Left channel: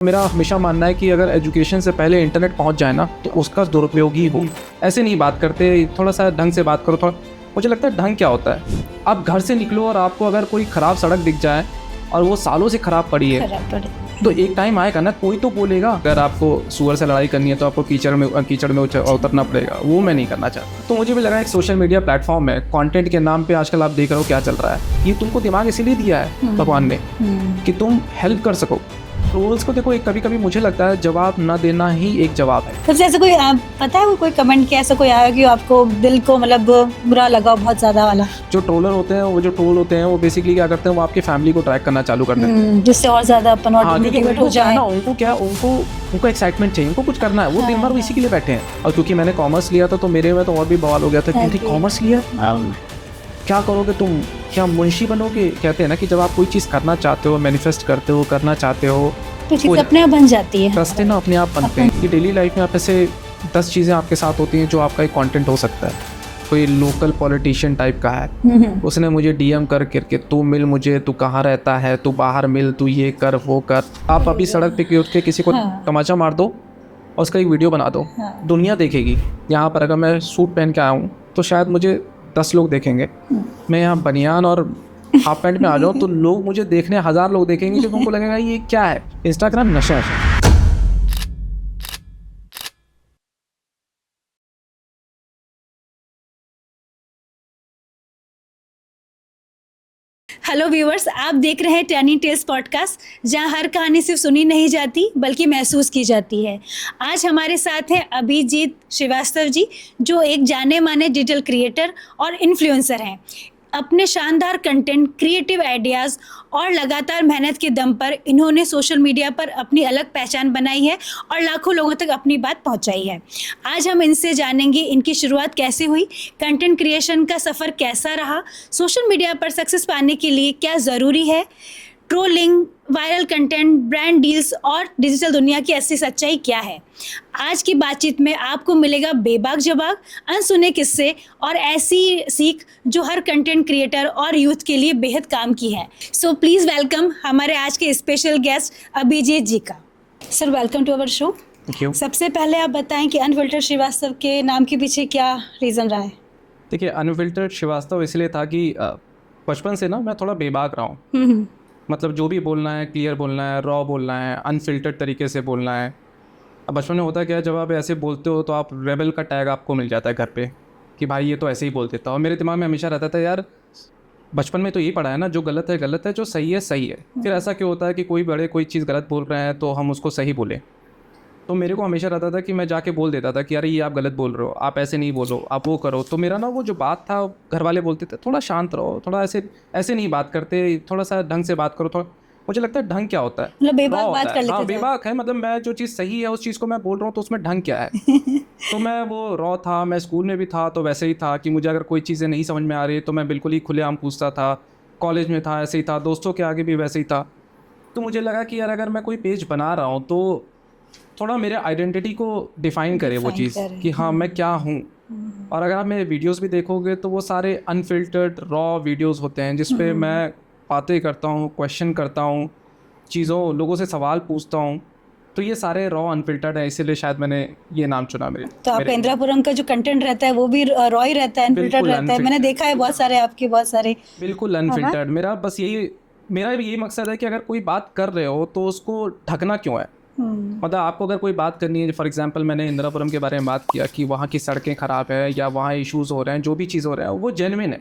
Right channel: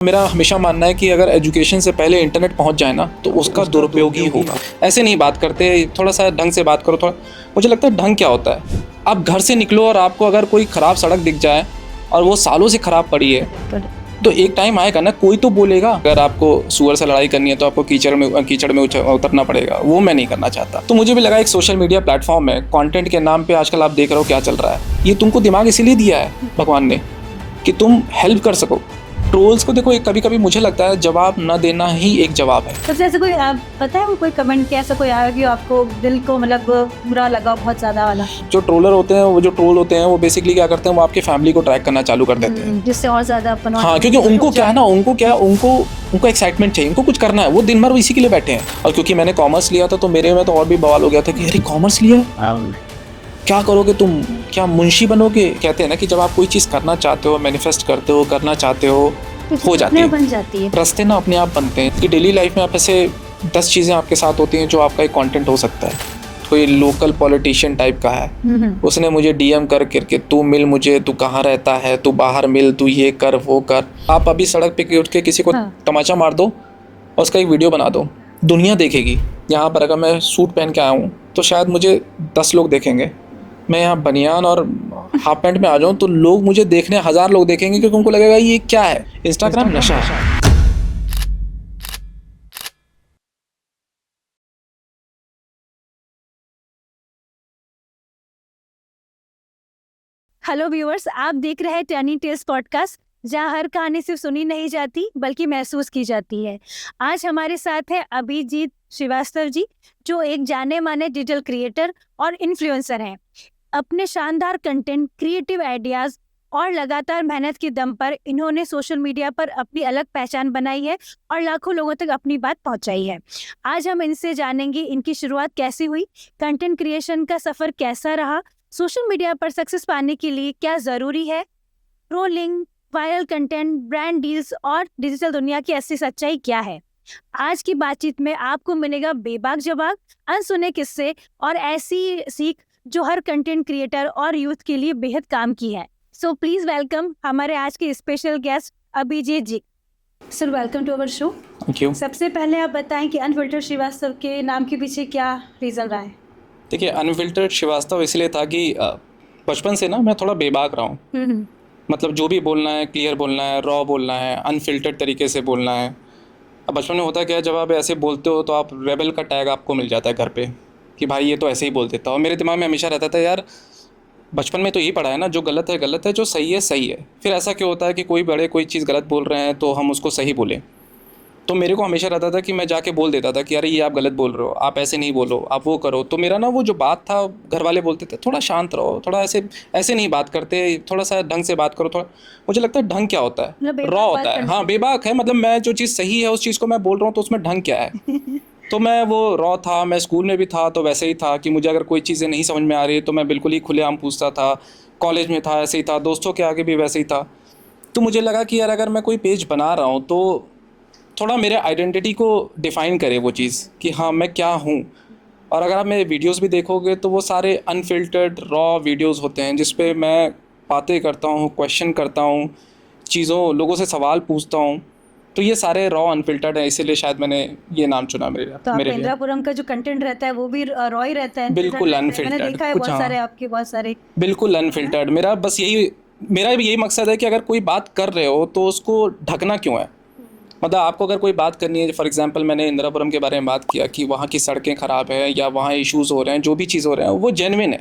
मेरा हमेशा मानना है कि अगर एजुकेशन से पहले इंटरनेट पहुंच जाए ना तो उसका दुरुपयोग ही होगा। ऐसे नहीं बात करते, थोड़ा सा ढंग से बात करो। थोड़ा मुझे लगता है ढंग क्या होता है, आप घर से निकलो और आपको अगर कोई ख़राब सड़क दिख जाए और वो सालों से ख़राब पड़ी है तो एक टाइम आएगा ना, कोई तो बोलेगा। अगर आपको सुअर से लड़ाई करनी है तो आपको कीचड़ में उतरना पड़ेगा, वो मैं नहीं करना चाहता। तो मुझे भी लगा एक सोशल मीडिया प्लेटफॉर्म है, कंटेंट के नाम पे आजकल आप देख रहे हो क्या चल रहा है। ये तुमको दिमाग इसीलिए दिया है भगवान ने कि तुम हेल्प कर सको। ट्रोल्स को देखो, कभी कभी मुझे लगता है जवाब न देना ही एक जवाब है। सबसे ऐसा कोई पता है वो कोई कमेंट किया ऐसा कोई आया कि आपको दिल को मतलब बुरा लगा बहुत ज्यादा वाला? जो ट्रोलर होते हैं, वो जो ट्रोल होते हैं, वो बेसिकली क्या करते हैं, वो आपकी फैमिली को ट्रैक करना चालू कर देते हैं, जिससे और ज्यादा अपन। हाँ, क्योंकि उनको क्या है ना, उनको एक्साइटमेंट चाहिए, उनको कुछ करना है, वो दिन भर इसी के लिए बैठे हैं। और क्योंकि मैंने कॉमर्स लिया था तो मेरे में तो और भी बवाल हो गया था कि अरे कॉमर्स लिया, क्या करोगे तुम, क्या मुंशी बनोगे। कहते हैं ना कि जब आप कोई चीज़ करना चाहते हो, मैनिफेस्ट करते हो, करना चाहते हो, हो जाती है, बन जाती है, रास्ते ना अपने आप बनते हैं। कि डेली लाइफ में आप ऐसे 10 चीज़ें आपके साथ होती हैं जो आपका एक कंटेंट हो सकता है। कोई लोकल पॉलिटिशियन टाइप का है, उसने मुझे डीएम करके तू मिल मुझे, तू कहाँ रहता है, तू बाहर मिल, तू ये कर वो कर। आप अभी सड़क पे उठ के किसी को तमाचा मार दो और उसका एक वीडियो बना दो, दुनिया देखेगी। यहाँ पर अगर मैं सूट पहन के आया हूँ तो शायद मुझे 10 लोग देखेंगे। मैं यहाँ बनियान और हाफ पैंट में आ जाऊँ तो लोग मुझे देखने 1000 लोग देखेंगे, क्योंकि उनको लगेगा ये क्या है, इंस्टाग्राम नशा है। हेलो व्यूअर्स, आप देख रहे हैं टर्निंग टेल्स पॉडकास्ट, जहां हर कहानी सिर्फ सुनी नहीं जाती बल्कि महसूस की जाती है। आज हमारे साथ हैं अभिजीत श्रीवास्तव जी, जो एक जाने माने डिजिटल क्रिएटर और इन्फ्लुएंसर हैं। अपने शानदार कंटेंट, क्रिएटिव आइडियाज़ और लगातार मेहनत के दम पर इन्होंने सोशल मीडिया पर अपनी अलग पहचान बनाई है और लाखों लोगों तक अपनी बात पहुंचाई है। आज हम इनसे जानेंगे इनकी शुरुआत कैसे हुई, कंटेंट क्रिएशन का सफ़र कैसा रहा, सोशल मीडिया पर सक्सेस पाने के लिए क्या ज़रूरी है, trolling, viral content, brand deals और डिजिटल दुनिया की असली सच्चाई क्या है। आज की बातचीत में आपको मिलेगा बेबाक जवाब, अनसुने किस्से और ऐसी सीख जो हर कंटेंट क्रिएटर और यूथ के लिए बेहद काम की है। सो प्लीज़ वेलकम हमारे आज के स्पेशल गेस्ट अभिजीत जी का। Sir, welcome to our show. Thank you. सबसे पहले आप बताएं कि अनफिल्टर्ड श्रीवास्तव के नाम के पीछे क्या रीज़न रहा है? देखिए, अनफिल्टर्ड श्रीवास्तव इसलिए था कि बचपन से ना मैं थोड़ा बेबाक रहा हूँ। मतलब जो भी बोलना है क्लियर बोलना है, रॉ बोलना है, अनफिल्टर्ड तरीके से बोलना है। अब बचपन में होता क्या है, जब आप ऐसे बोलते हो तो आप रेबल का टैग आपको मिल जाता है घर पे कि भाई ये तो ऐसे ही बोल देता। और मेरे दिमाग में हमेशा रहता था, यार बचपन में तो यही पढ़ा है ना, जो गलत है गलत है, जो सही है सही है। फिर ऐसा क्यों होता है कि कोई बड़े कोई चीज़ गलत बोल रहे हैं तो हम उसको सही बोलें। तो मेरे को हमेशा रहता था कि मैं जाके बोल देता था कि अरे ये आप गलत बोल रहे हो, आप ऐसे नहीं बोलो, आप वो करो। तो मेरा ना वो जो बात था, घर वाले बोलते थे थोड़ा शांत रहो, थोड़ा ऐसे नहीं बात करते, थोड़ा सा ढंग से बात करो। थोड़ा मुझे लगता है ढंग क्या होता है, रॉ होता है। हाँ, बेबाक है, मतलब मैं जो चीज़ सही है उस चीज़ को मैं बोल रहा हूँ तो उसमें ढंग क्या है। तो मैं वो रॉ था। मैं स्कूल में भी था तो वैसे ही था कि मुझे अगर कोई चीज़ें नहीं समझ में आ रही तो मैं बिल्कुल ही खुलेआम पूछता था। कॉलेज में था ऐसे ही था, दोस्तों के आगे भी वैसे ही था। तो मुझे लगा कि यार अगर मैं कोई पेज बना रहा हूँ तो थोड़ा मेरे आइडेंटिटी को डिफ़ाइन करे वो चीज़ कि हाँ मैं क्या हूँ। और अगर आप मेरे वीडियोस भी देखोगे तो वो सारे अनफिल्टर्ड रॉ वीडियोस होते हैं, जिस पे मैं बातें करता हूँ, क्वेश्चन करता हूँ, लोगों से सवाल पूछता हूँ। तो ये सारे रॉ अनफिल्टर्ड है, इसीलिए शायद मैंने ये नाम चुना मेरे लिए। तो आप इंद्रापुरम का जो कंटेंट रहता है वो भी रॉ ही रहता है, अनफिल्टर्ड रहता है? मैंने देखा है बहुत सारे आपके, बहुत सारे बिल्कुल अनफिल्टर्ड। मेरा भी यही मकसद है कि अगर कोई बात कर रहे हो तो उसको ढकना क्यों है। मतलब आपको अगर कोई बात करनी है, फॉर एग्जांपल मैंने इंदिरापुरम के बारे में बात किया कि वहाँ की सड़कें ख़राब है या वहाँ इश्यूज़ हो रहे हैं, जो भी चीज़ हो रहे हैं वो जेन्युइन है।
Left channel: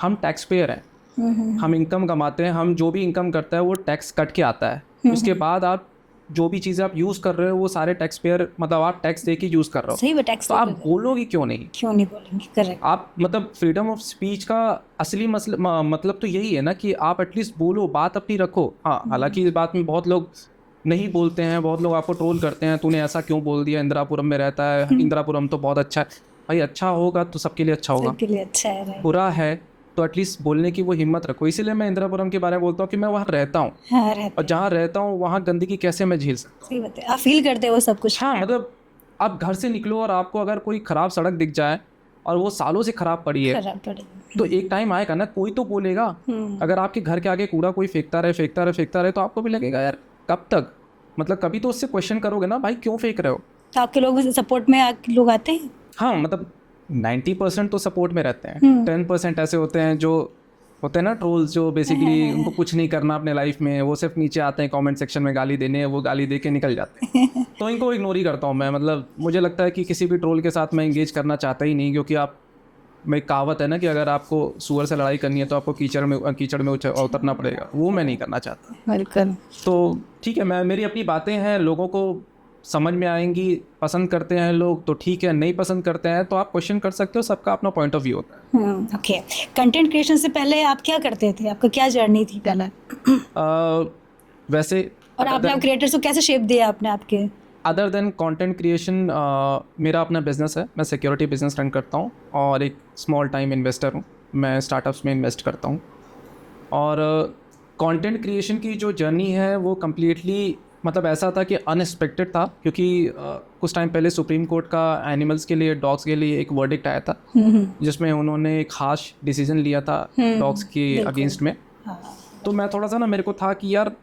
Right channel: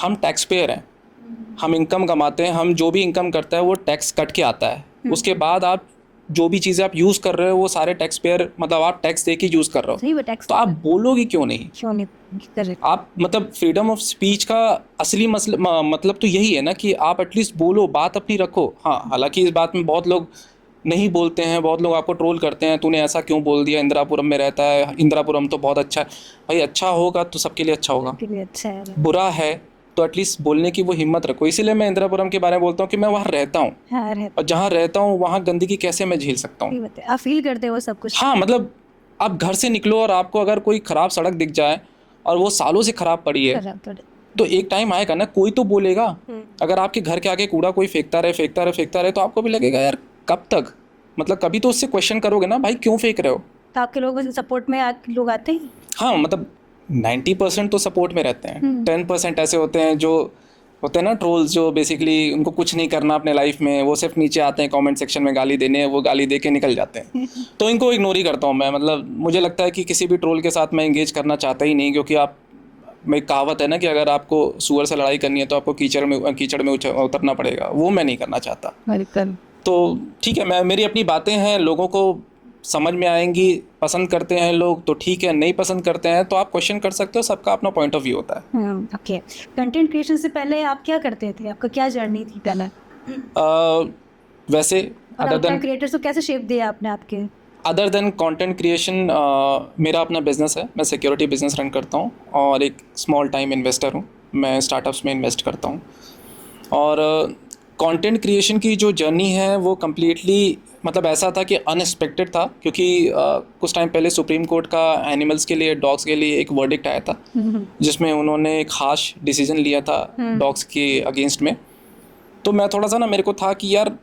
हम टैक्स पेयर हैं, हम इनकम कमाते हैं, हम जो भी इनकम करता है वो टैक्स कट के आता है। उसके बाद आप जो भी चीज़ें आप यूज़ कर रहे हो वो सारे टैक्स पेयर, मतलब आप टैक्स दे के यूज़ कर रहे हो। सही, टैक्स तो आप बोलोगे क्यों नहीं बोलेंगे? करेक्ट। आप मतलब फ्रीडम ऑफ स्पीच का असली मतलब तो यही है ना कि आप एटलीस्ट बोलो, बात अपनी रखो। हाँ, हालांकि इस बात में बहुत लोग नहीं बोलते हैं, बहुत लोग आपको ट्रोल करते हैं, तूने ऐसा क्यों बोल दिया, इंदिरापुरम में रहता है, इंदिरापुरम तो बहुत अच्छा है। भाई अच्छा होगा तो सबके लिए अच्छा होगा, सबके लिए अच्छा है। बुरा है तो एटलीस्ट बोलने की वो हिम्मत रखो। इसीलिए मैं इंदिरापुरम के बारे में बोलता हूँ कि मैं वहाँ रहता हूँ। हाँ, और जहाँ रहता हूँ वहाँ गंदगी कैसे मैं झेल सकता हूँ। आप फील करते हो सब कुछ? हाँ, मतलब आप घर से निकलो और आपको अगर कोई ख़राब सड़क दिख जाए और वो सालों से ख़राब पड़ी है तो एक टाइम आएगा ना, कोई तो बोलेगा। अगर आपके घर के आगे कूड़ा कोई फेंकता रहे तो आपको भी लगेगा यार कब तक। मतलब कभी तो उससे क्वेश्चन करोगे ना, भाई क्यों फेंक रहे हो। तो आपके लोग सपोर्ट में लोग आते हैं? हाँ मतलब 90% तो सपोर्ट में रहते हैं, 10% ऐसे होते हैं जो होते हैं ना ट्रोल्स, जो बेसिकली उनको कुछ नहीं करना अपने लाइफ में, वो सिर्फ नीचे आते हैं कमेंट सेक्शन में गाली देने, वो गाली दे के निकल जाते हैं। तो इनको इग्नोर ही करता हूँ मैं। मतलब मुझे लगता है कि किसी भी ट्रोल के साथ मैं इंगेज करना चाहता ही नहीं, क्योंकि आप में कहावत है ना कि अगर आपको सूअर से लड़ाई करनी है तो आपको कीचड़ में उतरना पड़ेगा, वो मैं नहीं करना चाहता। बिल्कुल। तो ठीक है, मैं मेरी अपनी बातें हैं, लोगों को समझ में आएंगी, पसंद करते हैं लोग तो ठीक है, नहीं पसंद करते हैं तो आप क्वेश्चन कर सकते हो, सबका अपना पॉइंट ऑफ व्यू होता है। ओके। कंटेंट क्रिएशन से पहले आप क्या करते थे? आपका क्या जर्नी थी पहले? वैसे और अपना क्रिएटर्स को कैसे शेप दिया आपने आपके? अदर देन कंटेंट क्रिएशन, मेरा अपना बिजनेस है, मैं सिक्योरिटी बिजनेस रन करता हूँ और एक स्मॉल टाइम इन्वेस्टर हूँ, मैं स्टार्टअप्स में इन्वेस्ट करता हूँ। और कंटेंट क्रिएशन की जो जर्नी है वो कम्प्लीटली मतलब ऐसा था कि अनएक्सपेक्टेड था, क्योंकि कुछ टाइम पहले सुप्रीम कोर्ट का एनिमल्स के लिए, डॉग्स के लिए एक वर्डिक्ट आया था, जिसमें उन्होंने एक हार्श डिसीजन लिया था डॉग्स के अगेंस्ट में। तो मैं थोड़ा सा ना, मेरे को था कि यार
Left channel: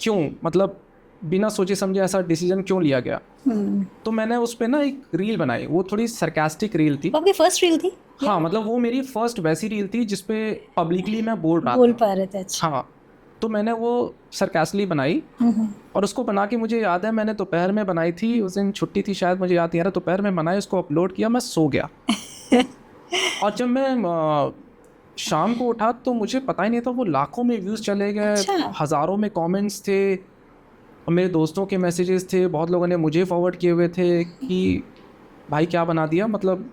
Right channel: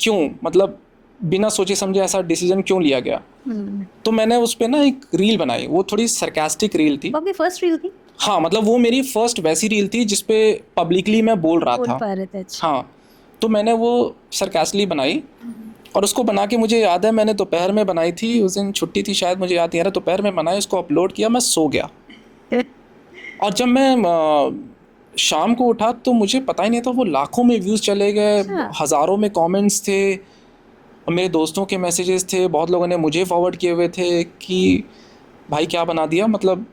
क्यों, मतलब बिना सोचे समझे ऐसा डिसीजन क्यों लिया गया। तो मैंने उस पर ना एक रील बनाई, वो थोड़ी सरकास्टिक रील थी। वो आपकी फर्स्ट रील थी? हाँ मतलब वो मेरी फर्स्ट वैसी रील थी जिसपे पब्लिकली मैं बोल रहा बोल था। पा रहे थे? अच्छा। हाँ, तो मैंने वो सरकास्टली बनाई और उसको बना के, मुझे याद है मैंने दोपहर में बनाई थी, उस दिन छुट्टी थी शायद, मुझे याद नहीं आ रहा, दोपहर में बनाई, उसको अपलोड किया, मैं सो गया। और जब मैं शाम को उठा तो मुझे पता ही नहीं था, वो लाखों में व्यूज़ चले गए, अच्छा। हज़ारों में कमेंट्स थे, और मेरे दोस्तों के मैसेजेस थे, बहुत लोगों ने मुझे फॉरवर्ड किए हुए थे कि भाई क्या बना दिया, मतलब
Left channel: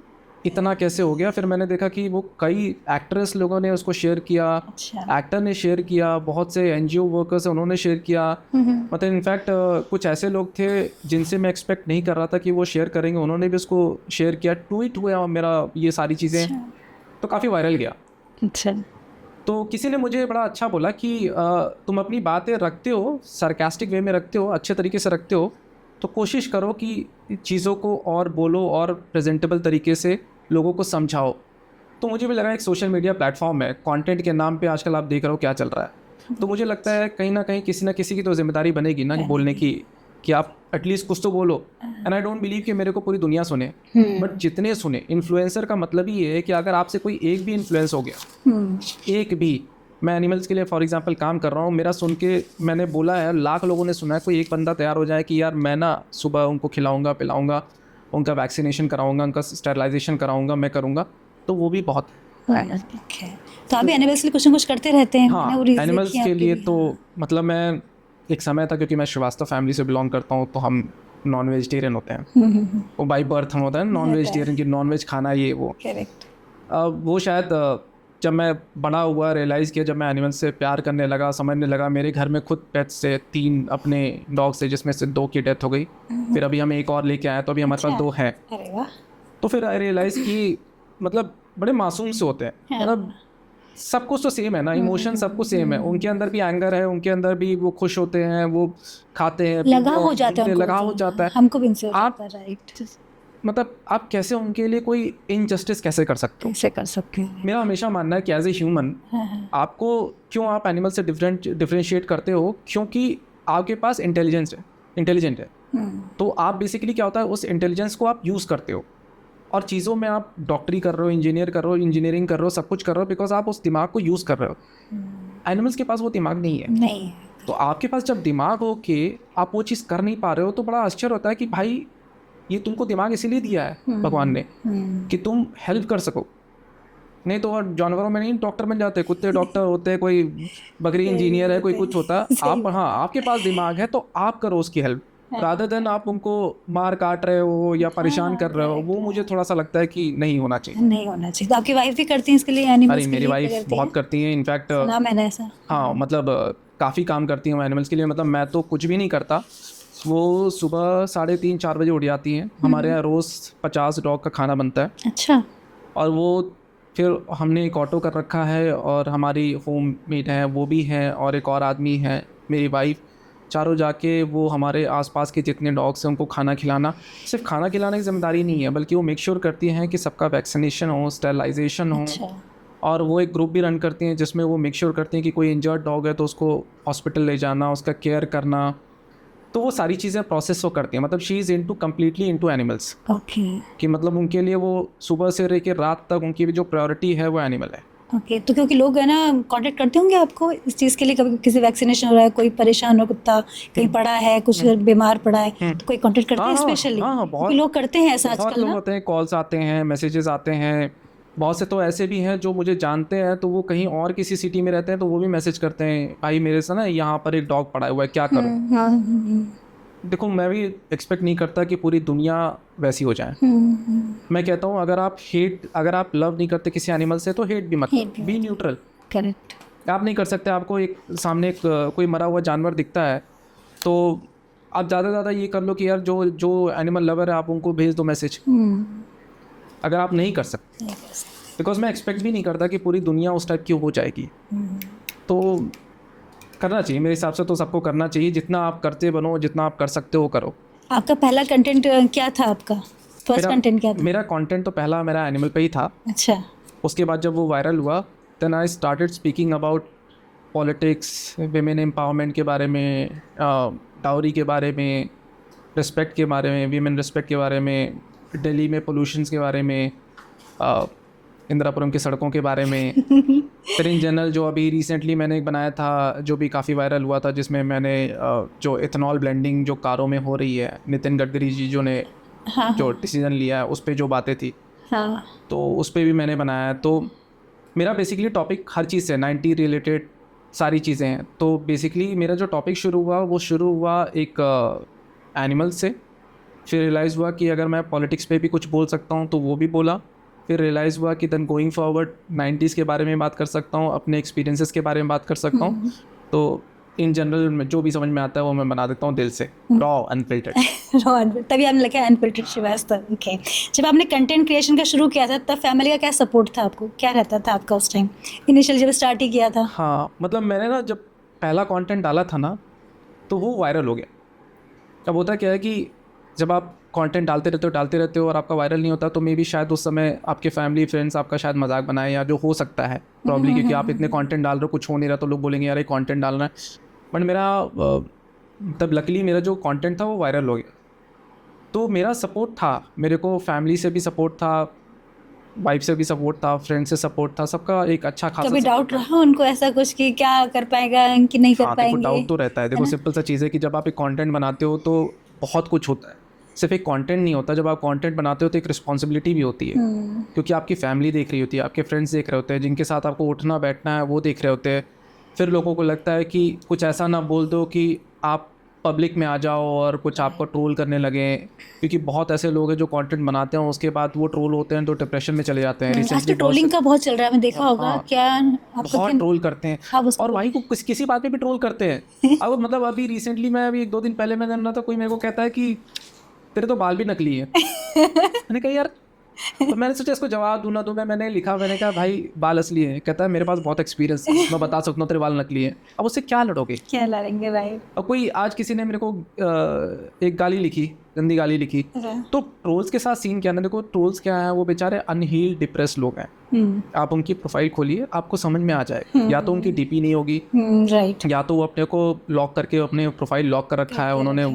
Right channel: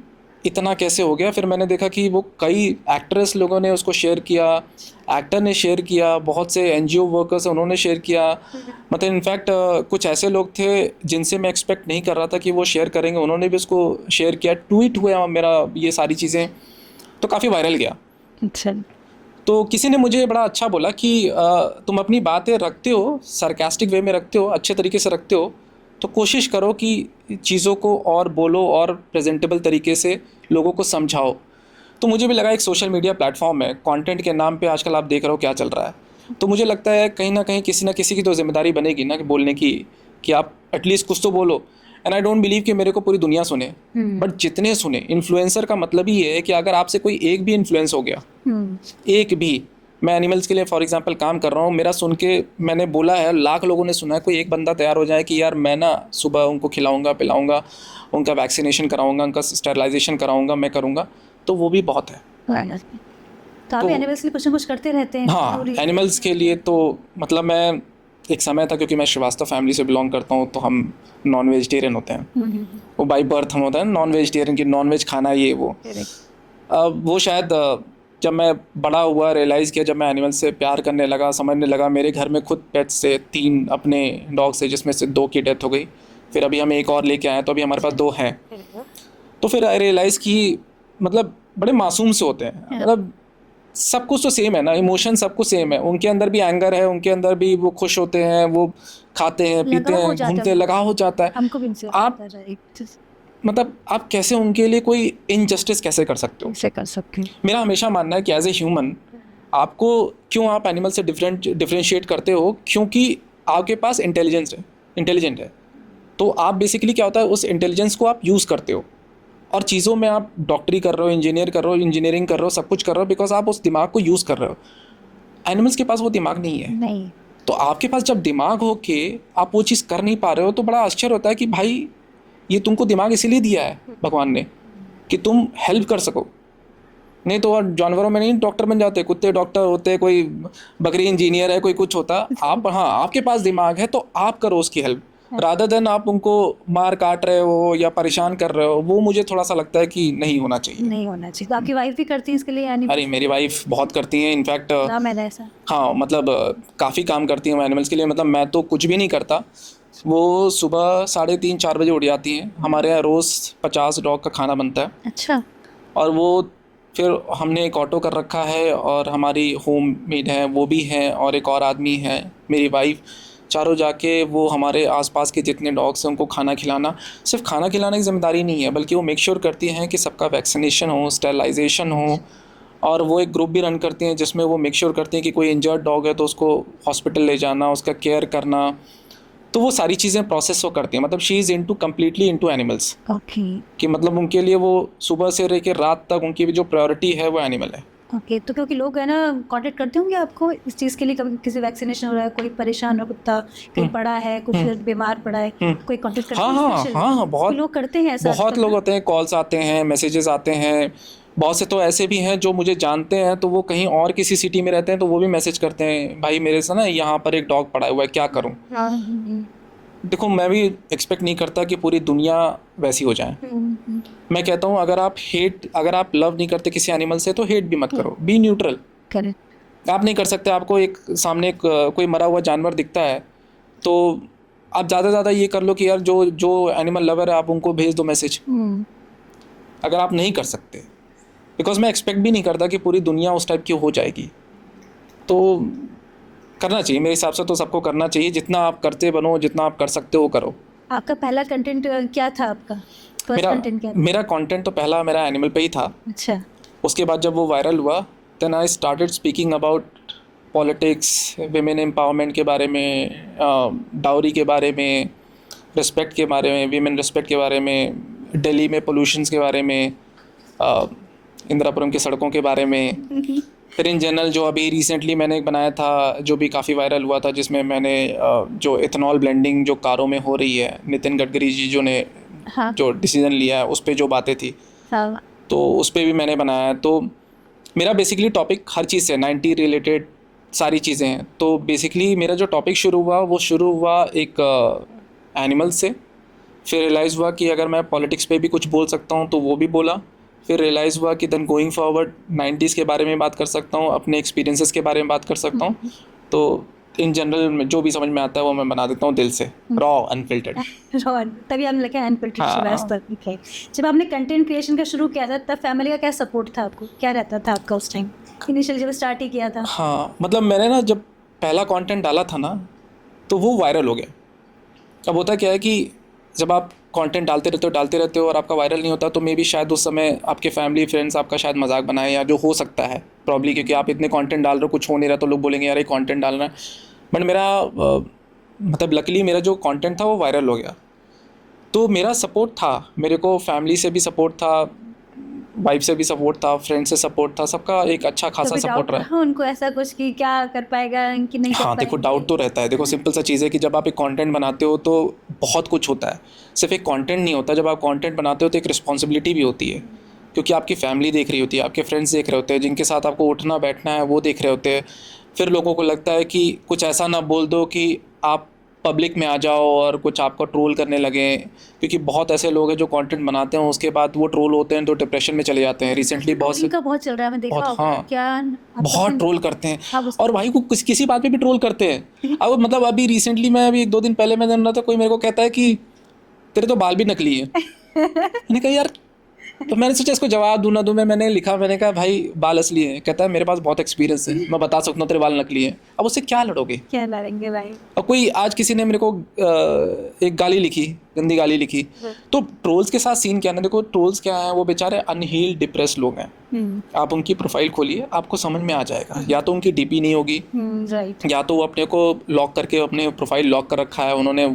इतना कैसे हो गया। फिर मैंने देखा कि वो कई एक्ट्रेस लोगों ने उसको शेयर किया, अच्छा। एक्टर ने शेयर किया, बहुत से एनजीओ वर्कर्स हैं उन्होंने शेयर किया। मतलब इनफैक्ट कुछ ऐसे लोग थे जिनसे मैं एक्सपेक्ट नहीं कर रहा था कि वो शेयर करेंगे, उन्होंने भी उसको शेयर किया, ट्वीट हुआ मेरा, ये सारी चीज़ें, तो काफ़ी वायरल गया। अच्छा। तो किसी ने मुझे बड़ा अच्छा बोला कि तुम अपनी बातें रखते हो, सरकास्टिक वे में रखते हो, अच्छे तरीके से रखते हो, तो कोशिश करो कि चीज़ों को और बोलो और प्रेजेंटेबल तरीके से लोगों को समझाओ। तो मुझे भी लगा एक सोशल मीडिया प्लेटफॉर्म है, कंटेंट के नाम पे आजकल आप देख रहे हो क्या चल रहा है, तो मुझे लगता है कहीं ना कहीं किसी ना किसी की तो जिम्मेदारी बनेगी ना बोलने की, कि आप एटलीस्ट कुछ तो बोलो। एंड आई डोंट बिलीव कि मेरे को पूरी दुनिया सुने, बट जितने सुने, इन्फ्लुएंसर का मतलब ही ये है कि अगर आपसे कोई एक भी इन्फ्लुएंस हो गया, एक भी, मैं एनिमल्स के लिए फॉर एग्जांपल काम कर रहा हूँ, मेरा सुन के मैंने बोला है, लाख लोगों ने सुना है, कोई एक बंदा तैयार हो जाए कि यार मैं ना सुबह उनको खिलाऊंगा पिलाऊंगा, उनका वैक्सीनेशन कराऊंगा, उनका स्टेरिलाइजेशन कराऊंगा, मैं करूँगा, तो वो भी बहुत है। तो आप एनिमल्स के लिए कुछ ना कुछ करते रहते हैं? हाँ, एनिमल्स के लिए तो मतलब मैं, एक समय था, क्योंकि मैं श्रीवास्तव फैमिली से बिलोंग करता हूँ, तो हम नॉन वेजिटेरियन होते हैं, वो बाई बर्थ हम होता है नॉन वेजिटेरियन, की नॉन वेज खाना ये वो। अब वो शायद जब मैं बड़ा हुआ रियलाइज़ किया, जब मैं एनिमल से प्यार करने लगा, समझने लगा, मेरे घर में खुद पेट्स से 3 अपने डॉग्स थे, जिसमें से 2 की डेथ हो गई, फिर अभी हम एक और लेके आए, तो अभी हमारे पास 2 हैं। तो फिर आई रियलाइज़ कि मतलब बड़े मासूम से होते हैं, मतलब सब कुछ तो सेम है ना, इमोशन सब कुछ सेम है, उनके अंदर भी एंगर है, उनके अंदर भी वो खुश होते हैं, वो खाते हैं, पीते हैं, घूमते हैं, लगाव हो जाता है। हमको भी इनसे आप मतलब आप कैसे उनके लिए कोई इनजस्टिस कैसे कर सकते हो? कैसे कर सकते हैं? मेरा हमेशा मानना है कि एज ए ह्यूमन आपको, क्यों आप एनिमल से डिफरेंशिएट करते हो, क्योंकि आपके पास इंटेलिजेंट है, तो आप बेसिकली क्या होता है, उस इंटेलिजेंस को आप यूज़ करते हो, और चीज़ों में आप डॉक्टरी कर रहे हो, इंजीनियरिंग कर रहे हो, सब कुछ कर रहे हो, बिकॉज आप उस दिमाग को यूज़ कर रहे हो। एनिमल्स के पास वो दिमाग नहीं है। नहीं। तो आपके पास जब दिमाग हो के आप वो चीज़ कर नहीं पा रहे हो, तो बड़ा आश्चर्य होता है कि भाई ये तुमको दिमाग इसीलिए दिया है भगवान ने कि तुम हेल्प कर सको, नहीं तो जानवरों में नहीं डॉक्टर बन जाते, कुत्ते डॉक्टर होते, कोई बकरी इंजीनियर है, कोई कुछ होता। आप, हाँ, आपके पास दिमाग है तो आप करो उसकी हेल्प, रादर देन आप उनको मार काट रहे हो या परेशान कर रहे हो, वो मुझे थोड़ा सा लगता है कि नहीं होना चाहिए। तो आपकी वाइफ भी करती हैं इसके लिए एनिमल्स? अरे मेरी वाइफ बहुत करती हैं, इनफैक्ट ना मैंने ऐसा, हाँ मतलब काफ़ी काम करती हैं वो एनिमल्स के लिए। मतलब मैं तो कुछ भी नहीं करता, वो सुबह 3:30-4 बजे उठ जाती हैं। हमारे यहाँ रोज़ 50 डॉग का खाना बनता है। अच्छा। और वो फिर हमने एक ऑटो कर रखा है, और हमारी होम मेड है वो भी है, और एक और आदमी है, मेरी वाइफ, चारों जाके वो हमारे आसपास के जितने डॉग्स हैं उनको खाना खिलाना। सिर्फ खाना खिलाने की जिम्मेदारी नहीं है, बल्कि वो मेक श्योर करती हैं कि सबका वैक्सीनेशन हो, स्टेरिलाइजेशन हो। अच्छा। और वो एक ग्रुप भी रन करती हैं जिसमें वो मेक श्योर करती हैं कि कोई इंजर्ड डॉग है तो उसको हॉस्पिटल ले जाना, उसका केयर करना। तो वो सारी चीज़ें प्रोसेस वो करती हैं, मतलब she is into completely into animals, okay कि मतलब उनके लिए वो सुबह से लेकर रात तक उनकी जो प्रायोरिटी है वो एनिमल है। ओके। तो क्योंकि लोग है ना कांटेक्ट करते होंगे आपको इस चीज़ के लिए, कभी किसी वैक्सीनेशन हो रहा है, कोई परेशान हो कुत्ता कहीं पड़ा है, कुछ बीमार पड़ा है, तो कोई कांटेक्ट करते हाँ हैं हाँ स्पेशली? हाँ, बहुत लोग करते हैं ऐसा बहुत आजकल लोग ना? होते हैं, कॉल्स आते हैं, मैसेजेस आते हैं। बहुत से तो ऐसे भी हैं जो मुझे जानते हैं, तो वो कहीं और किसी सिटी में रहते हैं, तो वो भी मैसेज करते हैं, भाई मेरे से ना यहाँ पर एक डॉग पड़ा हुआ है, क्या करूँ। हाँ देखो मैं भी एक्सपेक्ट नहीं करता कि पूरी दुनिया वैसी हो जाए। मैं कहता हूँ अगर आप लव नहीं करते किसी एनिमल से तो हेट भी मत करो, बी न्यूट्रल। करेक्ट। आप नहीं कर सकते, आपको एक सामने कोई मरा हुआ जानवर दिखता है तो आप ज़्यादा से ज़्यादा ये कर लो कि यार जो एनिमल लवर है आप उनको भेज दो मैसेज, अगर आप नहीं कर सकते। बिकॉज मैं एक्सपेक्ट भी नहीं करता कि पूरी दुनिया उस टाइप की हो जाएगी। तो करना चाहिए मेरे हिसाब से, तो सबको करना चाहिए, जितना आप करते बनो, जितना आप कर सकते हो करो। आपका पहला कंटेंट क्या था? आपका फर्स्ट कंटेंट क्या था? मेरा कंटेंट तो पहला मेरा एनिमल पे ही था। अच्छा। उसके बाद जब वो वायरल हुआ then I started speaking about politics, women empowerment के बारे में, डाउरी के बारे में, रिस्पेक्ट के बारे में, वीमेन रिस्पेक्ट के बारे में, दिल्ली में पोल्यूशंस के बारे में, इंदिरापुरम की सड़कों के बारे में। फिर इन जनरल जो अभी रिसेंटली मैंने एक बनाया था जो भी काफ़ी वायरल हुआ था, जिसमें मैंने जो इथेनॉल ब्लेंडिंग जो कारों में हो रही है, नितिन गडकरी जी जो ने हाँ जो डिसीजन लिया है उस पर जो बातें थी, हाँ तो उस पर भी मैंने बनाया। तो मेरा बेसिकली टॉपिक हर चीज़ से 90 रिलेटेड सारी चीज़ें हैं। तो बेसिकली मेरा जो टॉपिक शुरू हुआ एक एनिमल से। फिर रियलाइज़ हुआ कि अगर मैं पॉलिटिक्स पे भी कुछ बोल सकता हूँ तो वो भी बोला। फिर रियलाइज़ हुआ कि देन गोइंग फॉरवर्ड 90s के बारे में बात कर सकता हूँ, अपने एक्सपीरियंसेस के बारे में बात कर सकता हूँ। तो इन जनरल जो भी समझ में आता है वो मैं बना देता हूँ दिल से, रॉ अनफिल्टर्ड। तभी आपने लिखा अनफिल्टर्ड हाँ। श्रीवास्तव। ओके। जब आपने कंटेंट क्रिएशन का शुरू किया था तब फैमिली का क्या सपोर्ट था आपको? क्या रहता था आपका उस टाइम इनिशियल जब स्टार्ट ही किया था? हाँ, मतलब मैंने ना जब पहला कंटेंट डाला था ना तो वो वायरल हो गया। अब होता क्या है कि जब आप कंटेंट डालते रहते हो और आपका वायरल नहीं होता तो मे बी शायद उस समय आपके फैमिली फ्रेंड्स आपका शायद मजाक बनाए, या जो हो सकता है प्रॉब्ली, क्योंकि आप इतने कंटेंट डाल रहे हो, कुछ हो नहीं रहा, तो लोग बोलेंगे यार ये कंटेंट डालना है। बट मेरा मतलब लकीली मेरा जो कंटेंट था वो वायरल हो गया। तो मेरा सपोर्ट था, मेरे को फैमिली से भी सपोर्ट था, वाइफ से भी सपोर्ट था, फ्रेंड से सपोर्ट था, सबका एक अच्छा खासा कभी सपोर्ट डाउट रहा। रहा उनको ऐसा कुछ कि क्या कर पाएगा कि नहीं कर हाँ देखो, पाएंगे? डाउट तो रहता है। देखो सिंपल सा चीज़ है कि जब आप एक कंटेंट बनाते हो तो बहुत कुछ होता है, सिर्फ एक कंटेंट नहीं होता। जब आप कंटेंट बनाते हो तो एक रिस्पॉन्सिबिलिटी भी होती है, क्योंकि आपकी फैमिली देख रही होती है, आपके फ्रेंड्स देख रहे होते हैं, जिनके साथ आपको उठना बैठना है वो देख रहे होते हैं। फिर लोगों को लगता है कि कुछ ऐसा ना बोल दो कि आप पब्लिक में आ जाओ और कुछ आपको ट्रोल करने लगे, क्योंकि बहुत ऐसे लोग हैं जो कंटेंट बनाते हैं उसके बाद वो ट्रोल होते हैं तो डिप्रेशन में चले जाते हैं। रिसेंटली ट्रोलिंग का बहुत चल रहा है, मैं देखा बहुत, होगा। हाँ, क्या बहुत ट्रोल करते हैं। हाँ, उसको- और भाई को किसी बात पे भी ट्रोल करते हैं। अब मतलब अभी रिसेंटली मैं अभी 1-2 दिन पहले मैं जान रहा था, कोई मेरे को कहता है कि तेरे तो बाल भी नकली है। मैंने कहा यार, तो मैंने सोचा इसको जवाब दूँ ना दूँ। मैंने लिखा, मैंने कहा भाई बाल असली है। कहता है मेरे पास बहुत एक्सपीरियंस है, मैं बता सकता हूँ तेरे बाल नकली है। अब उससे क्या लड़ोगे? क्या लड़ेंगे भाई? अब कोई आज किसी ने मेरे को एक गाली लिखी, गंदी गाली लिखी, तो ट्रोल्स के साथ सीन क्या है ना, देखो ट्रोल्स क्या है, वो बेचारे अनहील्ड डिप्रेस लोग हैं। आप उनकी प्रोफाइल खोलिए, आपको समझ में आ जाएगा। या तो उनकी डीपी नहीं होगी, राइट। या तो वो अपने को लॉक करके अपने प्रोफाइल लॉक कर रखा है, उन्होंने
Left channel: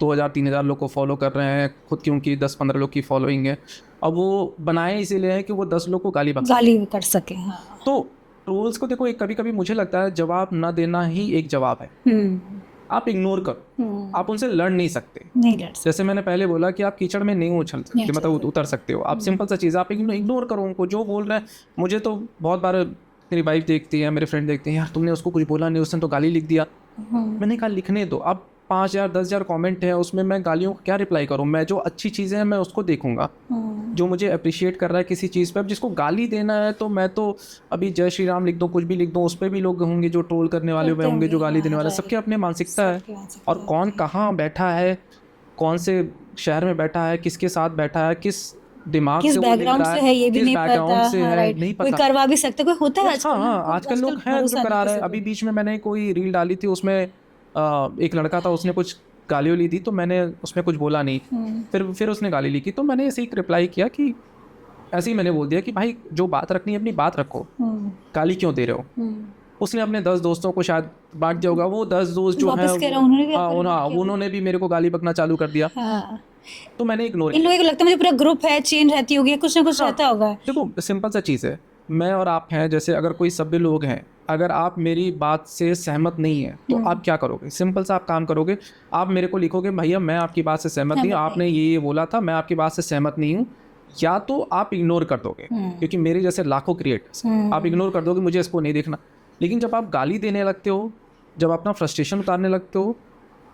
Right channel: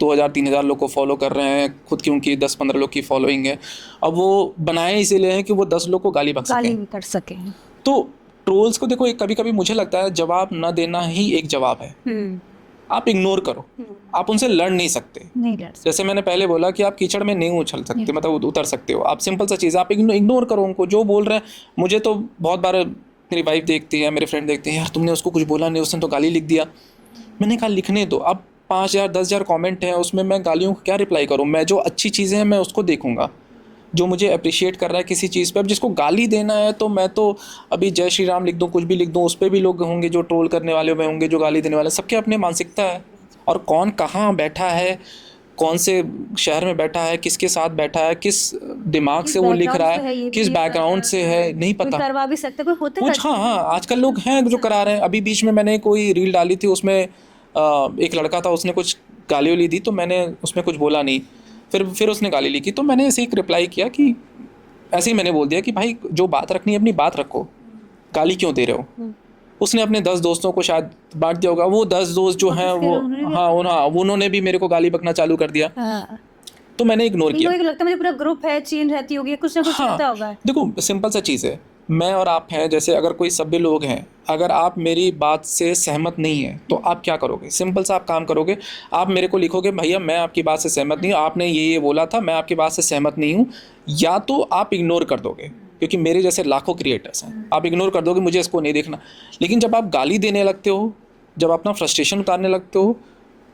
2000-3000 लोग को फॉलो कर रहे हैं, खुद की उनकी 10-15 लोग की फॉलोइंग है। अब वो बनाए इसीलिए है कि वो 10 लोग को गाली बक गाली सकें। कर सके। तो ट्रोल्स को देखो, एक कभी कभी मुझे लगता है जवाब न देना ही एक जवाब है। आप इग्नोर करो, आप उनसे लड़ नहीं सकते। नहीं लड़ सकते। जैसे मैंने पहले बोला कि आप कीचड़ में नहीं उछल सकते, मतलब उतर सकते हो। आप सिंपल सा चीज़, आप इग्नोर करो उनको, जो बोल रहे हैं। मुझे तो बहुत बार मेरी वाइफ देखती है, मेरे फ्रेंड देखते हैं, यार तुमने उसको कुछ बोला नहीं, उसने तो गाली लिख दिया। मैंने कहा लिखने दो। अब 5000-10,000 कमेंट हैं, उसमें मैं गालियों को क्या रिप्लाई करूँ? मैं जो अच्छी चीज़ें हैं मैं उसको देखूंगा, जो मुझे अप्रिशिएट कर रहा है किसी चीज़ पे। अब जिसको गाली देना है तो मैं तो अभी जय श्री राम लिख दूँ, कुछ भी लिख दूँ, उस पर भी लोग होंगे जो ट्रोल करने वाले हुए होंगे, जो गाली देने वाले। सबके अपने मानसिकता है, और कौन कहाँ बैठा है, कौन से शहर में बैठा है, किसके साथ बैठा है, किस दिमाग से वो लिख रहा है, किस बैकग्राउंड से है, नहीं पता। कोई करवा भी सकता, कोई होता है। हाँ हाँ, आजकल लोग हैं जो करा रहे हैं। अभी बीच में मैंने कोई रील डाली थी, उसमें एक लड़का था, उसने कुछ गाली ली दी, तो मैंने उसमें कुछ बोला नहीं। फिर उसने गाली लिखी, तो मैंने ऐसे एक रिप्लाई किया कि ऐसे ही मैंने बोल दिया कि भाई जो बात रखनी है अपनी बात रखो, गाली क्यों दे रहे हो? उसने अपने 10 दोस्तों को शायद बांट दिया होगा, वो 10 दोस्त जो हैं वापस कह वो, रहा, उन्होंने भी हाँ अपना हाँ, उन्होंने भी मेरे को गाली बकना चालू कर दिया, हाँ, तो मैंने इग्नोर इन किया। लोगों को लगता है मुझे पूरा ग्रुप है, चेन रहती होगी, कुछ ना कुछ हाँ, रहता होगा। देखो सिंपल सा चीज़ है, मैं और आप हैं, जैसे अगर कोई सभ्य लोग हैं, अगर आप मेरी बात से सहमत नहीं है तो आप क्या करोगे? सिंपल सा आप काम करोगे, आप मेरे को लिखोगे भैया मैं आपकी बात से सहमत नहीं हूँ, आपने ये बोला था, मैं आपकी बात से सहमत नहीं हूँ, या तो आप इग्नोर कर दोगे, क्योंकि मेरे जैसे लाखों क्रिएटर्स हैं, आप इग्नोर कर दोगे, मुझे इसको नहीं देखना। लेकिन जब आप गाली देने लगते हो, जब अपना फ्रस्ट्रेशन उतारने लगते हो,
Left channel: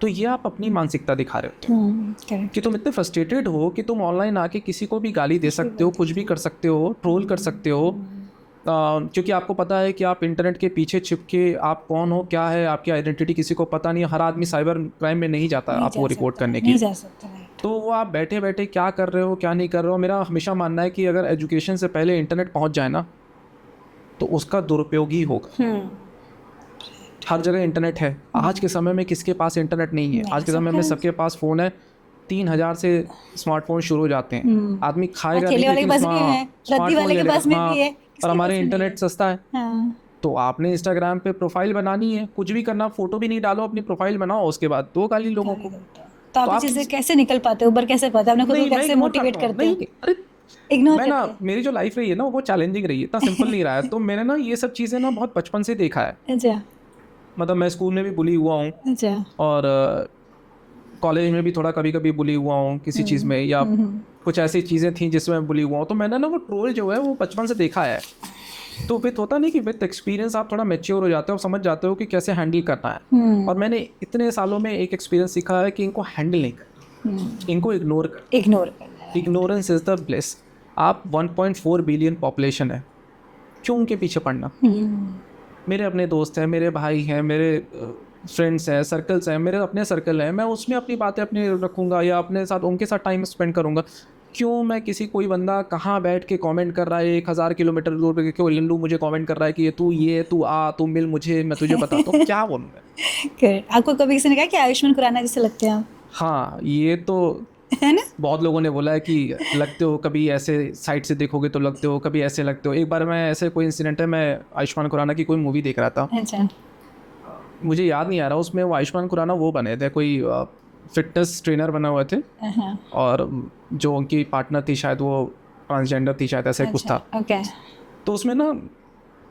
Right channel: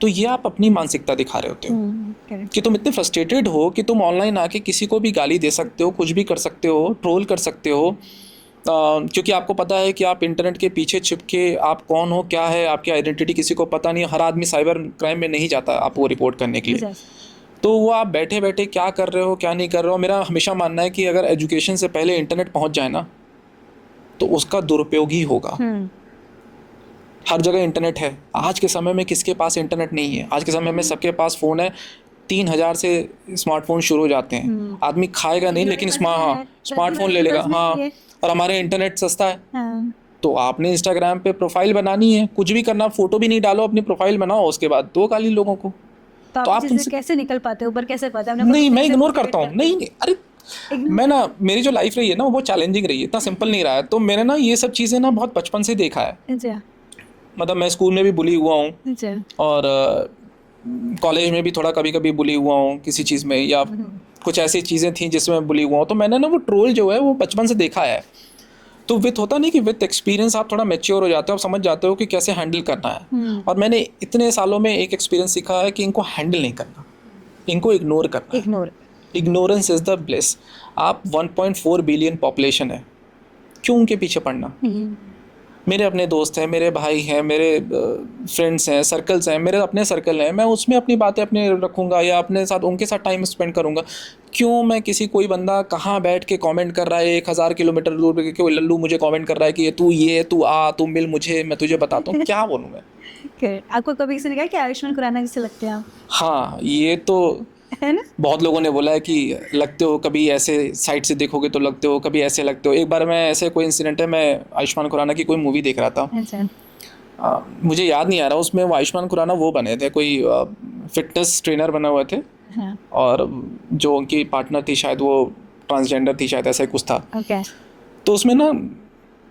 तो ये आप अपनी मानसिकता दिखा रहे होते हो कि तुम इतने फ्रस्ट्रेटेड हो कि तुम ऑनलाइन आके किसी को भी गाली दे सकते हो, कुछ भी कर सकते हो, ट्रोल कर सकते हो, क्योंकि आपको पता है कि आप इंटरनेट के पीछे छिप के आप कौन हो, क्या है आपकी आइडेंटिटी, किसी को पता नहीं है। हर आदमी साइबर क्राइम में नहीं जाता आपको रिपोर्ट करने के लिए, तो वो आप बैठे बैठे क्या कर रहे हो क्या नहीं कर रहे हो। मेरा हमेशा मानना है कि अगर एजुकेशन से पहले इंटरनेट पहुंच जाए ना, तो उसका दुरुपयोग ही होगा। हर जगह इंटरनेट है, आज के समय में किसके पास इंटरनेट नहीं है? आज के समय में सबके पास फ़ोन है, 3000 से स्मार्टफोन शुरू हो जाते हैं। आदमी खाएगा नहीं लेकिन स्मार्टफोन ले लेगा। हाँ, और हमारे इंटरनेट सस्ता है, तो आपने इंस्टाग्राम पे प्रोफाइल बनानी है, कुछ भी करना, फोटो भी नहीं डालो, अपनी प्रोफाइल बनाओ, उसके बाद दो गाली लोगों को। तो आप इससे कैसे निकल पाते हो, ऊपर कैसे पाते हो? नहीं, मैं इग्नोर करता हूँ। नहीं, अरे मैं ना, मेरी जो लाइफ रही है ना वो चैलेंजिंग रही है, इतना सिंपल नहीं रहा है। तो मैंने ना ये सब चीज़ें ना बहुत बचपन से देखा है। मतलब मैं स्कूल में भी बुली हुआ हूँ, और कॉलेज में भी थोड़ा कभी कभी बुली हुआ हूँ किसी चीज़ में, या कुछ ऐसी चीज़ें थी जिसमें बुली हुआ हूँ। तो मैंने ना वो ट्रोल जो है वो बचपन से देखा है। तो विथ होता नहीं कि विथ एक्सपीरियंस आप थोड़ा मैच्योर हो जाते हो, समझ जाते हो कि कैसे हैंडल करना है। और मैंने इतने सालों में एक एक्सपीरियंस सीखा है कि इनको हैंडल नहीं करना, इनको इग्नोर करना। Ignorance is the bliss. आप 1.4 बिलियन पॉपुलेशन है, क्यों उनके पीछे पड़ना? मेरे अपने दोस्त हैं, मेरे भाई हैं, मेरे फ्रेंड्स हैं, सर्कल्स हैं, मेरे अपने सर्कल हैं, मैं उसमें अपनी बातें अपने रखूँगा या अपने साथ उनके साथ टाइम स्पेंड करूँगा। क्यों मैं किसी कोई बंदा कहाँ बैठ के कमेंट कर रहा है 1000 किलोमीटर दूर पे, क्यों लल्लू मुझे कमेंट कर रहा है कि ये तू ये तू आ तू मिल मुझे, मैं तुझे बताता हूँ, क्या बोलूँगा? आपको कभी किसी ने कहा कि आयुष्मान खुराना जैसे लगते हैं आप? हाँ, ये तो है ना, बहुत लोगों ने बोला है कि लगते हो, कभी ऐसे साइड से देखोगे तो लगते हो, कभी ऐसे लगते हो। एक बार मैं ऐसे कोई इंसिडेंट है, मैं आयुष्मान खुराना की कोई मूवी देख रहा था, मुझे याद नहीं आ रहा, उसमें वो आयुष्मान खुराना वो बने थे, कोई फिटनेस ट्रेनर बने हुए थे, और जो उनकी पार्टनर थी शायद वो ट्रांसजेंडर थी शायद, ऐसा कुछ था। तो उसमें ना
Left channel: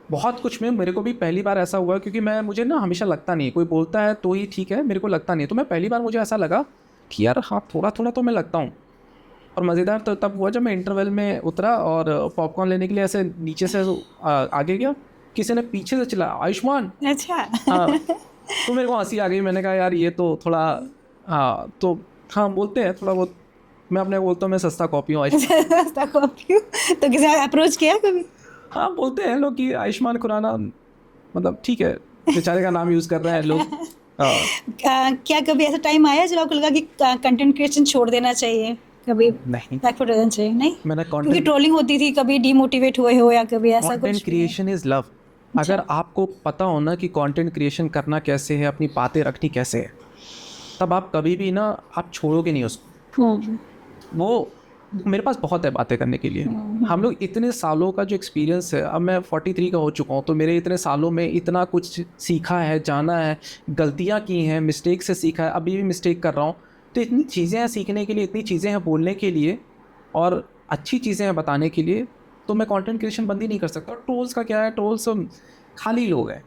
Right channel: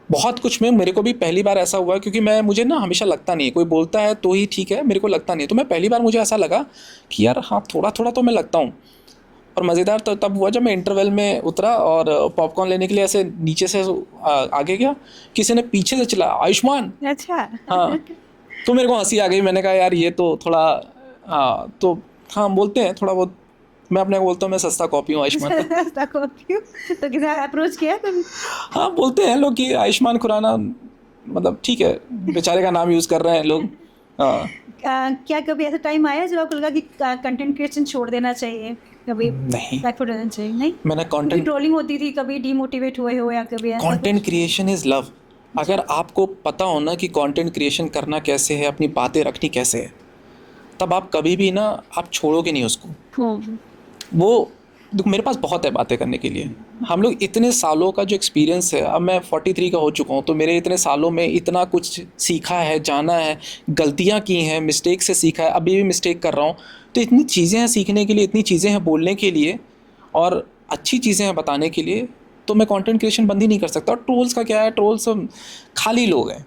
बहुत कुछ में मेरे को भी पहली बार ऐसा हुआ, क्योंकि मुझे ना हमेशा लगता नहीं, कोई बोलता है तो ही ठीक है, मेरे को लगता नहीं। तो मैं पहली बार मुझे ऐसा लगा कि यार हाँ, थोड़ा थोड़ा तो मैं लगता हूँ। और मज़ेदार तो तब हुआ जब मैं इंटरवल में उतरा और पॉपकॉर्न लेने के लिए ऐसे नीचे से आगे गया, किसी ने पीछे से चला आयुष्मान। अच्छा। हाँ, तो मेरे को हंसी आ गई। मैंने कहा यार ये तो थोड़ा, हाँ तो हाँ बोलते हैं थोड़ा बहुत, मैं अपने बोलता हूँ मैं सस्ता कॉपी हूँ आयुष्मान। सस्ता कॉपी हूँ, तो किसी अप्रोच किया कभी? हाँ, बोलते हैं लोग कि आयुष्मान खुराना, मतलब ठीक है, बेचारे का नाम यूज़ कर रहे हैं लोग। क्या कभी ऐसा टाइम आया जब आपको लगा कि कंटेंट क्रिएशन छोड़ देना चाहिए? कभी नहीं, चाहिए नहीं, मैंने कंटेंट ट्रोलिंग होती थी, कभी डिमोटिवेट हुए हो या कभी ऐसा? Content creation is love. अगर आपको पता हो ना कि कंटेंट क्रिएशन करना कैसे है, अपनी बातें रखनी कैसे है, तब आप कभी भी ना आप छोड़ोगे नहीं उसको। वो मेरे पास बहुत है बातें करने के लिए। हम लोग इतने सालों का जो एक्सपीरियंस है, अब मैं 43 का हो चुका हूँ, तो मेरे इतने सालों में इतना कुछ सीखा है, जाना है, गलतियाँ की हैं, मिस्टेक से सीखा है, अभी भी मिस्टेक कर रहा हूँ। तो इतनी चीज़ें हैं सीखने के लिए, इतनी चीज़ें हैं बोलने के लिए, और अच्छी चीज़ें हैं बताने के लिए। तो मैं कंटेंट क्रिएशन बंद ही नहीं कर सकता। और ट्रोल्स का क्या है, ट्रोल्स खाली लोग हैं,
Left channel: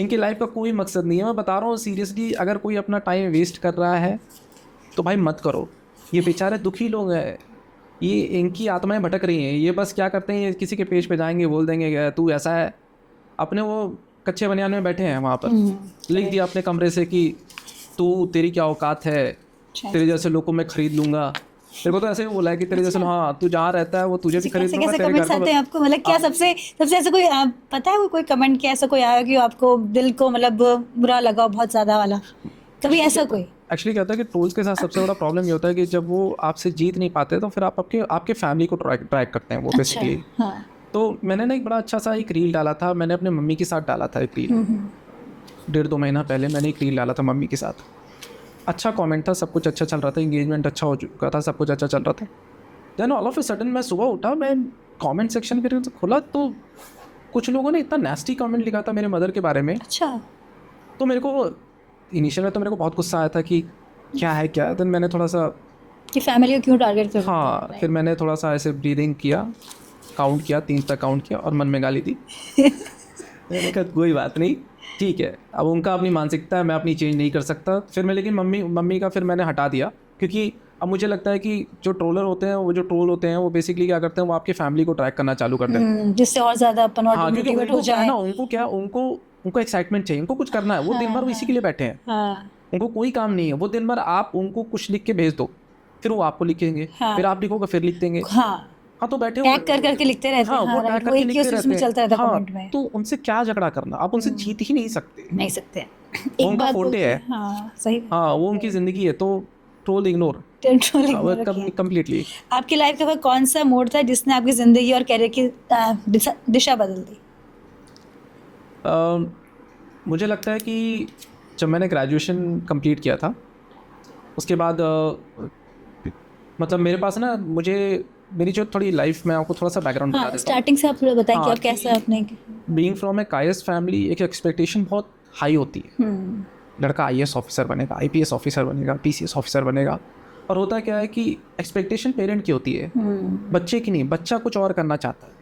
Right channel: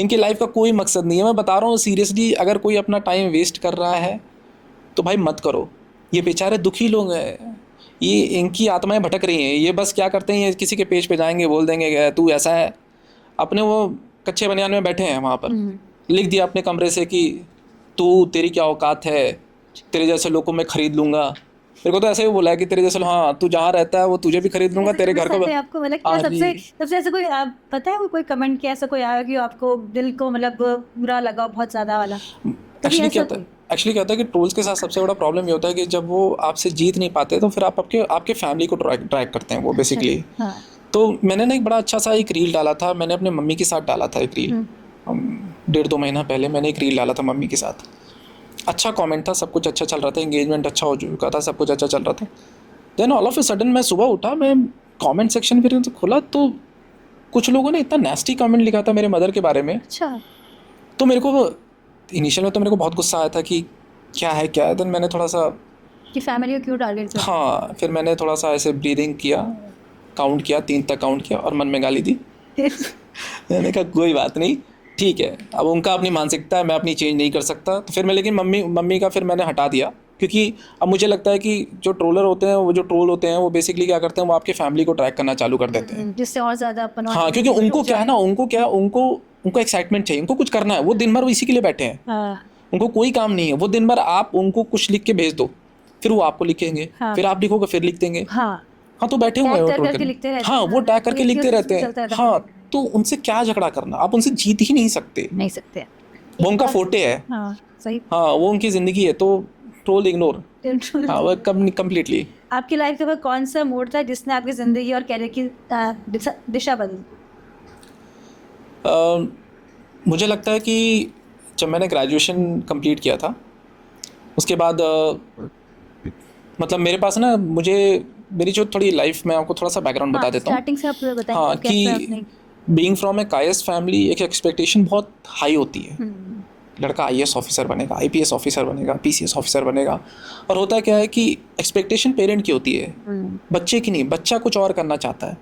इनकी लाइफ का कोई मकसद नहीं है। मैं बता रहा हूँ सीरियसली, अगर कोई अपना टाइम वेस्ट कर रहा है तो भाई मत करो। ये बेचारे दुखी लोग हैं, ये इनकी आत्माएं भटक रही हैं। ये बस क्या करते हैं, ये किसी के पेज पे जाएंगे, बोल देंगे तू ऐसा है। अपने वो कच्चे बनियान में बैठे हैं वहाँ पर, लिख दिया अपने कमरे से कि तू, तेरी क्या औकात है, तेरे जैसे लोग को मैं खरीद लूँगा। मेरे को तो ऐसे ही बोला है कि तेरे जैसे, हाँ तू जहाँ रहता है वो तुझे भी खरीद लूँगा, तेरे घर का। आपको मतलब क्या सबसे ऐसा कोई पता है, कोई कमेंट किया ऐसा कोई आया कि आपको दिल को मतलब बुरा लगा बहुत ज़्यादा वाला, कभी ऐसा कोई? एक्चुअली क्या होता है कि ट्रोल्स के साथ सबसे बड़ा प्रॉब्लम ये होता है कि जब वो आपसे जीत नहीं पाते तो फिर आप आपके फैमिली को ट्रैक करते हैं वो बेसिकली। हाँ। तो मैंने ना एक बड़ा अच्छा सा एक रील डाला था, मैंने अपने मम्मी के साथ डाला था एक रील, 1.5-2 महीना पहले मैंने एक रील डाला था मम्मी के साथ। अच्छा कमेंट था, सब कुछ अच्छा चल रहा था, एंगेजमेंट अच्छा हो चुका था, सब कुछ अच्छा चल रहा था। Then all of a sudden मैं सुबह उठा, मैं कमेंट सेक्शन फिर खोला तो कुछ लोगों ने इतना नेस्टी कमेंट लिखा था मेरे मदर के बारे में, अच्छा, तो मेरे को इनिशियल में तो मेरे को बहुत गुस्सा आया था कि क्या है क्या है। देन मैंने थोड़ा सा, कि फैमिली को क्यों टारगेट कर, हाँ, फिर मैंने थोड़ा सा ऐसे ब्रीदिंग किया, काउंट किया, 3 तक काउंट किया और मन में गाली दी। मैंने कहा कोई बात नहीं, ठीक है, अब उनका अपनी मानसिकता है, मैं अपनी चेंज नहीं कर सकता। तो फिर मैं, लेकिन मम्मी का फिर मैंने हटा दिया, क्योंकि अब मुझे लगता है कि जो ट्रोलर होते हैं, वो जो ट्रोल होते हैं, वो बेसिकली क्या करते हैं, वो आपकी फैमिली को ट्रैक करना चालू कर देते हैं। जिससे और ज्यादा अपन और हाँ, क्योंकि demotivate उनको हो क्या है जाए। ना, उनको एक्साइटमेंट चाहिए, उनको कुछ करना है, वो दिन भर वो इसी के लिए बैठे हैं, हाँ उनको कोई काम नहीं है। वो दिन भर आप उनको कुछ लिख के भेज दो, फिर वो आपको लिखेंगे, हाँ। फिर आप लिखोगे, फिर लिख देंगे। हाँ, हाँ, तो बैठे हुए हैं टैग वो कर ट्रोल करके करने। लिखते रहते हैं। हाँ, वो टैग करके लिखते रहते चलता हैं। रहता हाँ, कमेंट में। तो उनसे क्या झगड़ा करना, आप उनसे जीत ही नहीं सकते, नहीं सकते, वो उनका फोर्टे है। हाँ सही। हाँ, वो उनकी ज़िंदगी है, तो ट्रोल इग्नोर, हाँ, वो कम्प्लीटली। आपकी लाइफ का वो कौन सा मोड़ था जिसने आपकी जिंदगी और कैरियर की दिशा बदल दी? मुझे लगता है कि जब मैंने ग्रेजुएशन कंप्लीट किया था, उसके बाद मतलब मेरे पास ना, मेरी जो थोड़ी लाइफ में आपको थोड़ा सा बैकग्राउंड बता देता हूँ। स्टार्टिंग से आप पूरा बताएं हाँ, कि कैसे आपने। बीइंग फ्रॉम ए कायस फैमिली, एक एक्सपेक्टेशन बहुत हाई होती है। लड़का आईएएस ऑफिसर बनेगा, आईपीएस ऑफिसर बनेगा, पीसीएस ऑफिसर बनेगा। और होता क्या है कि एक्सपेक्टेशन पेरेंट की होती है, बच्चे की नहीं। बच्चा कुछ और करना चाहता है,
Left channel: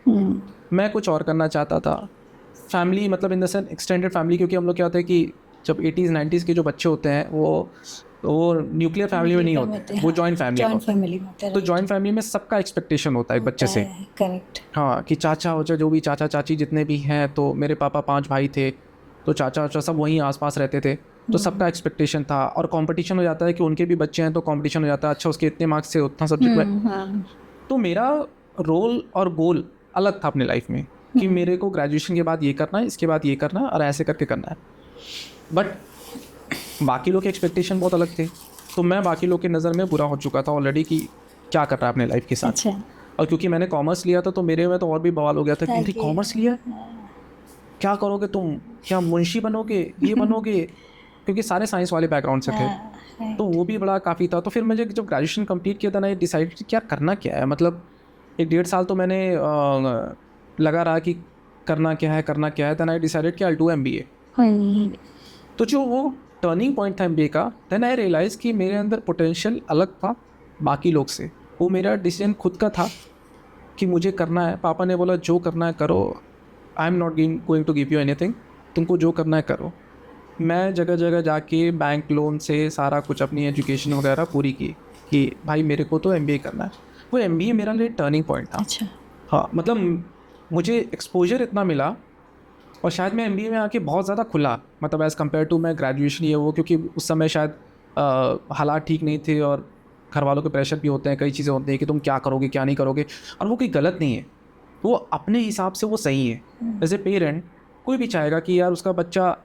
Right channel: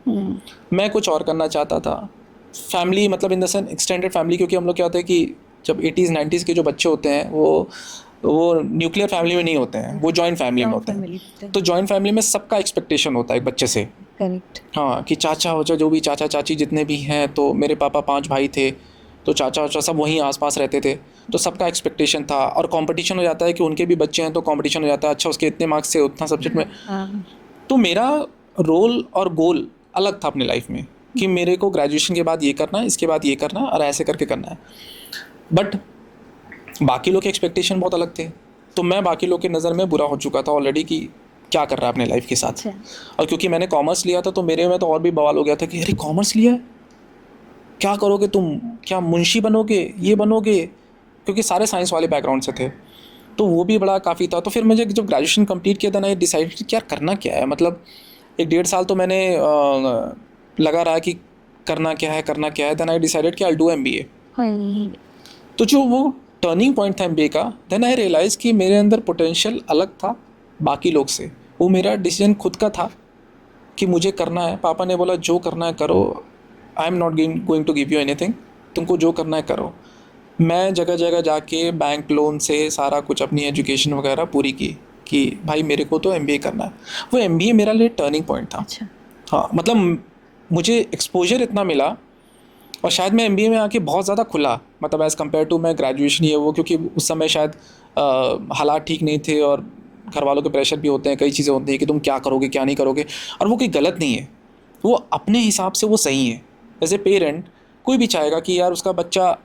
मैं कुछ और करना चाहता था। फैमिली मतलब in the sense extended family, क्योंकि हम लोग क्या होता है कि जब 80s 90s के जो बच्चे होते हैं, वो न्यूक्लियर फैमिली में नहीं होते हैं, वो जॉइंट फैमिली में होते हैं। तो जॉइंट फैमिली में सबका एक्सपेक्टेशन होता है एक बच्चे से। करेक्ट। हाँ, कि चाचा हो, जो भी चाचा चाची जितने भी हैं, तो मेरे पापा 5 भाई थे, तो चाचा वाचा सब वहीं आसपास रहते थे, तो सबका एक्सपेक्टेशन था। और कंपटीशन हो जाता है कि उनके भी बच्चे हैं, तो कंपटीशन हो जाता है, अच्छा उसके इतने मार्क्स से उतना सब्जेक्ट में। तो मेरा रोल और गोल अलग था अपनी लाइफ में, कि मेरे को ग्रेजुएशन के बाद ये करना है, इसके बाद ये करना है, और ऐसे करके करना है। बट बाकी लोग के एक्सपेक्टेशन बहुत अलग थे, तो मैं बाकी लोग की नज़र में बुरा हो चुका था ऑलरेडी कि क्या कर रहा है अपने लाइफ के साथ। अच्छा। और क्योंकि मैंने कॉमर्स लिया था, तो मेरे में तो और भी बवाल हो गया था कि अरे कॉमर्स लिया है, क्या करोगे तुम, क्या मुंशी बनोगे, ये बनोगे, क्योंकि सारे साइंस वाले बैकग्राउंड से थे। तो वो भी बड़ा काफ़ी था। तो फिर मुझे जब ग्रेजुएशन कंप्लीट किया था ना, ये डिसाइड कि क्या करना क्या है। मतलब 1-1.5 साल तो मैंने लगा रहा कि करना क्या है। देन आई डिसाइडेड कि आई डू MBA। तो जो वो टर्निंग पॉइंट था MBA का, देन आई रियलाइज़ कि मेरे अंदर पोटेंशियल अलग था बाकी लोग से। वो मेरा डिसीजन खुद का था कि मुझे करना है। पापा ने बोला जो करना है करो, I am not going to give you anything, तुमको जो करना है करो। मैं जगह जगह जाके बैंक लोन से सारा कुछ अपनी एजुकेशन वगैरह पूरी की कि भाई मेरे को तो MBA करना है। वो MBA मेरा लिए टर्निंग पॉइंट था। अच्छा। हाँ, मतलब मुझे एक्सपोजर इतना मिला, और शायद मैं MBA में आके बहुत ज़्यादा खुला, मतलब एज़ कम्पेयर टू मैं ग्रेजुएशन ये वो, क्योंकि उस समय शायद हालात ठीक नहीं थे, और घर वालों के प्रेशर भी होते हैं, कई चीज़ें होती हैं कि तुम क्या करोगे क्या नहीं करोगे। और वो कोई गलत नहीं है, वो अपने हिसाब से वो सही है। एज ए पेरेंट कोई भी चाहेगा कि यार उसका बच्चा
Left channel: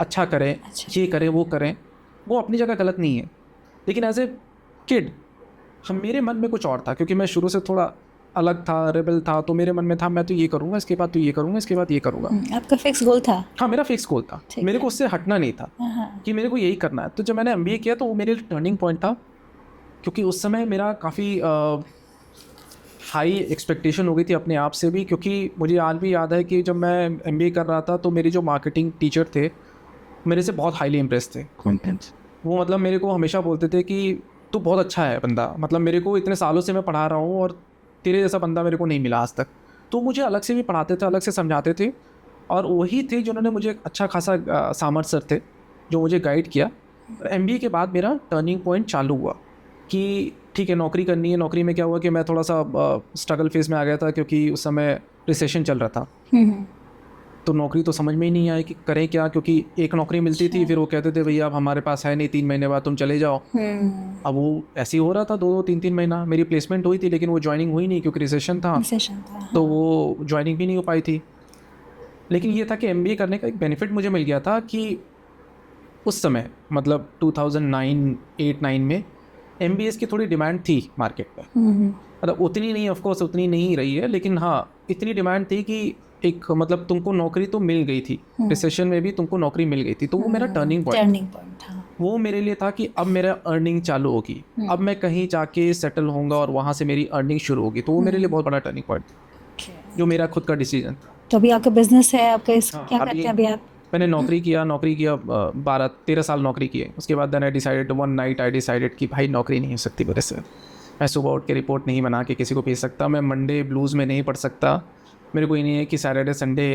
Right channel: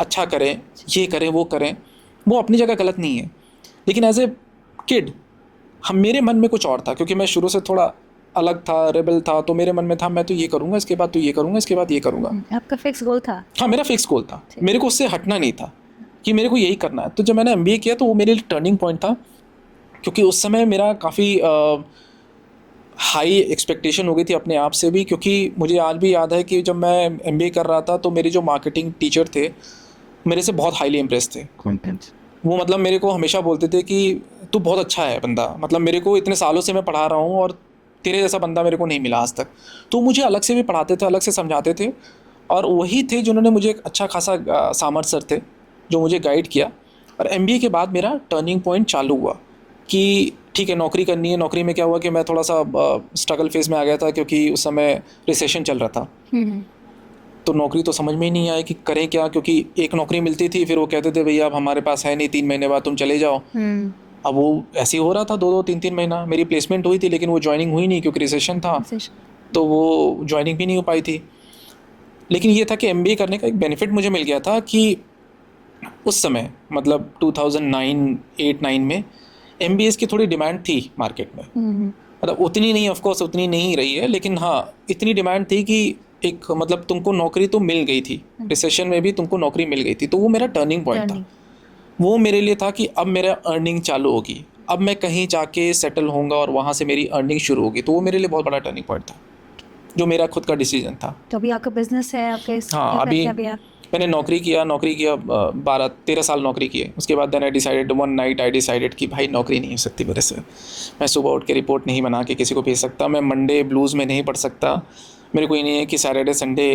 अच्छा करे, ये करे वो करें, वो अपनी जगह गलत नहीं है। लेकिन एज ए किड मेरे मन में कुछ और था, क्योंकि मैं शुरू से थोड़ा अलग था, रेबल था। तो मेरे मन में था मैं तो ये करूँगा, इसके बाद तो ये करूँगा, इसके बाद ये करूँगा। आपका फिक्स गोल था? हाँ, मेरा फिक्स गोल था, मेरे को उससे हटना नहीं था कि मेरे को यही करना है। तो जब मैंने MBA किया तो वो मेरे लिए टर्निंग पॉइंट था, क्योंकि उस समय मेरा काफ़ी हाई एक्सपेक्टेशन हो गई थी अपने आप से भी। क्योंकि मुझे आज भी याद है कि जब मैं MBA कर रहा था, तो मेरे जो मार्केटिंग टीचर थे मेरे से बहुत हाईली इम्प्रेस थे। वो मतलब मेरे को हमेशा बोलते थे कि तू बहुत अच्छा है बंदा, मतलब मेरे को इतने सालों से मैं पढ़ा रहा हूँ और तेरे जैसा बंदा मेरे को नहीं मिला आज तक। तो मुझे अलग से भी पढ़ाते थे, अलग से समझाते थे, और वही थे जिन्होंने मुझे एक अच्छा खासा सामर्थ सर थे जो मुझे गाइड किया। और MBA के बाद मेरा टर्निंग पॉइंट चालू हुआ कि ठीक है नौकरी करनी है। नौकरी में क्या हुआ कि मैं थोड़ा सा स्ट्रगल फेज़ में आ गया था, क्योंकि उस समय रिसेशन चल रहा था। तो नौकरी तो समझ में ही नहीं आई कि करें क्या, क्योंकि एक नौकरी मिलती थी, फिर वो कहते थे भैया अब हमारे पास है नहीं, 3 महीने बाद तुम चले जाओ। अब वो ऐसे ही हो रहा था 2-2 3-3 महीना। मेरी प्लेसमेंट हुई थी, लेकिन वो ज्वाइनिंग हुई नहीं, क्योंकि रिसेशन था, तो वो ज्वाइनिंग भी नहीं हो पाई थी। लेकिन ये था कि MBA करने का एक बेनिफिट मुझे मिल गया था कि उस समय मतलब 2009-8-9 में MBAs की थोड़ी डिमांड थी मार्केट में। मतलब उतनी नहीं, ऑफकोर्स उतनी नहीं रही है, लेकिन हाँ इतनी डिमांड थी कि एक मतलब तुमको नौकरी तो मिल गई थी, रिसेशन में भी तुमको नौकरी मिल गई थी। तो वो मेरा टर्निंग पॉइंट था। वो मेरे लिए था कि अब मेरा अर्निंग चालू होगी, अब मैं कहीं जाके सेटल होऊंगा और वहाँ से मेरी अर्निंग शुरू होगी। तो वो मेरे लिए बहुत बड़ा टर्निंग पॉइंट था। जो मेरा खुद का डिसीजन था। तो अभी आपका बिजनेस है, आपका हाँ, क्या करते हैं अभी आप? मैंने नौकरी किया 12-13 साल नौकरी किए। उसके बाद then I decided one night I decided कि भाई नौकरी नहीं हो सकती मेरे से। मैं सुबह उठ के रिपोर्ट नहीं बना के किसी को भेज सकता, मैं मंडे ब्लूज़ में नहीं पढ़ सकता। मेरे को ये नहीं है कि सैटरडे संडे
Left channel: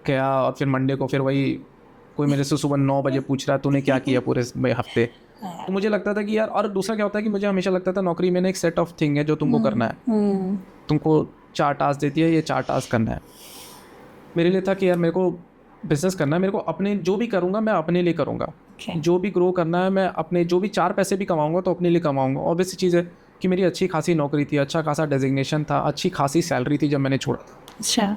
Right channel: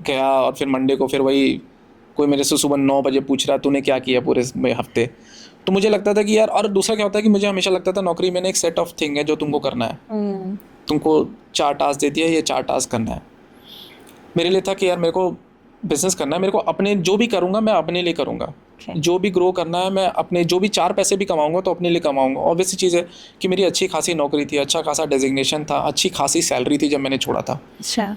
गया और फिर मंडे को फिर वही कोई मेरे से सुबह 9 बजे पूछ रहा तूने क्या किया पूरे हफ्ते। तो मुझे लगता था कि यार, और दूसरा क्या होता है कि मुझे हमेशा लगता था नौकरी में एक सेट ऑफ थिंग है जो तुमको करना है। तुमको 4 टास्क देती है, ये 4 टास्क करना है। मेरे लिए था कि यार मेरे को बिज़नेस करना है, मेरे को अपने जो भी करूँगा मैं अपने लिए करूँगा। जो भी ग्रो करना है मैं अपने, जो भी 4 पैसे भी कमाऊँगा तो अपने लिए कमाऊँगा। ऑब्वियस चीज़ है कि मेरी अच्छी खासी नौकरी थी, अच्छा खासा डेजिग्नेशन था, अच्छी खासी सैलरी थी जब मैंने छोड़ा था। अच्छा।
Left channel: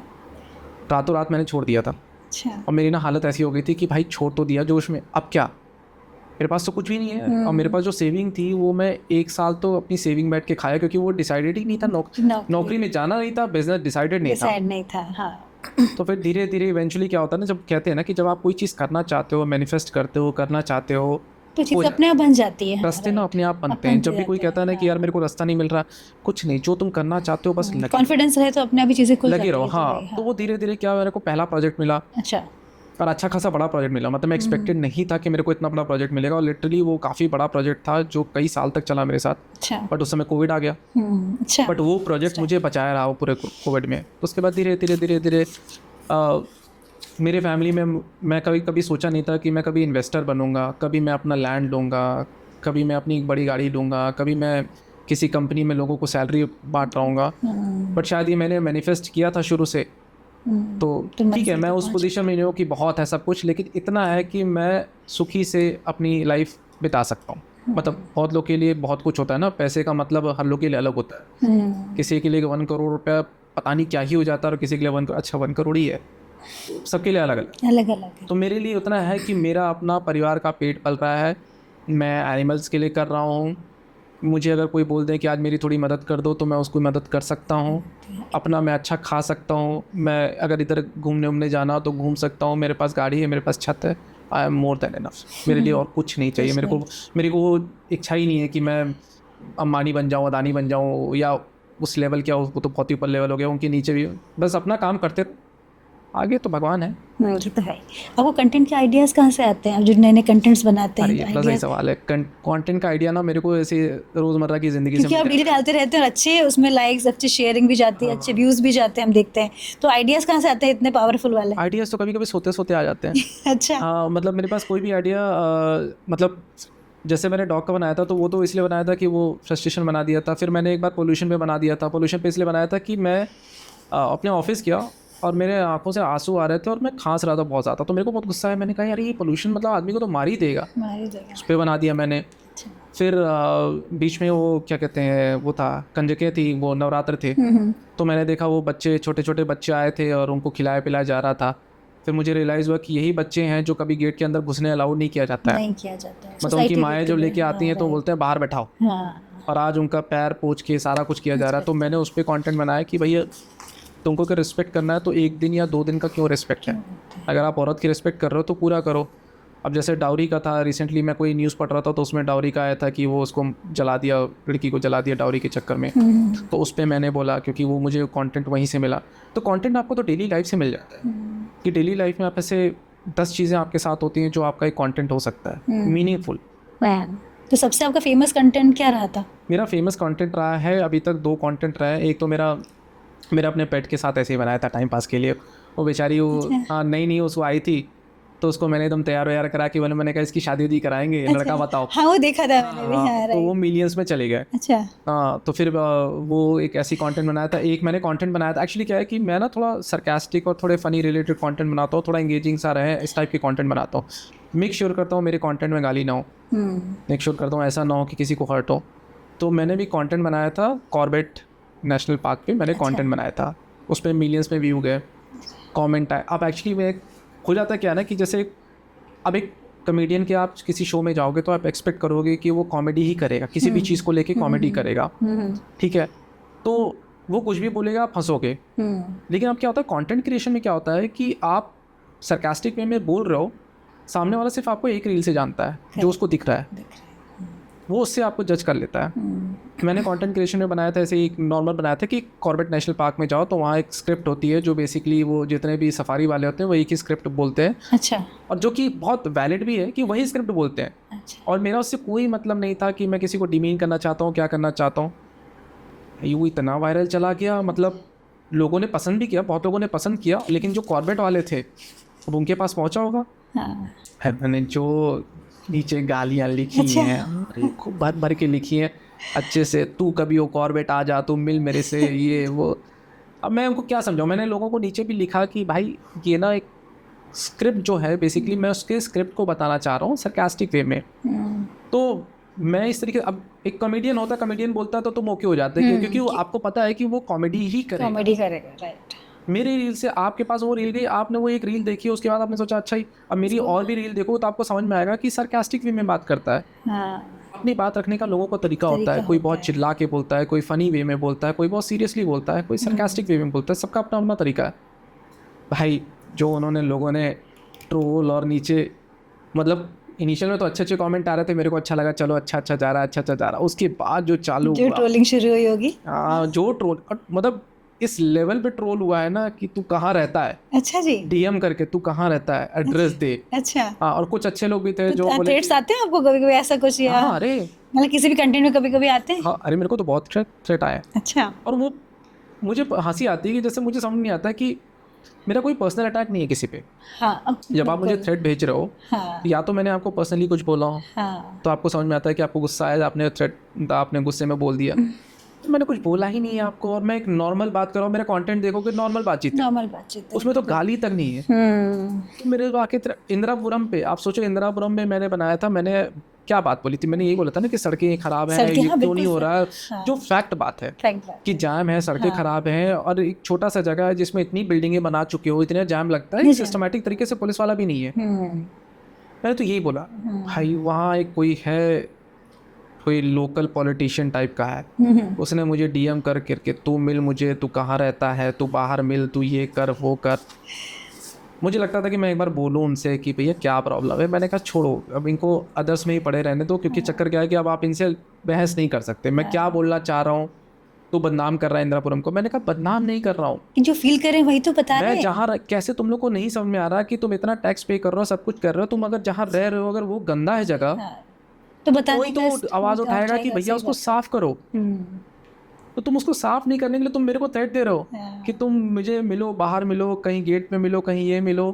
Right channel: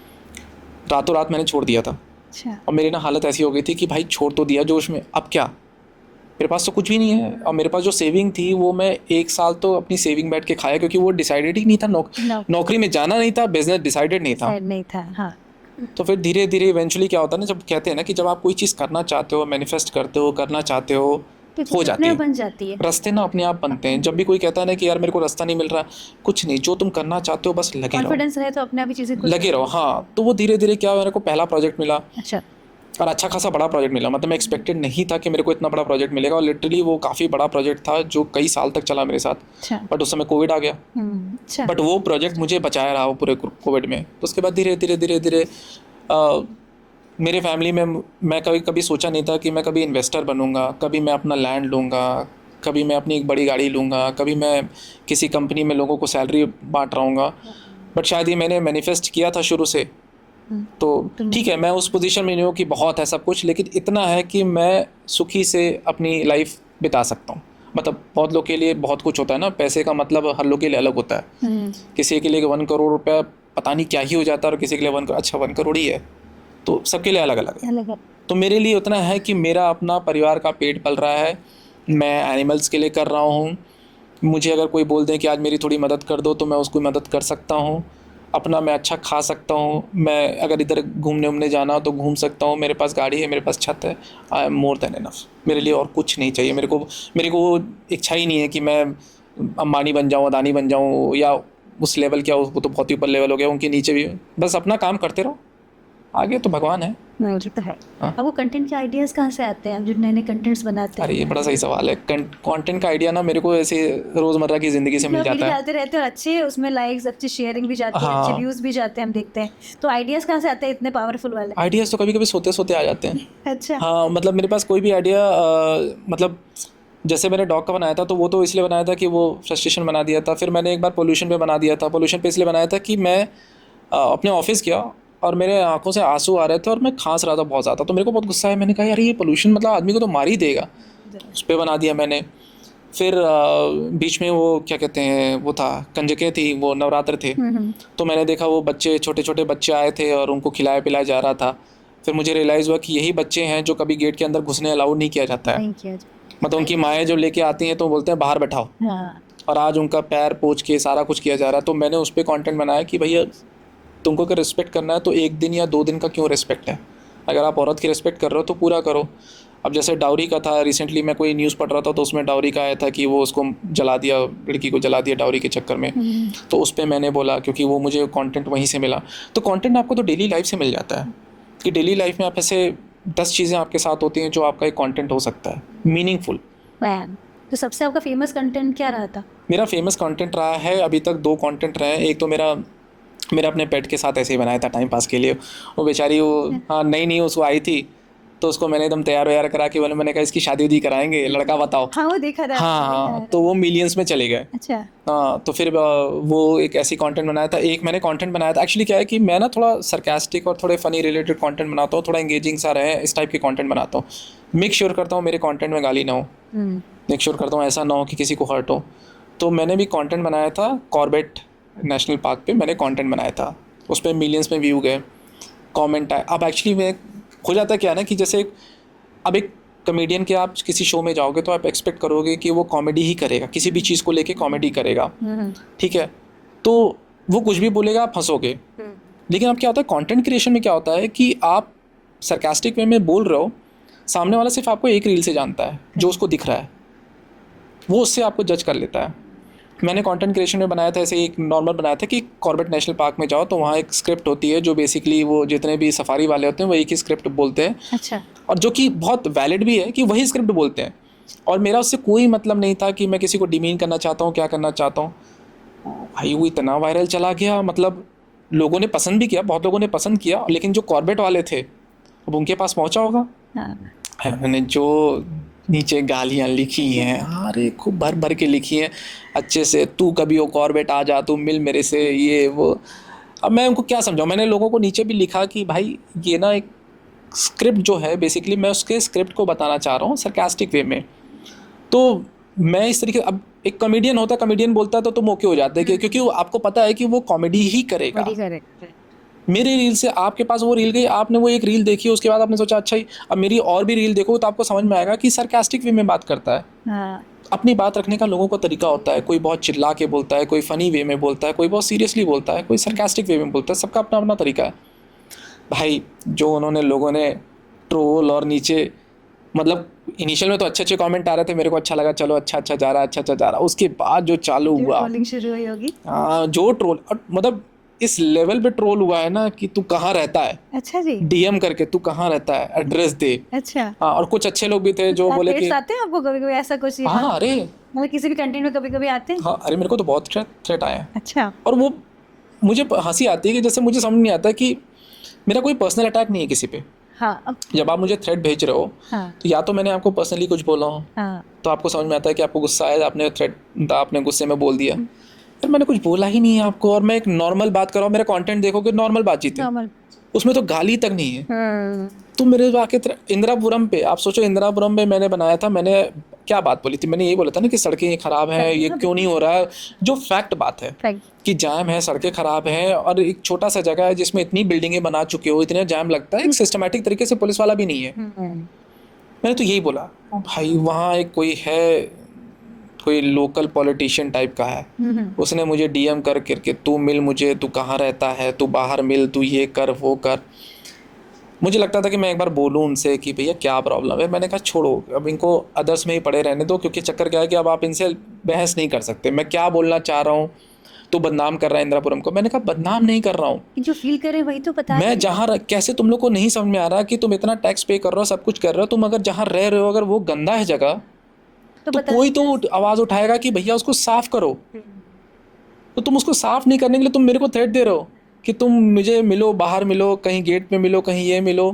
रातों रात मैंने छोड़ दिया था। अच्छा। और मेरी ना हालत ऐसी हो गई थी कि भाई छोड़ तो दिया जोश में, अब क्या, मेरे पास तो कुछ भी नहीं है। और मेरे पास जो सेविंग थी वो मैं 1 साल तो अपनी सेविंग बैठ के खाया, क्योंकि वो डिसाइडेड ही नहीं था। नौकरी में जाना नहीं था, बिजनेस डिसाइडेड नहीं था। हाँ। तो फिर धीरे धीरे इवेंचुअली क्या होता है ना, जब कहते हैं ना कि जब आप कोई चीज़ करना चाहते हो, मैनिफेस्ट करते हो, करना चाहते हो, तो हो चीज़ जाती अपने आप है, बन जाती है। रास्ते ना अपने आप बनते हैं। जब भी कोई कहता है ना कि यार मेरे को रास्ता नहीं मिल रहा, कुछ नहीं, जो तुम करना चाहते हो बस लगे रहो, कॉन्फिडेंस रहे तो अपने आप ही चीज़ें खुल लगे रहो। हाँ, तो वो धीरे धीरे क्या, मेरे को पहला प्रोजेक्ट मिला। अच्छा। और अच्छा खासा बड़ा प्रोजेक्ट मिला। मतलब मैं एक्सपेक्टेड नहीं था कि मेरे को इतना बड़ा प्रोजेक्ट मिलेगा, और लिटरली वो काफ़ी बड़ा प्रोजेक्ट था जो कई साल तक चला मेरे साथ। अच्छा। बट उस समय कोविड आ गया। अच्छा। बट वो प्रोजेक्ट मुझे बचाया रहा वो पूरे कोविड में। तो उसके बाद धीरे धीरे मेरे फैमिली में मैं कभी सोचा नहीं था कि मैं कभी इन्वेस्टर बनूंगा, कभी मैं अपना लैंड लूँगा, कभी मैं अपनी एक बड़ी गाड़ी लूँगा, कभी मैं किसी कंपनी में लोगों को सैलरी बांट रहा हूँगा। बट शायद ये मैंने मैनिफेस्ट किया था शुरू से। तो ठीक है, मैं उस पोजीशन में नहीं हूँ कि बहुत है सब कुछ, लेकिन इतना है कि मैं सुखी से अपनी लाइफ बिता सकता हूँ। मतलब बहुत लोग के लिए बहुत कुछ होता है ना, पैसे का मतलब हर लोग के लिए अलग होता है। किसी के लिए 1 करोड़ रुपया पता नहीं क्या ही हो जाता है, और किसी के लिए 1 करोड़ ही है। तो सबके लिए अलग अलग है। तो मेरे लिए उतना है कि मेरा अपना परिवार का पेट पल रहा है, मैं एनिमल्स के लिए कर रहा हूँ। मुझे अगर कोई बोल दे कि आज मेरी थोड़ी मदद कर दो तो मैं उसको मदद कर सकता हूँ। अपना मैं अच्छा खा सकता हूँ, मैं अगर इधर घूमने जाना हो तो घूम सकता हूँ, मेरे पास गाड़ी है, मेरे पास छत है। I am more than enough. मेरे लिए और कुछ नहीं चाहिए। मेरे को इच्छा ही नहीं है कि मैं अंबानी बन जाऊँ, अदानी बन जाऊँ, या उस लेवल क्या, वो तो बहुत ही ऊपर लेवल हो गया, उनके नीचे भी। बस अपना काम करते रहो, आगे तो भगवान है। वो तो है। आपको कंटेंट के आइडियाज़ कहाँ से आते हैं, आप जो नए नए कंटेंट्स बनाते हैं? अरे ये बड़ा सही सवाल है। कंटेंट का आइडिया ना मेरे को ऐसे रोज़मर्रा की ज़िंदगी से मिल जाता है। वीडियो डालते रहते हैं और अच्छे उसमें लाइक्स, अच्छे शेयरिंग भी जाती है, अच्छे व्यूज़ भी जाते हैं, हम देखते हैं। तो आइडियाज़ कहाँ से आते हैं इतने पावरफुल वाले? आइडियाज़ तो कभी कभी सोते सोते आ जाते हैं। अच्छा। हाँ, मतलब मेरे पास कोई भी आइडिया, मतलब जैसे मैंने डॉग का बनाया था तो वो तो इसलिए बनाया था कि वो फ्रस्ट्रेशन बना दिया था। फिर मैंने एक बार पोल्यूशन पे बना दिया था। पोल्यूशन पे इसलिए बनाया था कि मैं अपने ऑफिस गया और मेरे आंखों से आंसू आ रहे थे और मैं खांस रहा था बहुत ज़्यादा। तो मेरे को बहुत गुस्सा आया। मैंने कहा यार ये पोल्यूशन मतलब आदमी को तो मार ही देगा। उस पर बना दिया मैंने। फिर बीच में वो क्या कहते हैं, वो था कंजकें थी, वो नवरात्र थे, तो मैंने देखा वो बच्चे, छोटे छोटे बच्चे आए थे और उनको खिलाया पिलाया जा रहा था। फिर मुझे रियलाइज़ हुआ कि यही बच्चे हैं जो कभी गेट के अंदर घुसने अलाउड नहीं किया जाता है। मतलब उनकी माएँ जब लेके आती हैं तो बोलते हैं बाहर बैठाओ, और आज उनका पैर पोंछ के सारा कुछ किया जा रहा है। तो मैंने उस पर कॉन्टेंट बनाया कि भैया तुमको अगर रिस्पेक्ट करना है तो 1 दिन या 2 दिन का क्यों रिस्पेक्ट है। अगर आप औरत की रिस्पेक्ट कर रहे हो तो पूरा करो। अब जैसे डाउरी का था, रिसेंटली मैं कोई न्यूज़ पढ़ रहा था तो उसमें डाउरी का आया था कि वो उसको जला दिया, लड़की को जला दिया डाउरी के चक्कर में। तो उस पर मैंने बोला, क्योंकि वो मुझे कंटेंट वहीं से मिला। तो कंटेंट आपको तो डेली लाइफ से मिल जाता है कि डेली लाइफ में आप ऐसे 10 चीज़ें आपके साथ होती हैं जो आपका एक कंटेंट हो सकता है मीनिंगफुल। तो सबसे आपका फेमस कंटेंट क्या रहा था? मेरा फेमस कंटेंट रहा है अभी तक 2 कंटेंट रहे हैं। एक तो मेरा अपने पेट के साथ ऐसे ही बनाया था टाइम पास के लिए। वो बेचारी वो नई उसको आई थी तो उसको मैंने एकदम तैयार व्यार करा के मैंने कहा इसकी शादी उदी कराएंगे, लड़का बताओ। हाँ वो देखा था। हाँ, तो वो मिलियंस में चले गए। अच्छा। हाँ, तो फिर वो एक ऐसी कंटेंट बनाया था। एक मैंने कंटेंट बनाया था, एक्चुअली क्या है कि मैं ना थोड़ा सरकास्टिक और थोड़े फनी रिलेटेड कंटेंट बनाता हूँ, थोड़ा इंगेजिंग सा रहे, इस टाइप के कंटेंट बनाता हूँ। मेक श्योर करता हूँ मेरे कंटेंट में गाली ना हो, मेक श्योर करता हूँ ऐसा ना हो कि किसी को हर्ट हो। तो मैंने भी कंटेंट बनाया था कॉर्बेट नेशनल पार्क पे, मैंने कंटेंट बनाया था। उस पर मिलियंस में व्यू गए, कमेंट आए। अब एक्चुअली वे हो जाता क्या है ना कि जैसे अब एक कॉमेडियन के आप किसी शो में जाओगे तो आप एक्सपेक्ट करोगे कि वो कॉमेडी ही करेगा, किसी भी चीज़ को लेके कॉमेडी करेगा, ठीक है। तो वो कुछ भी बोलेगा, आप हंसोगे। लेकिन अब क्या होता है कंटेंट क्रिएशन में, क्या होता है कि आप सरकास्टिक वे में बोल रहे हो, सामने वाला सिर्फ आपको एक रील से जानता है जो उसको दिख रहा है, वो उससे आपको जज कर लेता है। मैंने कंटेंट क्रिएशन में बनाया था, ऐसे एक नॉर्मल बनाया था कि कॉर्बेट नेशनल पार्क में जाओ तो वहाँ एक स्क्रिप्ट होती है जो बेसिकली वो जितने भी सफारी वाले होते हैं वो एक ही स्क्रिप्ट बोलते हैं, अच्छा और जो कि बहुत वैलिड भी है कि वही स्क्रिप्ट बोलते हैं। और मेरा उससे कोई मतलब नहीं था कि मैं किसी को डिमीन करना चाहता हूँ, क्या करना चाहता हूँ। भाई वो इतना वायरल चला गया, मतलब लोगों ने पसंद भी किया, बहुत लोगों ने पसंद किया, लेकिन जो कॉर्बेट वाले थे अब उनके पास पहुँचा होगा, हाँ मैंने जो नीचे गालियाँ लिखी हैं, अरे खूब भर भर के लिखी हैं अच्छे से, तू कभी वो कॉर्बेट आ जा, तू मिल मेरे से, ये वो। अब मैं उनको क्या समझाऊँ, मैंने लोगों को नीचे भी लिखा कि भाई ये ना एक स्क्रिप्ट जो है बेसिकली मैं उसके स्क्रिप्ट को बताना चाह रहा हूँ सरकास्टिक वे में। तो मैं इस तरीके, अब एक कॉमेडियन होता है, कॉमेडियन बोलता है तो तुम ओके हो जाते हैं क्योंकि वो आपको पता है कि वो कॉमेडी ही करेगा। कॉमेडी करेगा, राइट। मेरी रील से आपके पास वो रील गई, आपने वो एक रील देखी, उसके बाद आपने सोचा अच्छा ही अब मेरी और भी रील देखो, तो आपको समझ में आएगा कि सरकास्टिक वे में बात करता है। हाँ अपनी बात रखने का लोगों को तरीका होता है, कोई बहुत चिल्ला के बोलता है, कोई फ़नी वे में बोलता है, कोई बहुत सीरियसली बोलता है, कोई सरकास्टिक वे में बोलता है, सबका अपना अपना तरीका है। भाई जो उन्होंने लोगों ने ट्रोल और नीचे, मतलब इनिशियल में तो अच्छे अच्छे कमेंट आ रहे थे, मेरे को अच्छा लगा, चलो अच्छा अच्छा जा रहा है, अच्छा अच्छा जा रहा है। उसके बाद जो चालू जो हुआ, ट्रोलिंग शुरू हुई होगी। जो ट्रोल, मतलब इस लेवल पे ट्रोल हुआ है ना कि तू कहाँ रहता है, अच्छा जी। डीएम करके तू कहाँ रहता है, एड्रेस दे। अच्छा, हाँ, और कुछ अच्छे लोग भी थे जो बोले थ्रेट्स कि आते हैं आपको कभी कभी ऐसा कुछ, या हाँ अरे मतलब किसी भी कंटेंट में कभी कभी आते हैं? हाँ अरे मेरे को तो बहुत थ्रेट आए हैं। अच्छा। और वो मुझे हंसी आती है कि जैसे मुझे समझ नहीं आता कि मेरा कोई पर्सनल अटैक नहीं है किसी पे। हाँ अब जब आप मुझे थ्रेट भेज रहे हो हाँ तो या तो मैंने आपको पर्सनली कुछ बोला हो हाँ तो आपको समझ में आता है कि आपको गुस्सा आया, आपने थ्रेट, आपने गुस्से में बोल दिया। फिर मैंने कुछ बोला ही नहीं है आपको, और मैं एक नॉर्मल बात कर रहा हूँ, मेरा कंटेंट देखोगे नॉर्मल बातचीत है, नॉर्मल बातचीत। उसमें तो गाली तक नहीं है। तो मेरे वाकई इंदिरापुरम पे, आप सोचो इंदिरापुरम में मैंने बनाया था, मैंने क्या बात बोली थी, मैंने यही बोला था ना कि सड़कें खराब है, सड़कें, ये हाँ, क्यों नहीं हो बिल्कुल रहा है, हाँ। जो फैक्ट बात है कि जाम है, सड़कें खराब हैं, और एक छोटा सा जगह है जिसमें इतनी बिल्डिंगें बना चुके हो, इतना जाम लगता है, सिस्टमैटिक तरीके से पुलिस वाला भी नहीं है। मैंने तो यही बोला, भाई वहाँ एक कोई है, कोई लोकल पॉलिटिशियन टाइप का है, उसने मुझे डीएम कर करके तू मिल मुझे, तू कहाँ रहता है, तू बाहर मिल, तू ये कर वो कर। मुझे लगता था कि मैं एक बार बोलूँ उनसे कि भैया क्या प्रॉब्लम है, मैंने कहा छोड़ो अब इनको अदर्स में ही पड़े रहने दो, क्योंकि चक्कर क्या है कि अब आप इनसे बहस नहीं कर सकते। मैं क्या बोलना चाह रहा हूँ, तो बदनाम कर रहा है इंदिरापुरम को। मैंने कहा बदनाम नहीं कर रहा हूँ, जो फील करें वही तो बता मैं दें। जहाँ कैसे तुम लोग को नहीं समझ में आ रहा कि तुम इतना टैक्स पे कर रहे हो, सब कुछ कर रहे हो, तुम अगर जहाँ रह रहे हो अगर वो गंदा है जगह, तो तो बता कोई तो दें, आवाज़ उठाएगा कि भैया उसको साफ करो। तो तुम उसको साफ नहीं करने के लिए तुम मेरे को थ्रेट दे रहे हो कि तुम मुझे मिलो, बाहर मिलो, कहीं गेट पे मिलो, कहीं ये मिलो।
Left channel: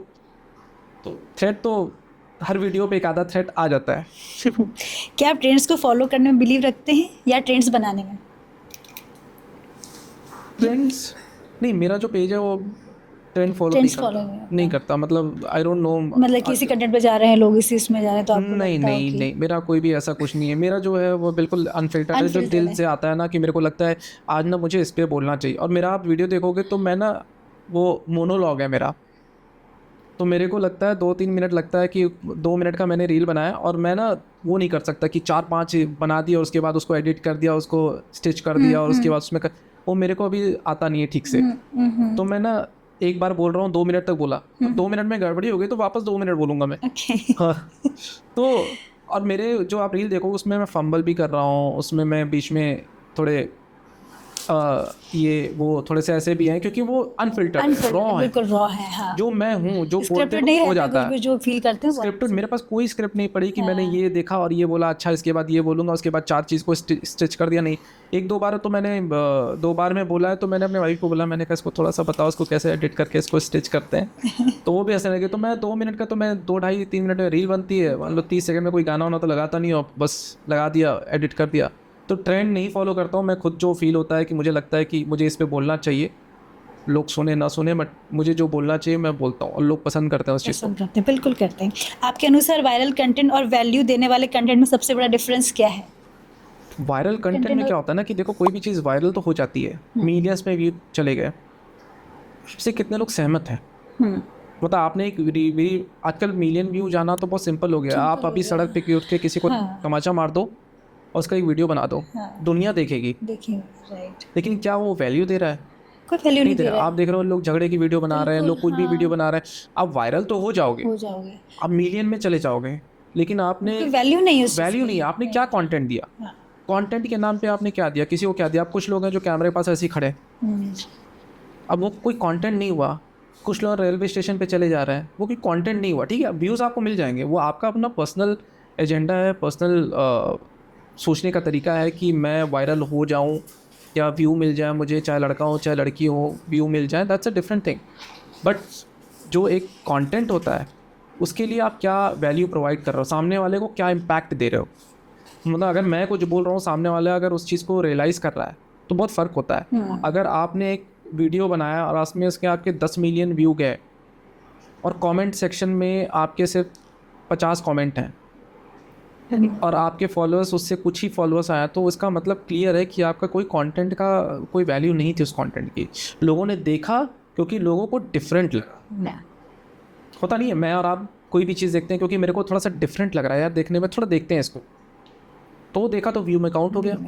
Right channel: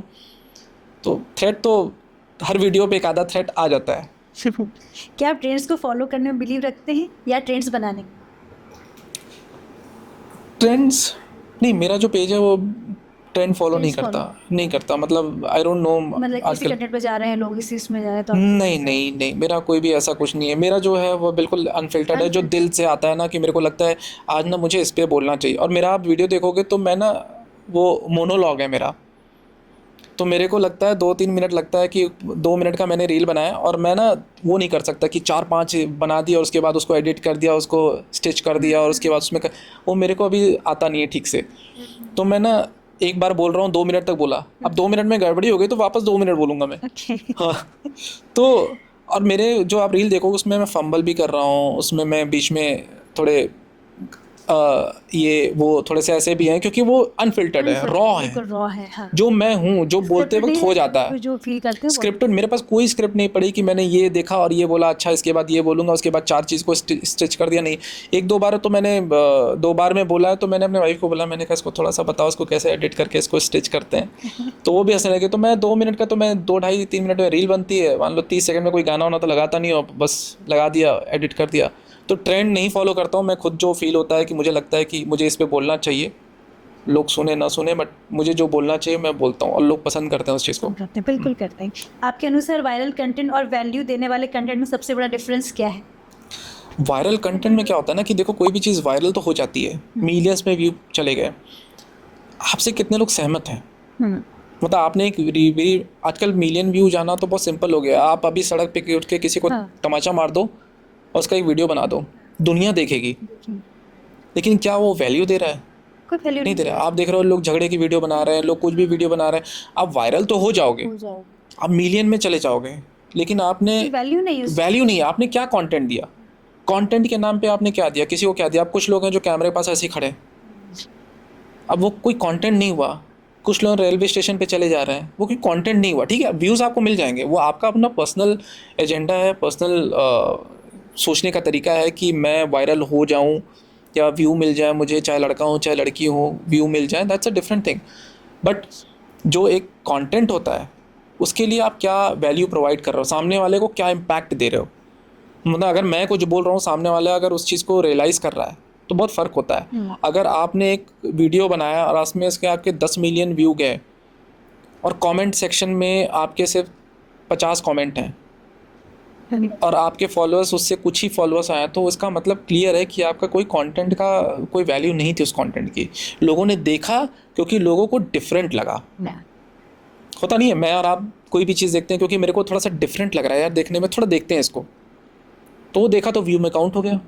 तो थ्रेट तो हर वीडियो पे एक आधा थ्रेट आ जाता है। क्या आप ट्रेंड्स को फॉलो करने में बिलीव रखते हैं या ट्रेंड्स बनाने में? ट्रेंड्स नहीं, मेरा जो पेज है वो ट्रेंड फॉलो नहीं Trends follow करता, नहीं करता, मतलब आई डोंट नो। मतलब किसी कंटेंट पे जा रहे हैं लोग, इसी इसमें जा रहे हैं तो आपको नहीं लगता है नहीं कि- नहीं, मेरा कोई भी ऐसा कुछ नहीं है। मेरा जो है वो बिल्कुल अनफिल्टर्ड है, जो Unfiltered दिल है। से आता है ना कि मेरे को लगता है आज ना मुझे इस पे बोलना चाहिए। और मेरा आप वीडियो देखोगे तो मैं ना, वो मोनोलॉग है मेरा, तो मेरे को लगता है 2-3 मिनट लगता है कि 2 मिनट का मैंने रील बनाया, और मैं ना वो नहीं कर सकता कि 4-5 बना दिया और उसके बाद उसको एडिट कर दिया, उसको स्टिच कर दिया और उसके बाद उसमें वो मेरे को अभी आता नहीं है ठीक से। तो मैं ना एक बार बोल रहा हूँ 2 मिनट तक बोला, अब 2 मिनट में गड़बड़ी हो गई तो वापस 2 मिनट बोलूँगा मैं। ओके। हाँ तो और मेरे जो आप रील देखोगे उसमें मैं फंबल भी कर रहा हूँ, उसमें मैं बीच में थोड़े ये वो थोड़े से ऐसे भी हैं क्योंकि वो अनफिल्टर्ड है, रॉ है, बिल्कुल रॉ है, हाँ। जो मैं हूँ, जो बोलते Scripted वक्त नहीं हो है, जाता कभी है। जो फील करते हैं वो। स्क्रिप्टेड मेरे पास कोई स्क्रिप्ट नहीं पड़ी कि मैंने ये देखा और ये बोला, अच्छा इसके बाद ये बोलूँगा, उसके बाद 4 चीज़ को स्टिच कर दिया। नहीं, 1-2 बार तो मैंने 2 बार में बोला है, तो मैंने अपने वाइफ को बोला, मैंने कहा इसको थोड़ा सा बताओ इसको कैसे एडिट करके इसको स्टिच करते हैं। तो वो भी ऐसे लगे। तो मैं 2 मिनट का, तो मैं 2-2.5-3 मिनट में रील बनती है, मान लो 30 सेकंड में कोई गाना होना तो लगाता नहीं हो, बस लगा दिया, एडिट कर दिया। तो ट्रेंड नहीं फॉलो करता हूँ मैं, खुद जो फील होता है कि मुझे लगता है कि मुझे इस पे बोलना चाहिए, लोग सुने ना सुने, बट मुझे जो बोलना चाहिए मैं बोलता हूँ, और लोग पसंद करते हैं उस चीज़ को। करते हैं, बिल्कुल करते हैं। आपके अनुसार वायरल कंटेंट और वैल्यू देने वाले कंटेंट में सबसे बड़ा डिफरेंस क्या है? वायरल कंटेंट में क्या होता है ना कि देखो कोई भी चीज़ वायरल तो हो जाती है, मिलियंस में व्यू चले गए, आपसे कितने लोग सहमत हैं। मतलब आपने एक आजकल मिलियन व्यू जाना तो बहुत सिंपल हो गया। आप अभी सड़क पे उठ के किसी को तमाचा मार दो और उसका एक वीडियो बना दो, दुनिया देखेगी, देखिए, राइट। लेकिन क्या वो वैल्यू दे रहा है? कोई वैल्यू नहीं दे रहा। आप देख रहे हो लोग झगड़े की वीडियो बना रहे हैं, लोग कुछ भी वीडियो बना रहे हैं, आप वायरल तो हो जाओगे, हो जाओगे, आप मिलियन में चले जाओगे, लेकिन आपने वैल्यू नहीं है वैल्यू नहीं है। आपने क्या कंटेंट दिया? कंटेंट के नाम पे आपने क्या दिया, किसी को क्या दिया? अब कुछ लोग हैं जो कैमरे के पास ऐसे ही खड़े, अब वो कोई कंटेंट नहीं हुआ। कुछ लोग रेलवे स्टेशन पे चले जा रहे हैं, वो कोई कंटेंट नहीं हुआ, ठीक है, व्यूज़ आपको मिल जाएंगे, वो आपका अपना पर्सनल एजेंडा है, पर्सनल सोचने का तरीका है कि मैं वायरल हो जाऊं या व्यू मिल जाए मुझे, चाहे लड़का हो चाहे लड़की हो, व्यू मिल जाए, that's a different thing. But जो एक कंटेंट होता है उसके लिए आप क्या वैल्यू प्रोवाइड कर रहे हो, सामने वाले को क्या इम्पैक्ट दे रहे हो। मतलब अगर मैं कुछ बोल रहा हूँ, सामने वाला अगर उस चीज़ को रियलाइज़ कर रहा है तो बहुत फ़र्क होता है। अगर आपने एक वीडियो बनाया और उसमें इसके आपके 10 मिलियन व्यू गए और कमेंट सेक्शन में आपके सिर्फ 50 कमेंट हैं और आपके फॉलोअर्स उससे कुछ ही फॉलोअर्स आया, तो इसका मतलब क्लियर है कि आपका कोई कंटेंट का कोई वैल्यू नहीं थी उस कंटेंट की। लोगों ने देखा क्योंकि लोगों को डिफरेंट लगा। होता नहीं है, मैं और आप कोई भी चीज़ देखते हैं क्योंकि मेरे को थोड़ा सा डिफरेंट लग रहा है यार देखने में, थोड़ा देखते हैं इसको, तो देखा तो व्यू में काउंट हो गया।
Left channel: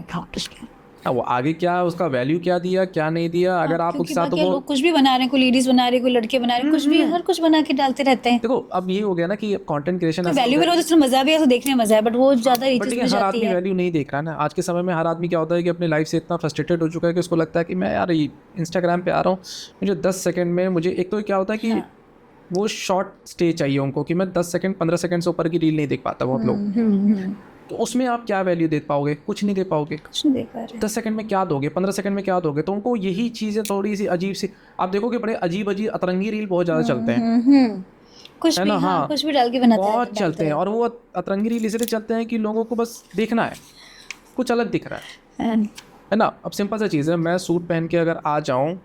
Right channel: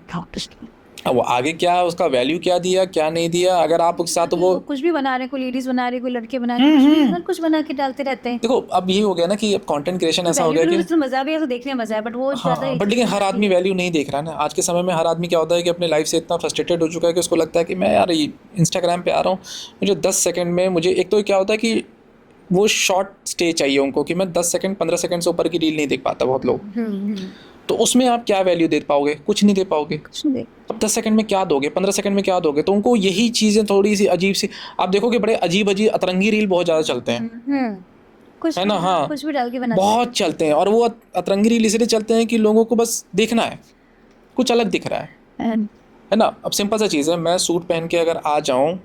अब वो आगे क्या है, उसका वैल्यू क्या दिया क्या नहीं दिया, अगर आप उसके साथ वो कुछ भी बना रहे हैं, कोई लेडीज बना रहे, कोई लड़के बना रहे, कुछ भी हर कुछ बना के डालते रहते हैं। देखो अब ये हो गया ना कि अब कंटेंट क्रिएशन ऐसा हो वैल्यू गया में तो मजा भी है, तो देखने में मजा है, बट वो ज्यादा बट लेकिन हर आदमी वैल्यू नहीं देख रहा है ना। आज के समय में हर आदमी क्या होता है कि अपने लाइफ से इतना फ्रस्ट्रेटेड हो चुका है कि उसको लगता है कि मैं यार इंस्टाग्राम पे आ रहा हूँ, मुझे 10 सेकंड में मुझे, एक तो क्या होता है कि वो शॉर्ट स्टे चाहिए उनको कि मैं 10 सेकंड 15 सेकंड से ऊपर की रील नहीं देख पाता बहुत लोग। तो उसमें आप क्या वैल्यू दे पाओगे, कुछ नहीं दे पाओगे। अब 10 सेकंड में क्या दोगे, 15 सेकंड में क्या दोगे, तो उनको यही चीज़ें थोड़ी सी अजीब सी, आप देखो कि बड़े अजीब अजीब अतरंगी रील बहुत ज़्यादा चलते हैं, कुछ है ना। हाँ, कुछ भी डाल के बनाते बहुत चलते हैं, और वो अतरंगी रील इसलिए चलते हैं कि लोगों को बस देखना है, कुछ अलग दिख रहा है ना। अब सिंपल सा चीज़ है, मैं सूट पहन के अगर आ जाऊँ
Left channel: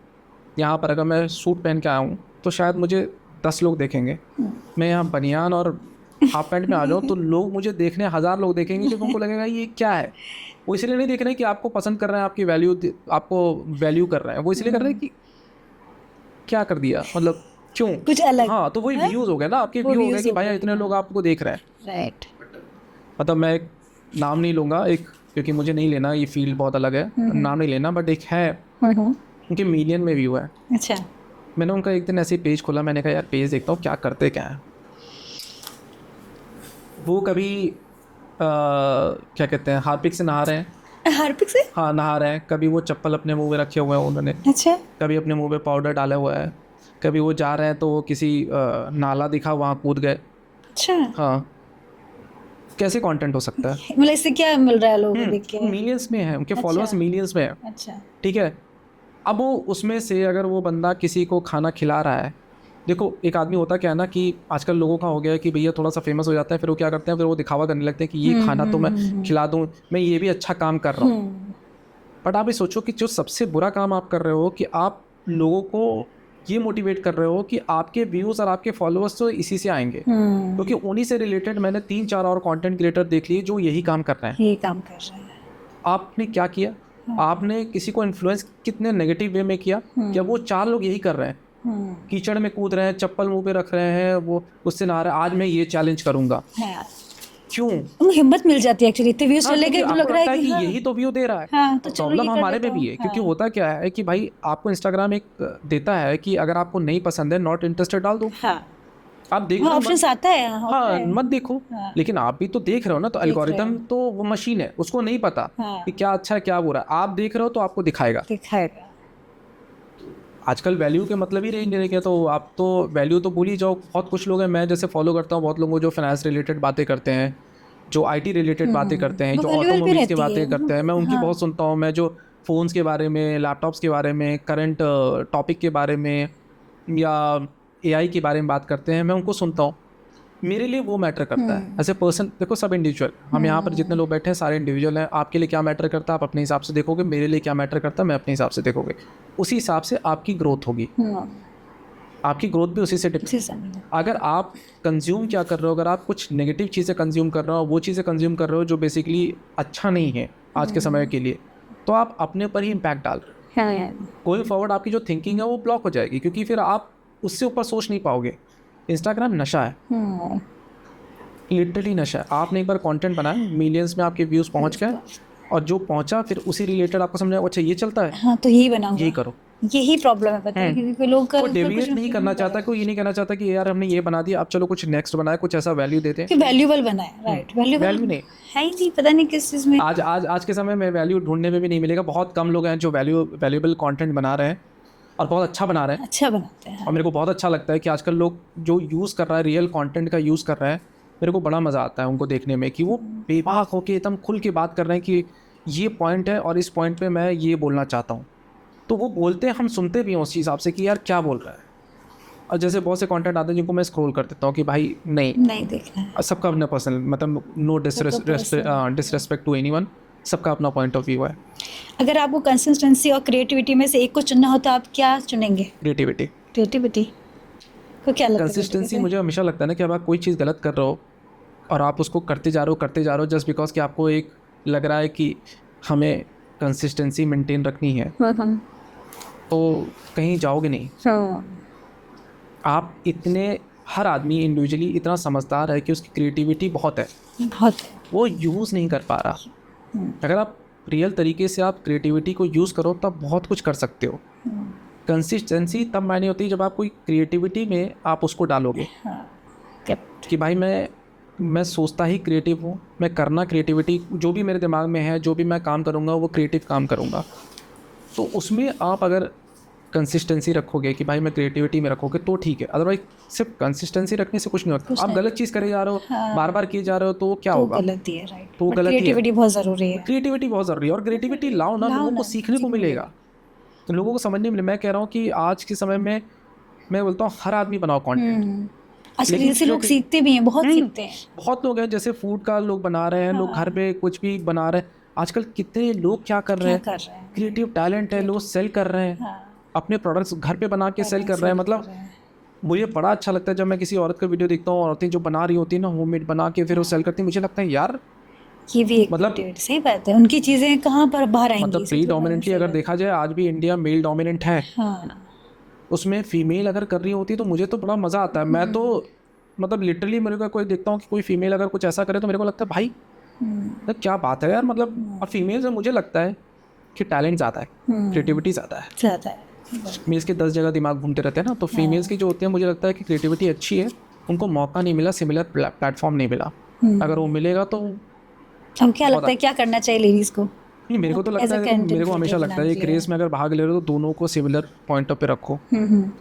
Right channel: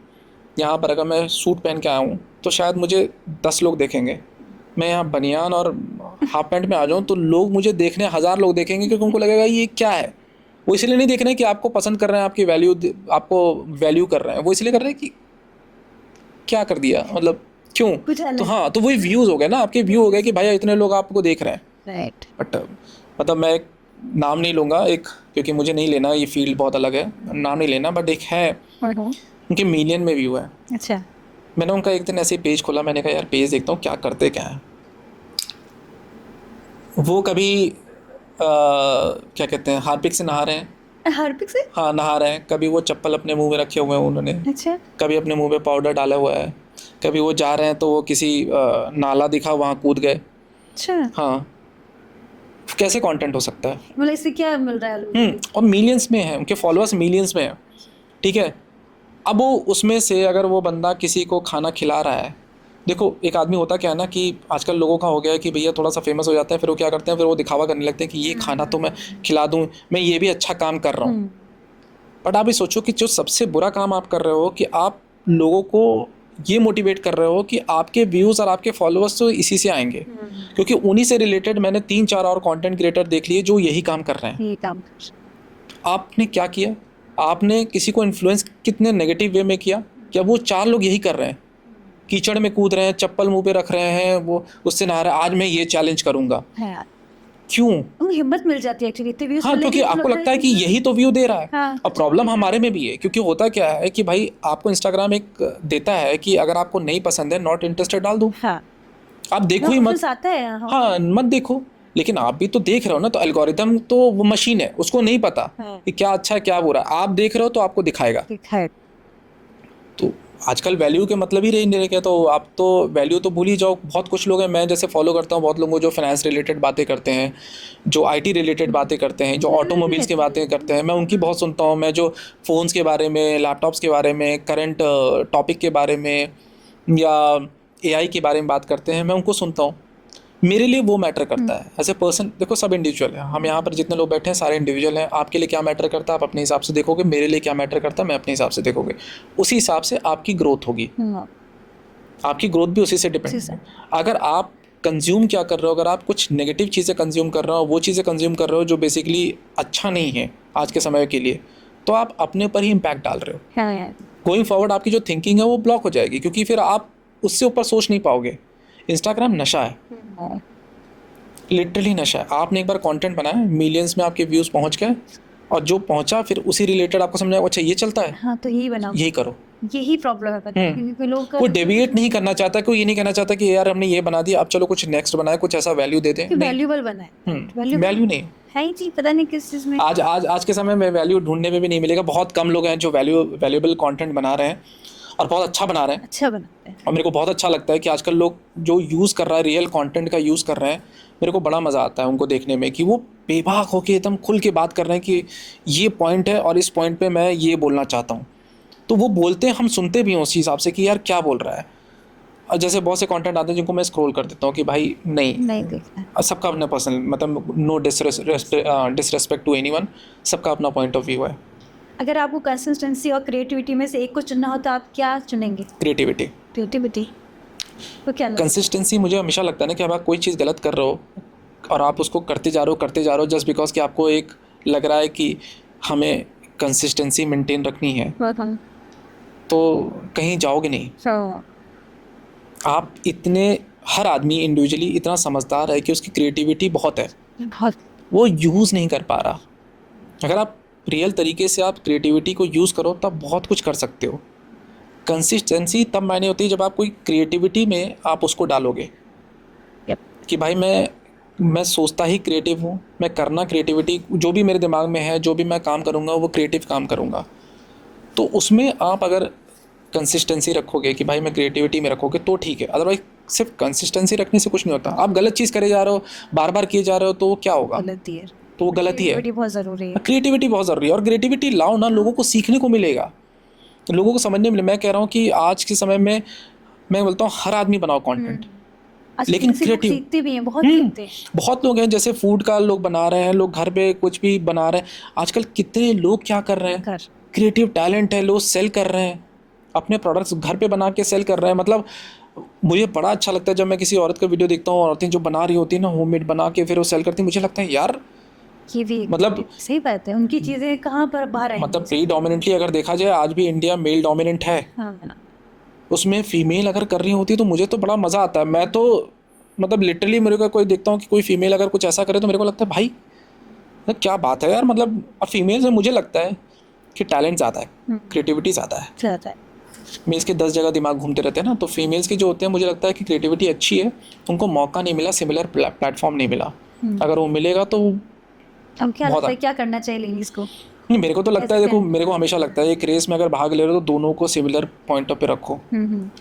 यहाँ पर, अगर मैं सूट पहन के आऊँ तो शायद मुझे 10 लोग देखेंगे। मैं यहाँ बनियान और हाफ पैंट में आ जाऊँ तो लोग मुझे देखने 1000 लोग देखेंगे, क्योंकि उनको लगेगा ये क्या है। वो इसलिए नहीं देख रहे हैं कि आपको पसंद कर रहे हैं, आपकी आपको वैल्यू कर रहे हैं, वो इसलिए कर रहे हैं कि क्या कर दिया, मतलब क्यों कुछ अलग। तो हाँ, तो वही व्यूज़ हो गए ना, आपके व्यू हो गए कि भाई इतने लोग आपको देख रहे हैं, राइट। बट मतलब मैं एक नाम नहीं लूँगा, एक, क्योंकि मुझे नहीं लेना, ये फील्ड बहुत अलग है, नाम नहीं लेना, बट एक है उनके मिलियन में व्यू है। अच्छा। मैंने उनका एक दिन ऐसे ही पेज खोला, मैंने कहा यार पेज देखता हूँ क्या करते क्या है। वो कभी क्या कहते हैं, हार्पिक से नहा रहे हैं, हार्पिक से, हाँ नहा रहे हैं, कभी वो चप्पल अपने मुंह में रखे हुए हैं उन्होंने, अच्छा, कभी अपने मुंह में पाउडर डाला हुआ है, कभी वो जा रहे हैं तो वो किसी नाला दिखा वहाँ कूद गए। अच्छा, हाँ, कैसे कंटेंट हो सकता है, मतलब इससे क्या मिल रहा है लोगों को देख के? और मिलियंस में है, उनके फॉलोअर्स मिलियंस में है। अच्छा, ठीक है, अब वो उसमें से अगर वो बंदा किसी को खाना खिला रहा है, देखो एक आदमी होता क्या है ना कि आजकल लोगों का हो गया है कि भैया थोड़ा सा फेमस हो जाता है, फिर वो क्या करते हैं, फिर वो दिखावा करने लगते हैं कि ये खाना तो मैं खिला दूँ, मैं ये भी अच्छा काम कर रहा हूँ। बट आप ये सोचो कि जो सबसे बुरा काम आप कर रहे हो कि आप लोगों को ये मोटिवेट कर रहे हो कि आपके व्यूज़ और आपके फॉलोअर्स तो इसी से आएंगे, क्योंकि उन्हीं से रिलेटेड मैंने 3-4 और कंटेंट क्रिएटर देख लिए जो यही काम कर रहे हैं। ये काम कर रहे हैं। आपने क्या किया, आपने किसी को इन्फ्लुएंस कितने नेगेटिव वे में किया, क्या वो 4 लोग यही कर रहे हैं, कीचड़ में कूद रहे हैं, चप्पल मुंह पे रख रहे हैं, वो उससे नहा रहे हैं, आज मैं ये चैलेंज करूंगा, क्यों? उनको हिम्मत मिल जाती है एक्चुअली, इतने व्यूज क्योंकि आपको लगता है कि यही तो व्यू दे रहा है। हाँ, अब प्रॉब्लम हमारे में भी है, क्योंकि होता क्या है कि भाई आपको इंस्टाग्राम एक देता है कि अगर आपको नहीं पसंद है, नॉट इंटरेस्टेड डाल दो, आप देखो ही मत, आता है, हाँ मत देखो, लेकिन आप भी तो देख रहे हो ना, तो एल्गोरिथम तो वो मशीन है, उसको नहीं पता कि क्या अच्छा है क्या बुरा, आप देख रहे हो तो आपको दिखाएगा। तो आजकल वैल्यू के मतलब ही नहीं रह गया, तो आप तो वैल्यू तो भूल ही जाओ। बहुत कुछ लोग हैं, मैं जैसे फॉलो करता हूँ बहुत लोगों जो फाइनेंस रिलेटेड बातें करते हैं, जो आईटी रिलेटेड बातें करते हैं, जो ऑटोमोबाइल्स की बातें करते हैं, मैं उनकी बहुत सुनता हूँ। मैं जो फ़ोन्स के बारे में, लैपटॉप्स के बारे में, करंट टॉपिक के बारे में या एआई के बारे में बात करते हैं, मैं उनको सुनता हूँ। मेरे लिए वो मैटर करता है एज ए पर्सन। देखो सब इंडिविजुअल है, हम यहाँ पर जितने लोग बैठे हैं सारे इंडिविजुअल हैं। आपके लिए क्या मैटर करता है आप अपने हिसाब से देखोगे, मेरे लिए क्या मैटर करता है मैं अपने हिसाब से देखोगे, उसी हिसाब से आपकी ग्रोथ होगी। आपकी ग्रोथ भी उसी से डिपेंड। अगर आप कंज्यूम क्या कर रहे हो, अगर आप कुछ नेगेटिव चीज़ें कंज्यूम कर रहे हो, वो चीज़ें कंज्यूम कर रहे हो जो बेसिकली अच्छा नहीं है आज के समय के लिए, तो आप अपने ऊपर ही इम्पैक्ट डाल रहे हो। गोइंग फॉरवर्ड आपकी जो थिंकिंग है वो ब्लॉक हो जाएगी, क्योंकि फिर आप उससे ऊपर सोच नहीं पाओगे। इंस्टाग्राम नशा है, लिटरली नशा है। आपने एक बार कंटेंट बनाया, मिलियंस में आपके व्यूज़ पहुंच गए, और जो पहुंचा फिर उसी रिलेटेड आपको समझा अच्छा ये चलता है, हाँ तो यही बनाओ, यही करो। यही प्रॉब्लम है, पता है, क्योंकि लोग का वो डेविएट नहीं करना चाहता, कोई ये नहीं कहना चाहता कि यार हमने ये बना दिया, अब चलो कुछ नेक्स्ट बनाए, कुछ ऐसा वैल्यू देते हैं। वैल्यूबल बनाए, राइट, वैल्यू नहीं है ही नहीं, पता नहीं किस चीज़ में। आज के समय में वैल्यू ढूंढने में भी नहीं मिलेगा। बहुत कम लोग हैं जो वैल्यूएबल कंटेंट बना रहे हैं और बहुत अच्छा बना रहे हैं, अच्छा बनाते हैं। और मेरे को बहुत अच्छा लगता है कि आजकल लोग जो यूज़ कर रहा है, रियल कंटेंट का यूज़ कर रहे हैं, मेरे को बड़ा मज़ा आता है उनको देखने में कि वो बेबाक होके एकदम खुल के बात कर रहे हैं कि ये पॉइंट है और इस पॉइंट पे मैं ये बोलना चाहता हूँ। तो वो बोलते हैं, हम सुनते भी हैं उस हिसाब से कि यार क्या बोल रहा है। और जैसे बहुत से कंटेंट आते हैं जिनको मैं स्क्रॉल कर देता हूँ कि भाई नहीं देखना है। सबका अपना पर्सनल, मतलब नो डिसरेस्पेक्ट टू एनीवन, सबका अपना पॉइंट ऑफ व्यू है। अगर आपको कंसिस्टेंसी और क्रिएटिविटी में से एक को चुनना हो तो आप क्या चुनेंगे? क्रिएटिविटी तो क्या लगता है? कंसिस्टेंसी, मुझे हमेशा लगता है ना कि अब आप कोई चीज़ गलत कर रहे हो और आप उसको करते जा रहे हो जस्ट बिकॉज कि आपको एक लग रहा है कि हमें कंसिस्टेंसी मेंटेन रखनी है, तो कहीं जाओगे नहीं। आप इतने, हर आदमी इंडिविजुअली इतना समझदार है कि उसकी क्रिएटिविटी बहुत है, वो यूज़ नहीं कर पा रहा। अगर आप रियल तरीके से आप क्रिएटिविटी को यूज़ करो तब बहुत कुछ कर सकते हो। कंसिस्टेंसी तब मायने होती है जब आप कोई क्रिएटिविटी में आप उसको डालोगे कि भाई मैं सोचता ही क्रिएटिव हूँ, मैं करना क्रिएटिविटी, जो भी मेरे दिमाग में है, जो भी मैं काम करूँगा वो क्रिएटिव काम करूँगा। तो उसमें आप अगर कंसिस्टेंसी रखोगे कि भाई मैं क्रिएटिविटी में रखोगे तो ठीक है, अदरवाइज सिर्फ कंसिस्टेंसी रखने से कुछ नहीं होता। आप गलत चीज़ करे जा रहे हो, बार बार किए जा रहे हो, तो क्या होगा? गलती है, राइट। तो गलती है। क्रिएटिविटी बहुत ज़रूरी है। क्रिएटिविटी बहुत ज़रूरी है, और क्रिएटिविटी लाओ ना, लोगों को सीखने को मिलेगा, तो लोगों को समझने मिले। मैं कह रहा हूँ कि आज के समय में मैं बोलता हूँ हर आदमी बनाओ कंटेंट, लेकिन लोग सीखते भी हैं, बहुत सीखते हैं। बहुत लोग हैं, जैसे फूड का लोग बना रहे हैं, लोग घर पे कुछ भी बना रहे हैं। आजकल कितने लोग क्या कर रहे हैं, क्रिएटिव टैलेंट है, लोग सेल कर रहे हैं, अपने प्रोडक्ट्स घर पे बना के सेल कर रहे हैं। मतलब मुझे बड़ा अच्छा लगता है जब मैं किसी औरत का वीडियो देखता हूँ, औरतें जो बना रही होती है ना, होममेड बना के फिर वो सेल करती है, मुझे लगता है यार ये भी मतलब सही बात है, उनकी चीज़ें कहाँ पर बाहर आएंगी। मतलब प्रीडोमिनेंटली अगर देखा जाए आज भी इंडिया मेल डोमिनेंट है, उसमें फीमेल अगर कर रही होती तो मुझे तो बड़ा मज़ा आता है। मैं तो मतलब लिटरली मेरे को कोई देखता हूँ कि कोई फीमेल अगर कुछ ऐसा करे तो मेरे को लगता है भाई क्या बात है यार। मतलब और फीमेल से मुझे लगता है कि टैलेंट ज़्यादा है, क्रिएटिविटी ज़्यादा है। मेल्स के 10 जगह दिमाग घूमते रहते हैं ना, तो फीमेल्स के जो होते हैं मुझे लगता है कि क्रिएटिविटी अच्छी है, उनको मौका नहीं मिला, सिमिलर प्लेटफॉर्म नहीं मिला। अगर वो मिलेगा तो अब क्या लगता है क्या करना चाहिए लेडीज़ को? नहीं, मेरे को तो लगता है, देखो मेरे को हमेशा लगता है एक रेस में अगर भाग ले रहे हो तो दोनों को सिमिलर पॉइंट पे रखो।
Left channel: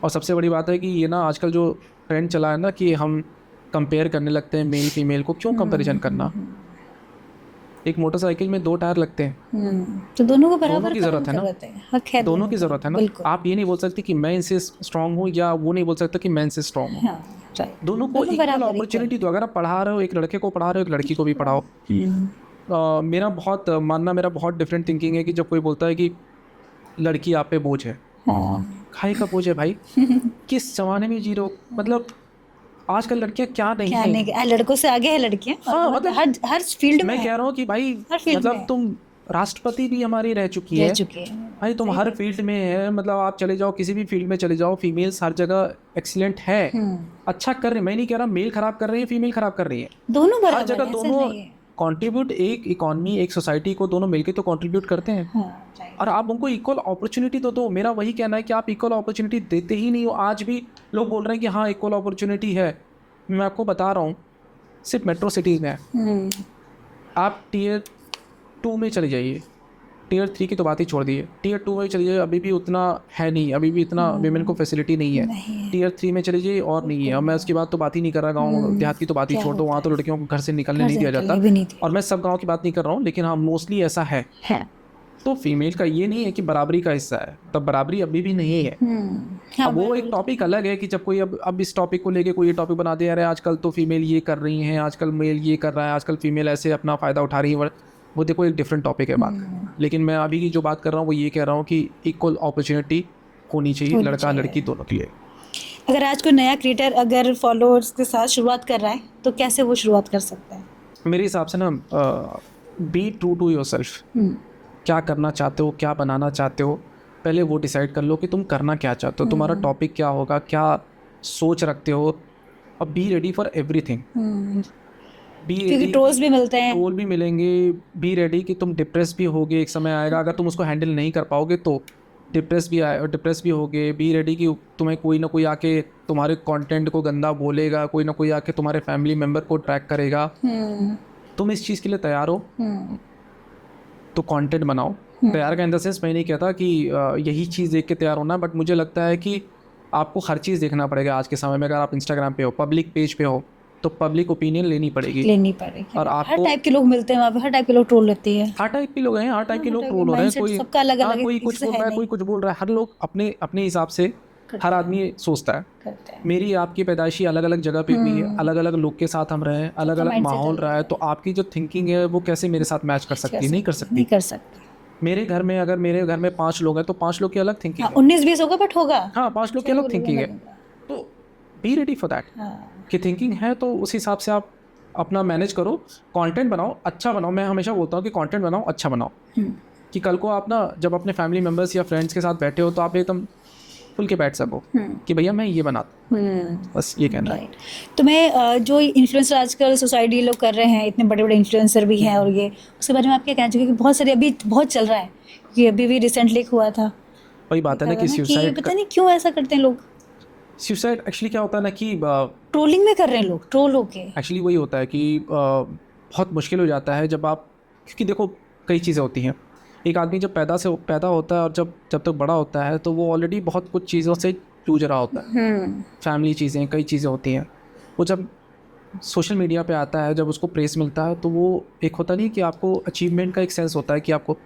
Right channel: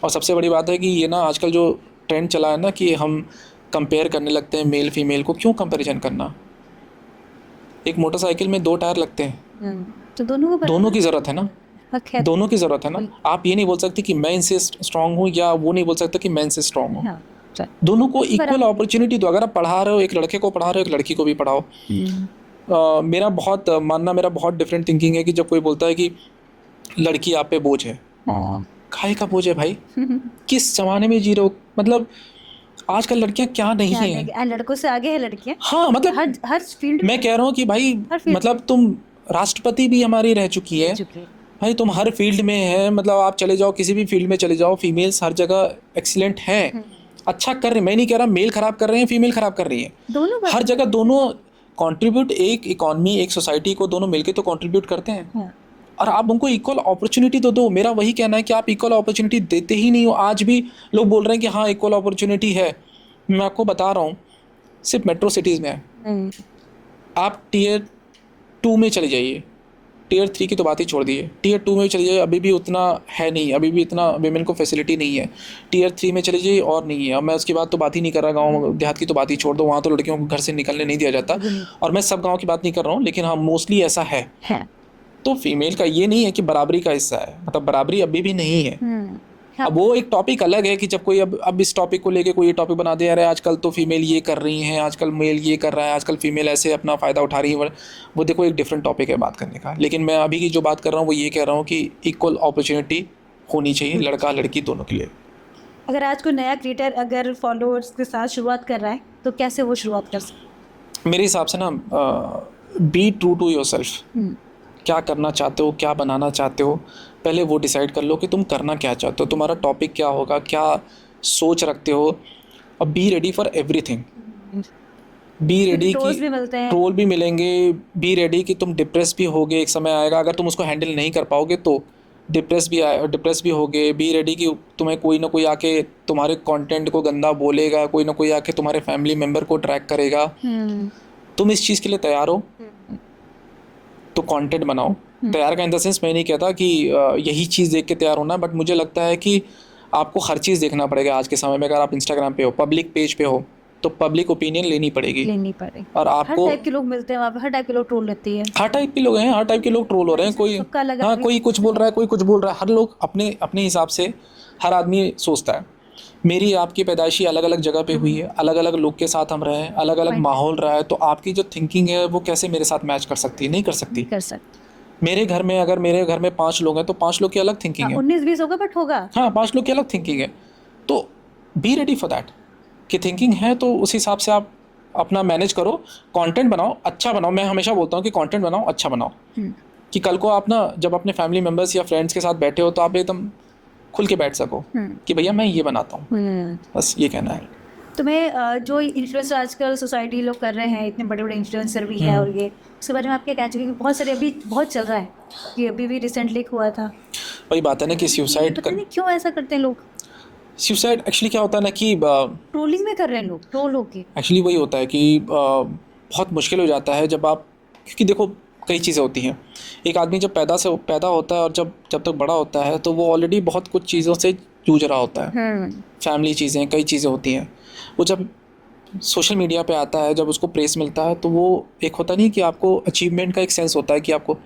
और सबसे बड़ी बात है कि ये ना आजकल जो ट्रेंड चला है ना कि हम कंपेयर करने लगते हैं मेल फीमेल को। क्यों कंपैरिजन करना? एक मोटरसाइकिल में 2 टायर लगते हैं, तो दोनों की ज़रूरत है ना, दोनों की ज़रूरत है ना। आप ये नहीं बोल सकते कि मैं इनसे स्ट्रांग हूँ, या वो नहीं बोल सकता कि मैं इनसे स्ट्रांग हूँ। दोनों को इक्वल अपॉर्चुनिटी दो। अगर आप पढ़ा रहे हो, एक लड़के को पढ़ा रहे हो, एक लड़की को भी पढ़ाओ। मेरा बहुत डिफरेंट थिंकिंग है कि जब कोई बोलता है कि लड़की आप पे बोझ है, खाए का बोझ है भाई। किस जमाने में जी रहे हो? मतलब आजकल लड़कियां क्या नहीं है, लड़कों से आगे है लड़कियां। हाँ, मतलब हर फील्ड मैं कह रहा हूँ कि भाई मतलब तुम राष्ट्रपति भी हमारी रह चुकी है भाई, तुम हर फील्ड में है। मतलब आप चले जाओ, किसी भी फील्ड में चले जाओ, फीमेल्स हर जगह एक्सीलेंट है, अच्छा कर रहे हैं। मैं नहीं कह रहा मेल खराब कर रहे हैं, फीमेल खराब कर रही है, दोनों हर जगह दोनों कंट्रीब्यूट, एक इकॉनमी, एक सोसाइटी को दोनों मिलके तो कंट्रीब्यूट करते हैं। और आप उनको इक्वल अपॉर्चुनिटी तो दो। मेरा वही कहना है कि आप इक्वल अपॉर्चुनिटी देते ही नहीं हो। आज भी लोग बोल रहे हैं कि हाँ इक्वल अपॉर्चुनिटी है। मैं आपको बता रहा हूँ, सिर्फ मेट्रो सिटीज़ में है। आप टियर 2 में चले जाइए, टियर 3 की तो बात ही छोड़ दिए, टियर 2 में चले जाइए, अभी भी उतना है नहीं, अभी भी इतना वीमेन को फैसिलिटी नहीं है। टियर 3 में चले जाइए और नहीं है। और मैं उसकी बात तो बात ही नहीं कर रहा, गाँव देहात की तो बात ही छोड़ दो, वहाँ तो लड़कियों को घर से निकलने नहीं दिया जाता। और मैं सब गाँव की बात नहीं कर रहा हूँ, लेकिन हाँ मोस्टली ऐसा है। तो फीमेल का ये नहीं है कि बराबरी का हिस्सा है, मतलब बराबरी अभी भी नहीं है। अब वो एक टॉपिक अलग है कि जब कोई अब इस टॉपिक को लेके कोई ये टॉपिक बना दे रहा है, आजकल तो फीमेल ये कर रही हैं, आजकल मेल ये कर रहा है, आजकल फीमेल ऐसे अपना फ़ायदा उठा रही है। वो देखो एक डिफरेंट टॉपिक है बात करने का। लेकिन मैं अभी की जो बात कर रहा हूँ वो ये कह रहा हूँ कि इक्वल अपॉर्चुनिटी होनी चाहिए लड़का लड़की दोनों के लिए। अगर आज कोई नया क्रिएटर अगर फॉलोअर्स के साथ शुरुआत कर रहा है तो कैसे वो शुरुआत कर सकता है? मेरे हिसाब से ना बी ट्रू टू योरसेल्फ। क्या करना चाहते हो, क्या बनाना चाहते हो, पहले वो डिसाइड कर लो कि तुम करना क्या चाहते हो, तुम्हारा टॉपिक क्या होगा, क्या सोच रखते हो। और be ready for everything. Be ready, trolls भी मिलते हैं, ट्रोल भी मिलेंगे। बी रेडी कि तुम डिप्रेस भी होगे, एक समय आएगा। अगर तुम उसको हैंडल नहीं कर पाओगे तो डिप्रेस भी होगे, बी रेडी कि तुम्हें कोई ना कोई आके तुम्हारे कंटेंट को गंदा बोलेगा, कोई ना कोई आके तुम्हारे फैमिली मेम्बर को ट्रैक करेगा। तुम इस चीज़ के लिए तैयार हो तो कंटेंट बनाओ। तैयार का इन द सेंस मैं नहीं कहता कि यही चीज़ देख के तैयार होना है, बट मुझे लगता है कि आपको हर चीज़ देखना पड़ेगा आज के समय में। अगर आप इंस्टाग्राम पे हो, पब्लिक पेज पे हो, तो पब्लिक ओपिनियन लेनी पड़ेगी। और आपको हर टाइप के लोग मिलते हैं वहाँ पे, हर टाइप के लोग ट्रोल रहती है, हर टाइप के लोग हैं, हर टाइप के लोग ट्रोल हो रहे हैं। कोई सबका अलग हाँ, अलग कोई कुछ बोल रहा है, कोई कुछ बोल रहा है। हर लोग अपने अपने हिसाब से हर आदमी सोचता है। मेरी आपकी पैदाइशी अलग अलग जगह पे हुई है, अलग अलग लोग के साथ हम रहे हैं, अलग अलग माहौल रहा है, तो आपकी जो थिंकिंग है वो कैसे मेरे साथ मैच कर सकती है? नहीं कर सकती। कर सकती। मेरे घर में अगर मेरे घर में 5 लोग हैं तो 5 लोग की अलग थिंकिंग है। 19-20 होगा बट होगा। हाँ, 5 लोग की अलग थिंकिंग है, तो बी रेडी फॉर दैट कि थिंकिंग है, तो उस हिसाब से आप अपना मैनेज करो, कंटेंट बनाओ, अच्छा बनाओ। मैं हमेशा बोलता हूँ कि कंटेंट बनाओ, अच्छा बनाओ, कि कल को आप ना जब अपने फैमिली मेम्बर्स या फ्रेंड्स के साथ बैठे हो तो आप एकदम खुल के बैठ सको कि भैया मैं ये बनाता हूँ। बस ये कहना है। तो मैं जो इन्फ्लुएंसर आजकल सोसाइटी लोग कर रहे हैं, इतने बड़े बड़े इन्फ्लुएंसर भी हैं, और ये उसके बारे में आप क्या कहना चाहिए? क्योंकि बहुत सारे अभी बहुत चल रहा है, ये अभी भी रिसेंटली हुआ था। वही बात है ना कि सुसाइड, पता नहीं क्यों ऐसा करते हैं लोग। सुसाइड एक्चुअली क्या होता है ना कि ट्रोलिंग में कर रहे हैं लोग, ट्रोल होके। एक्चुअली वही होता है कि बहुत मुश्किल हो जाता है जब आप, क्योंकि देखो कई चीज़ें होती हैं। एक आदमी जब पैदा होता है और जब तक बड़ा होता है तो वो ऑलरेडी बहुत कुछ चीज़ों से जूझ रहा होता है। फैमिली चीज़ें, कई चीज़ें होती हैं। वो जब सोशल मीडिया पे आता है, जब उसको प्रेस मिलता है, तो वो एक होता नहीं कि आपको अचीवमेंट का एक सेंस होता है कि आपको,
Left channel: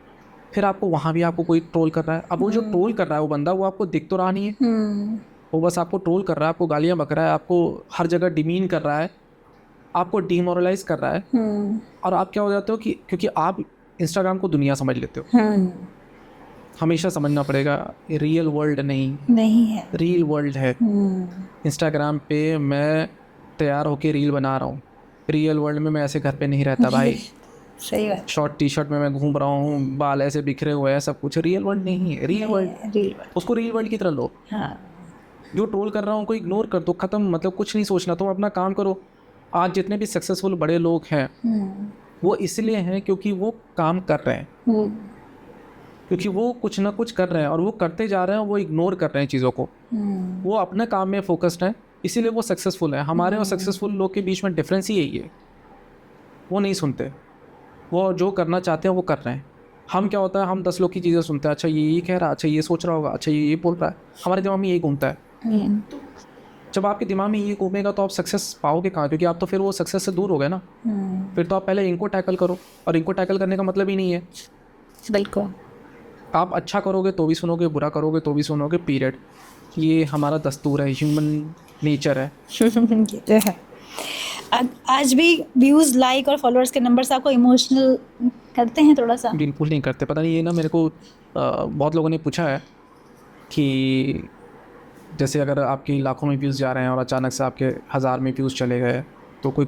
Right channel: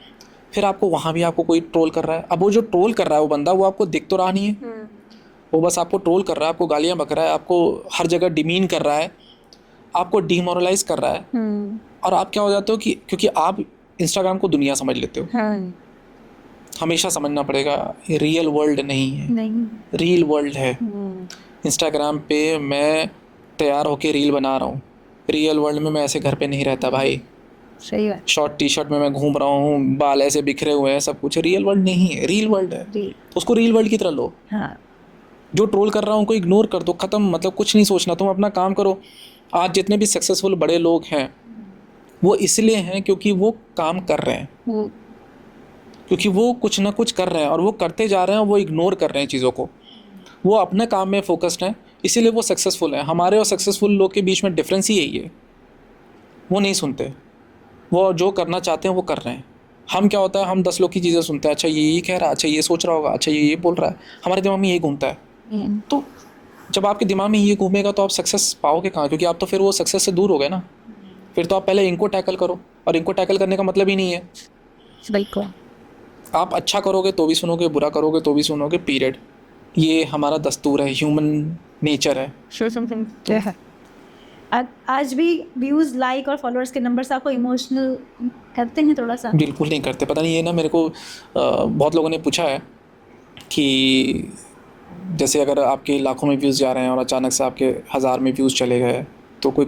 फिर आपको वहाँ भी आपको कोई ट्रोल कर रहा है। अब वो जो ट्रोल कर रहा है वो बंदा, वो आपको दिख तो रहा नहीं है, वो बस आपको ट्रोल कर रहा है, आपको गालियाँ बक रहा है, आपको हर जगह डिमीन कर रहा है, आपको डीमोरलाइज कर रहा है। और आप क्या हो जाते हो कि क्योंकि आप इंस्टाग्राम को दुनिया समझ लेते हो। हमेशा समझना पड़ेगा, ये रियल वर्ल्ड नहीं है, रियल वर्ल्ड है। इंस्टाग्राम पे मैं तैयार होके रील बना रहा हूँ, रियल वर्ल्ड में मैं ऐसे घर पे नहीं रहता भाई। सही बात। शॉर्ट टी शर्ट में मैं घूम रहा हूँ, बाल ऐसे बिखरे हुए हैं, सब कुछ रियल वर्ल्ड नहीं है, रियल वर्ल्ड है। उसको रियल वर्ल्ड की तरह लो। जो ट्रोल कर रहा हूँ उनको इग्नोर कर दो, ख़त्म। मतलब कुछ नहीं सोचना, तुम अपना काम करो। आज जितने भी सक्सेसफुल बड़े लोग हैं वो इसलिए हैं क्योंकि वो काम कर रहे हैं, क्योंकि वो कुछ ना कुछ कर रहे हैं और वो करते जा रहे हैं, वो इग्नोर कर रहे हैं चीज़ों को, वो अपने काम में फोकस्ड हैं, इसीलिए वो सक्सेसफुल हैं। हमारे और सक्सेसफुल लोग के बीच में डिफरेंस ही यही है, वो नहीं सुनते, वो जो करना चाहते हैं वो कर रहे हैं। हम क्या होता है, हम 10 लोग की चीज़ें सुनते हैं, अच्छा ये कह रहा है, अच्छा ये सोच रहा होगा, अच्छा ये बोल रहा है, हमारे दिमाग में यही घूमता है। तो जब आपके दिमाग में ये घूमेगा तो आप सक्सेस पाओगे कहाँ? क्योंकि आप तो फिर वो सक्सेस से दूर हो गए ना। फिर तो आप पहले इनको टैकल करो, और इनको टैकल करने का मतलब ही नहीं है। बिल्कुल। आप अच्छा करोगे तो भी सुनोगे, बुरा करोगे तो भी सुनोगे, पीरियड। ये हमारा दस्तूर है, ह्यूमन नेचर है। आज भी व्यूज़, लाइक और फॉलोअर्स के नंबर्स आपको इमोशनल करते हैं थोड़ा सा? बिल्कुल नहीं करते। पता नहीं, ये ना मेरे को बहुत लोगों ने पूछा है कि जैसे अगर आपके लाखों में व्यूज़ जा रहे हैं और अचानक से आपके 1000 में व्यूज़ चले गए तो कोई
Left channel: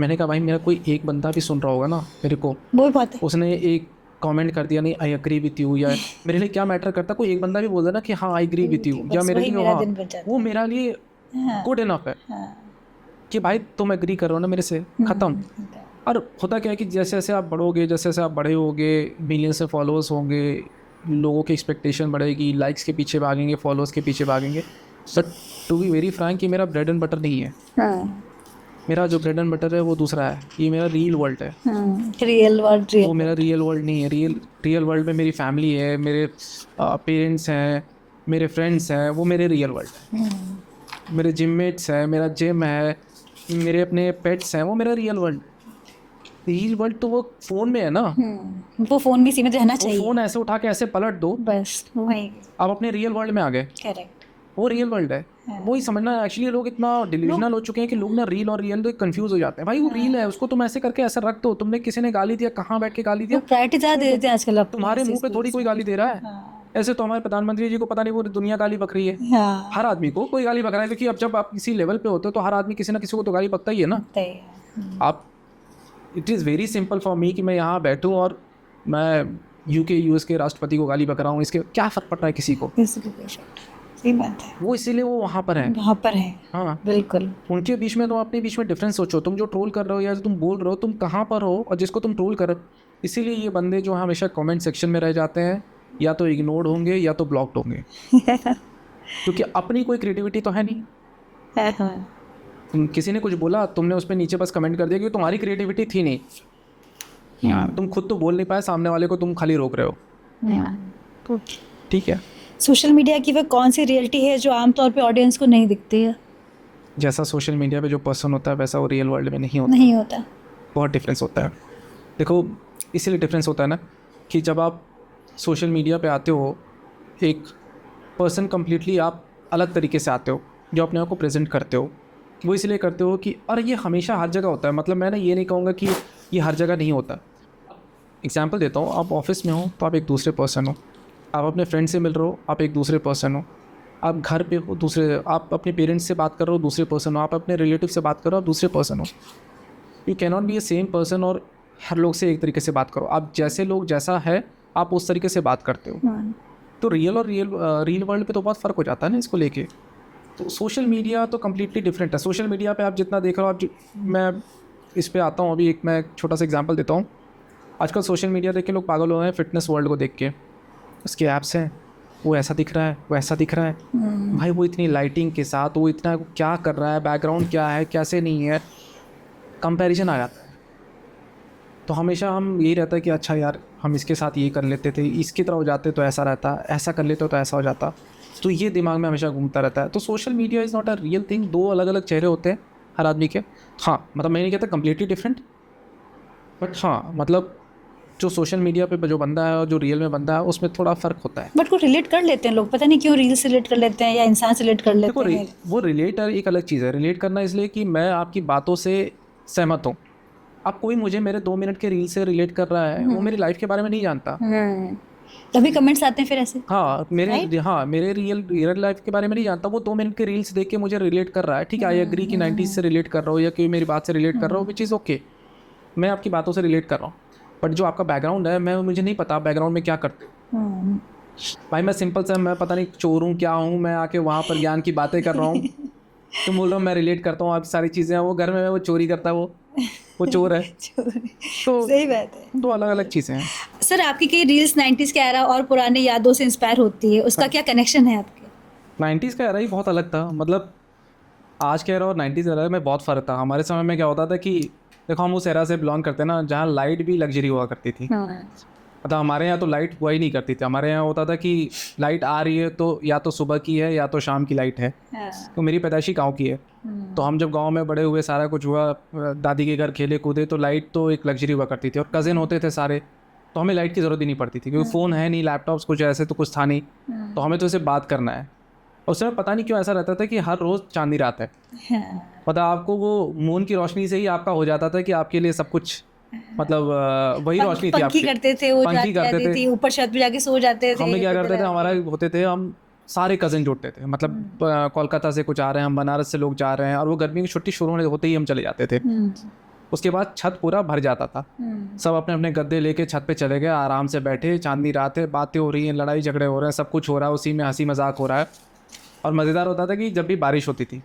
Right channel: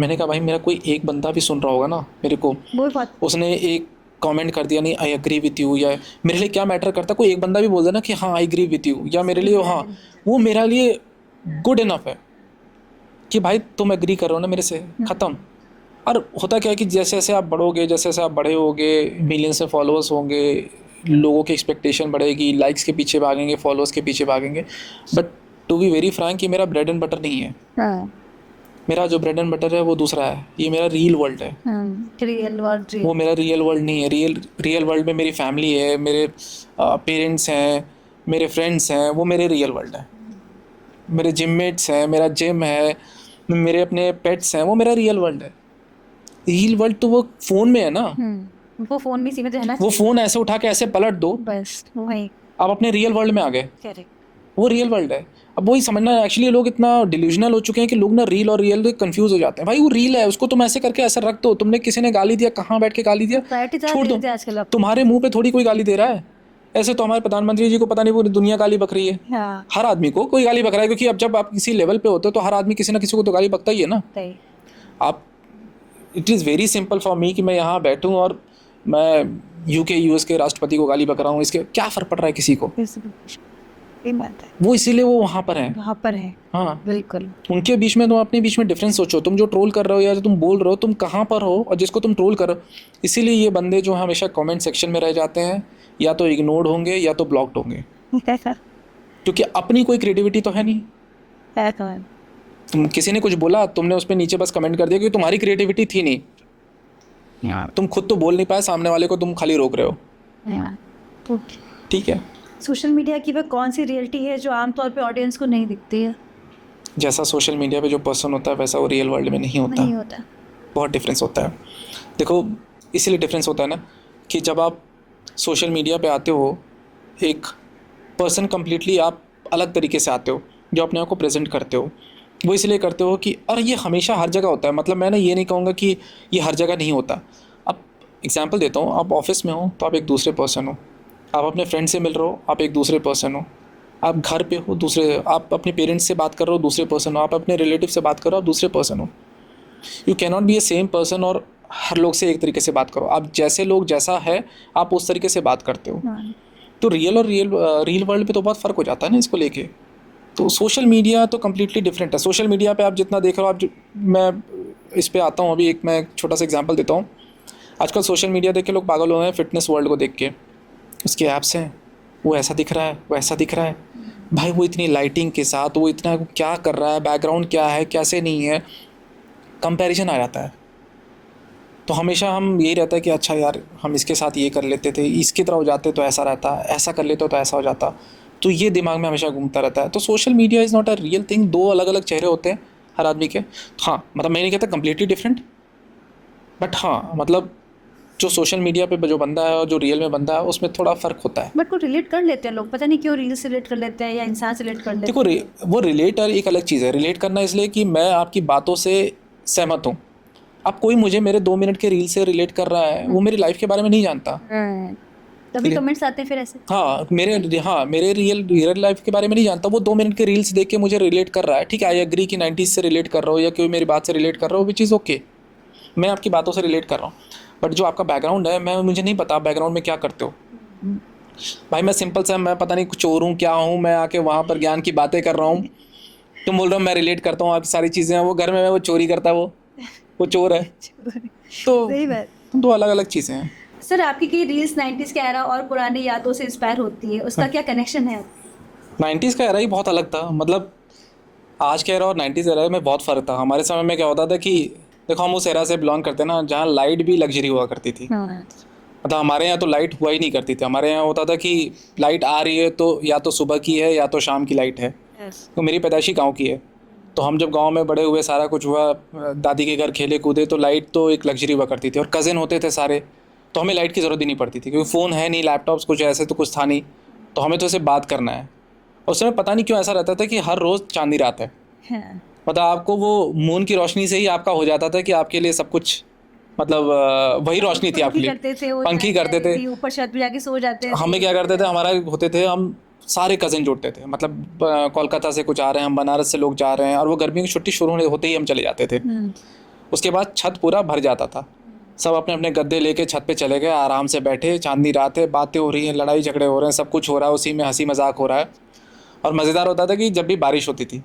मैंने कहा भाई मेरा कोई एक बंदा भी सुन रहा होगा ना मेरे को, वो बात है। उसने एक कमेंट कर दिया नहीं आई एग्री विथ यू, या मेरे लिए क्या मैटर करता, कोई एक बंदा भी बोल देना कि हाँ आई एग्री विथ यू, या मेरे लिए हाँ वो मेरा लिए गुड इनफ है कि भाई तुम एग्री करो ना मेरे से, ख़त्म। और होता क्या है कि जैसे जैसे आप बढ़ोगे, जैसे जैसे आप बड़े होगे, मिलियन से फॉलोअर्स होंगे, लोगों की एक्सपेक्टेशन बढ़ेगी, लाइक्स के पीछे भागेंगे, फॉलोअर्स के पीछे भागेंगे। But to be very frank कि मेरा ब्रेड एंड बटर नहीं है। मेरा जो ब्रेड एंड बटर है वो दूसरा है, ये मेरा रियल वर्ल्ड है। रियल वर्ल्ड वो मेरा रियल वर्ल्ड नहीं है। रियल वर्ल्ड में मेरी फैमिली है, मेरे पेरेंट्स हैं, मेरे फ्रेंड्स हैं, वो मेरे रियल वर्ल्ड है। मेरे जिममेट्स हैं, मेरा जिम है, मेरे अपने पेट्स हैं, वो मेरा रियल वर्ल्ड है। रियल वर्ल्ड तो वो फ़ोन में है ना, वो फ़ोन भी सीमित रहना चाहिए। वो फ़ोन ऐसे उठा के ऐसे पलट दो, बस वही आप अपने रियल वर्ल्ड में आ गए। करेक्ट, वो रियल वर्ल्ड है। अब वही समझना, एक्चुअली लोग इतना डिल्यूजनल हो चुके हैं कि लोग ना रील और रियल कंफ्यूज हो जाते हैं। भाई वो रील है, उसको तुम ऐसे करके ऐसा रख दो, तुमने किसी ने गाली दिया, कहाँ बैठ के गाली दिया, प्रायोरिटी ज़्यादा देते हैं आजकल। तुम्हारे मुंह पे थोड़ी कोई गाली दे रहा है। ऐसे तो हमारे प्रधानमंत्री जी को पता नहीं पूरी दुनिया गाली बक रही है। हर आदमी को कोई गाली बक रहा है, क्योंकि अब जब आप किसी लेवल पे होते हो तो हर आदमी किसी ना किसी को तो गाली बकता ही है ना। आप, it is very simple for me कि मैं यहाँ बैठूँ और मैं यूके यूएस के राष्ट्रपति को गाली बक रहा हूँ, इसके क्या फ़र्क पड़ रहा है किसी को? सही बात है। वो इसीलिए वो वहाँ पर है, हाँ बिल्कुल। उनके बीच में, तुम अपने बीच में डिफरेंस सोचो। तुम जो ट्रोल कर रहे हो या जो तुम बोल रहे हो, तुम कहाँ पर हो, और जिसको तुम ट्रोल कर रहे हो। इसीलिए ये बंदे जो हमेशा कमेंट सेक्शन में रह जाते हैं, या तो इग्नोर्ड होंगे या तो ब्लॉक्ड होंगे, क्योंकि अपनी कोई क्रिएटिविटी तो है नहीं। तुम किसी ने कुछ बोला, तुमने उस पर नीचे बस कमेंट कर दिया, क्योंकि तुम्हारी क्रिएटिविटी थी नहीं, तुम खुद तो बोल नहीं पाए, सामने वाले को तुम खाली रोक रहे हो। ठीक है। सोशल मीडिया की वह कौन सी रियलिटी है जो आमतौर पे ऑडियंस को नहीं दिखती है? जैसा सोशल मीडिया पे जो पर्सन होता है वैसा वो रियल वर्ल्ड में नहीं होता। बहुत डिफरेंस होता है। देखो, इसीलिए डिफरेंस होता है ना कि जब आप सोशल मीडिया पे आते हो, एक पर्सन कम्प्लीटली आप अलग तरीके से आते हो, जो अपने आप को प्रेजेंट करते हो, वो इसलिए करते हो कि और ये हमेशा हर जगह होता है। मतलब मैंने ये नहीं कहूँगा कि ये हर जगह नहीं होता। अब एग्जांपल देता हूँ, आप ऑफिस में हो तो आप एक दूसरे पर्सन हो, आप अपने फ्रेंड से मिल रहे हो, आप एक दूसरे पर्सन हो, आप घर पे हो दूसरे, आप अपने पेरेंट्स से बात कर रहे हो दूसरे पर्सन हो, आप अपने रिलेटिव से बात कर रहे हो आप दूसरे पर्सन हो। You can not be A same person और हर लोग से एक तरीके से बात करो। आप जैसे लोग जैसा है आप उस तरीके से बात करते हो। तो रियल और रियल वर्ल्ड पे तो बहुत फ़र्क हो जाता है ना इसको लेके। तो सोशल मीडिया तो कम्प्लीटली डिफरेंट है। सोशल मीडिया पे आप जितना देख रहे हो, मैं इस पे आता हूँ अभी, मैं एक छोटा सा एग्जांपल देता हूँ। आजकल सोशल मीडिया देख के लोग पागल हो रहे हैं, फिटनेस वर्ल्ड को देख के। उसके ऐप्स हैं, वो ऐसा दिख रहा है, वो ऐसा दिख रहा है। भाई वो इतनी लाइटिंग के साथ वो इतना क्या कर रहा है, बैकग्राउंड क्या है, कैसे नहीं है, कंपैरिजन आ जाता है। तो हमेशा हम यही रहता है कि अच्छा यार हम इसके साथ ये कर लेते थे, इसकी तरह हो जाते तो ऐसा रहता, ऐसा कर लेते तो ऐसा हो जाता। तो ये दिमाग में हमेशा घूमता रहता है। तो social media is not a real thing. दो अलग अलग चेहरे होते हैं हर आदमी के। हाँ, मतलब मैं नहीं कहता कम्प्लीटली डिफरेंट, बट हाँ मतलब जो सोशल मीडिया पे जो बंदा है और जो रियल में बंदा है उसमें थोड़ा फ़र्क होता है। बट को रिलेट कर लेते हैं लोग, पता नहीं क्यों रील से रिलेट कर लेते हैं या इंसान से रिलेट कर लेते हैं। देखो वो रिलेट एक अलग चीज़ है। रिलेट करना इसलिए कि मैं आपकी बातों से सहमत हूँ। अब कोई मुझे मेरे 2 मिनट के रील से रिलेट कर रहा है, वो मेरी लाइफ के बारे में नहीं जानता। तभी कमेंट्स आते हैं फिर ऐसे। हाँ, मेरे रियल लाइफ के बारे में नहीं जानता। वो 2 मिनट के रील्स देख के मुझे रिलेट कर रहा है। ठीक है, आई एग्री कि 90s से रिलेट कर रहा हो या कोई मेरी बात से रिलेट कर रहा हो, विच इज़ ओके। मैं आपकी बातों से रिलेट कर रहा हूँ, बट जो आपका बैकग्राउंड है मुझे नहीं पता बैकग्राउंड में क्या करते हो। भाई मैं सिंपल सा, मैं पता नहीं चोर हूँ क्या हूँ, मैं आके वहाँ पर ज्ञान की बातें कर रहा हूँ। तुम बोल रहे हो मैं रिलेट करता हूँ, आप सारी चीज़ें। वो घर में वो चोरी करता है, वो चोर है। तो सही बात है, दो अलग अलग चीज़ें हैं। सर आपकी कई रील्स 90s का एरा और पुराने यादों से इंस्पायर होती है, उसका क्या कनेक्शन है आपके? 90s का एरा ही बहुत अलग था। मतलब आज के एरा और 90s एरा में बहुत फ़र्क था। हमारे समय में क्या होता था कि देखो, हम उस एरा से बिलोंग करते हैं ना जहाँ लाइट भी लग्जरी हुआ करती थी। मतलब हमारे यहाँ तो लाइट हुआ ही नहीं करती थी। हमारे यहाँ होता था कि लाइट आ रही है तो या तो सुबह की है या तो शाम की लाइट है। तो मेरी पैदाइशी गांव की है, तो हम जब गांव में बड़े हुए, सारा कुछ हुआ, दादी के घर खेले कूदे, तो लाइट तो एक लग्जरी हुआ करती थी। और कज़िन होते थे सारे, तो हमें लाइट की ज़रूरत ही नहीं पड़ती थी, क्योंकि फ़ोन है नहीं, लैपटॉप्स कुछ ऐसे तो कुछ था नहीं। तो हमें तो उसे बात करना है। उस समय पता नहीं क्यों ऐसा रहता था कि हर रोज़ चांदी रात है। मतलब आपको वो मून की रोशनी से ही आपका हो जाता था कि आपके लिए सब कुछ, मतलब वही रोशनी थी आपके लिए। पंखी करते थे, ऊपर छत पे जाके सो जाते थे। हमें क्या करते थे, हमारा होते थे, हम सारे कज़न जुड़ते थे। मतलब कोलकाता से कुछ आ रहे हैं, हम बनारस से लोग जा रहे हैं, और वो गर्मी की छुट्टी शुरू होते ही हम चले जाते थे। उसके बाद छत पूरा भर जाता था। सब अपने अपने गद्दे लेके छत पे चले गए, आराम से बैठे, चांदनी रात है, बातें हो रही हैं, लड़ाई झगड़े हो रहे हैं, सब कुछ हो रहा है, उसी में हंसी मजाक हो रहा है। और मज़ेदार होता था कि जब भी बारिश होती थी,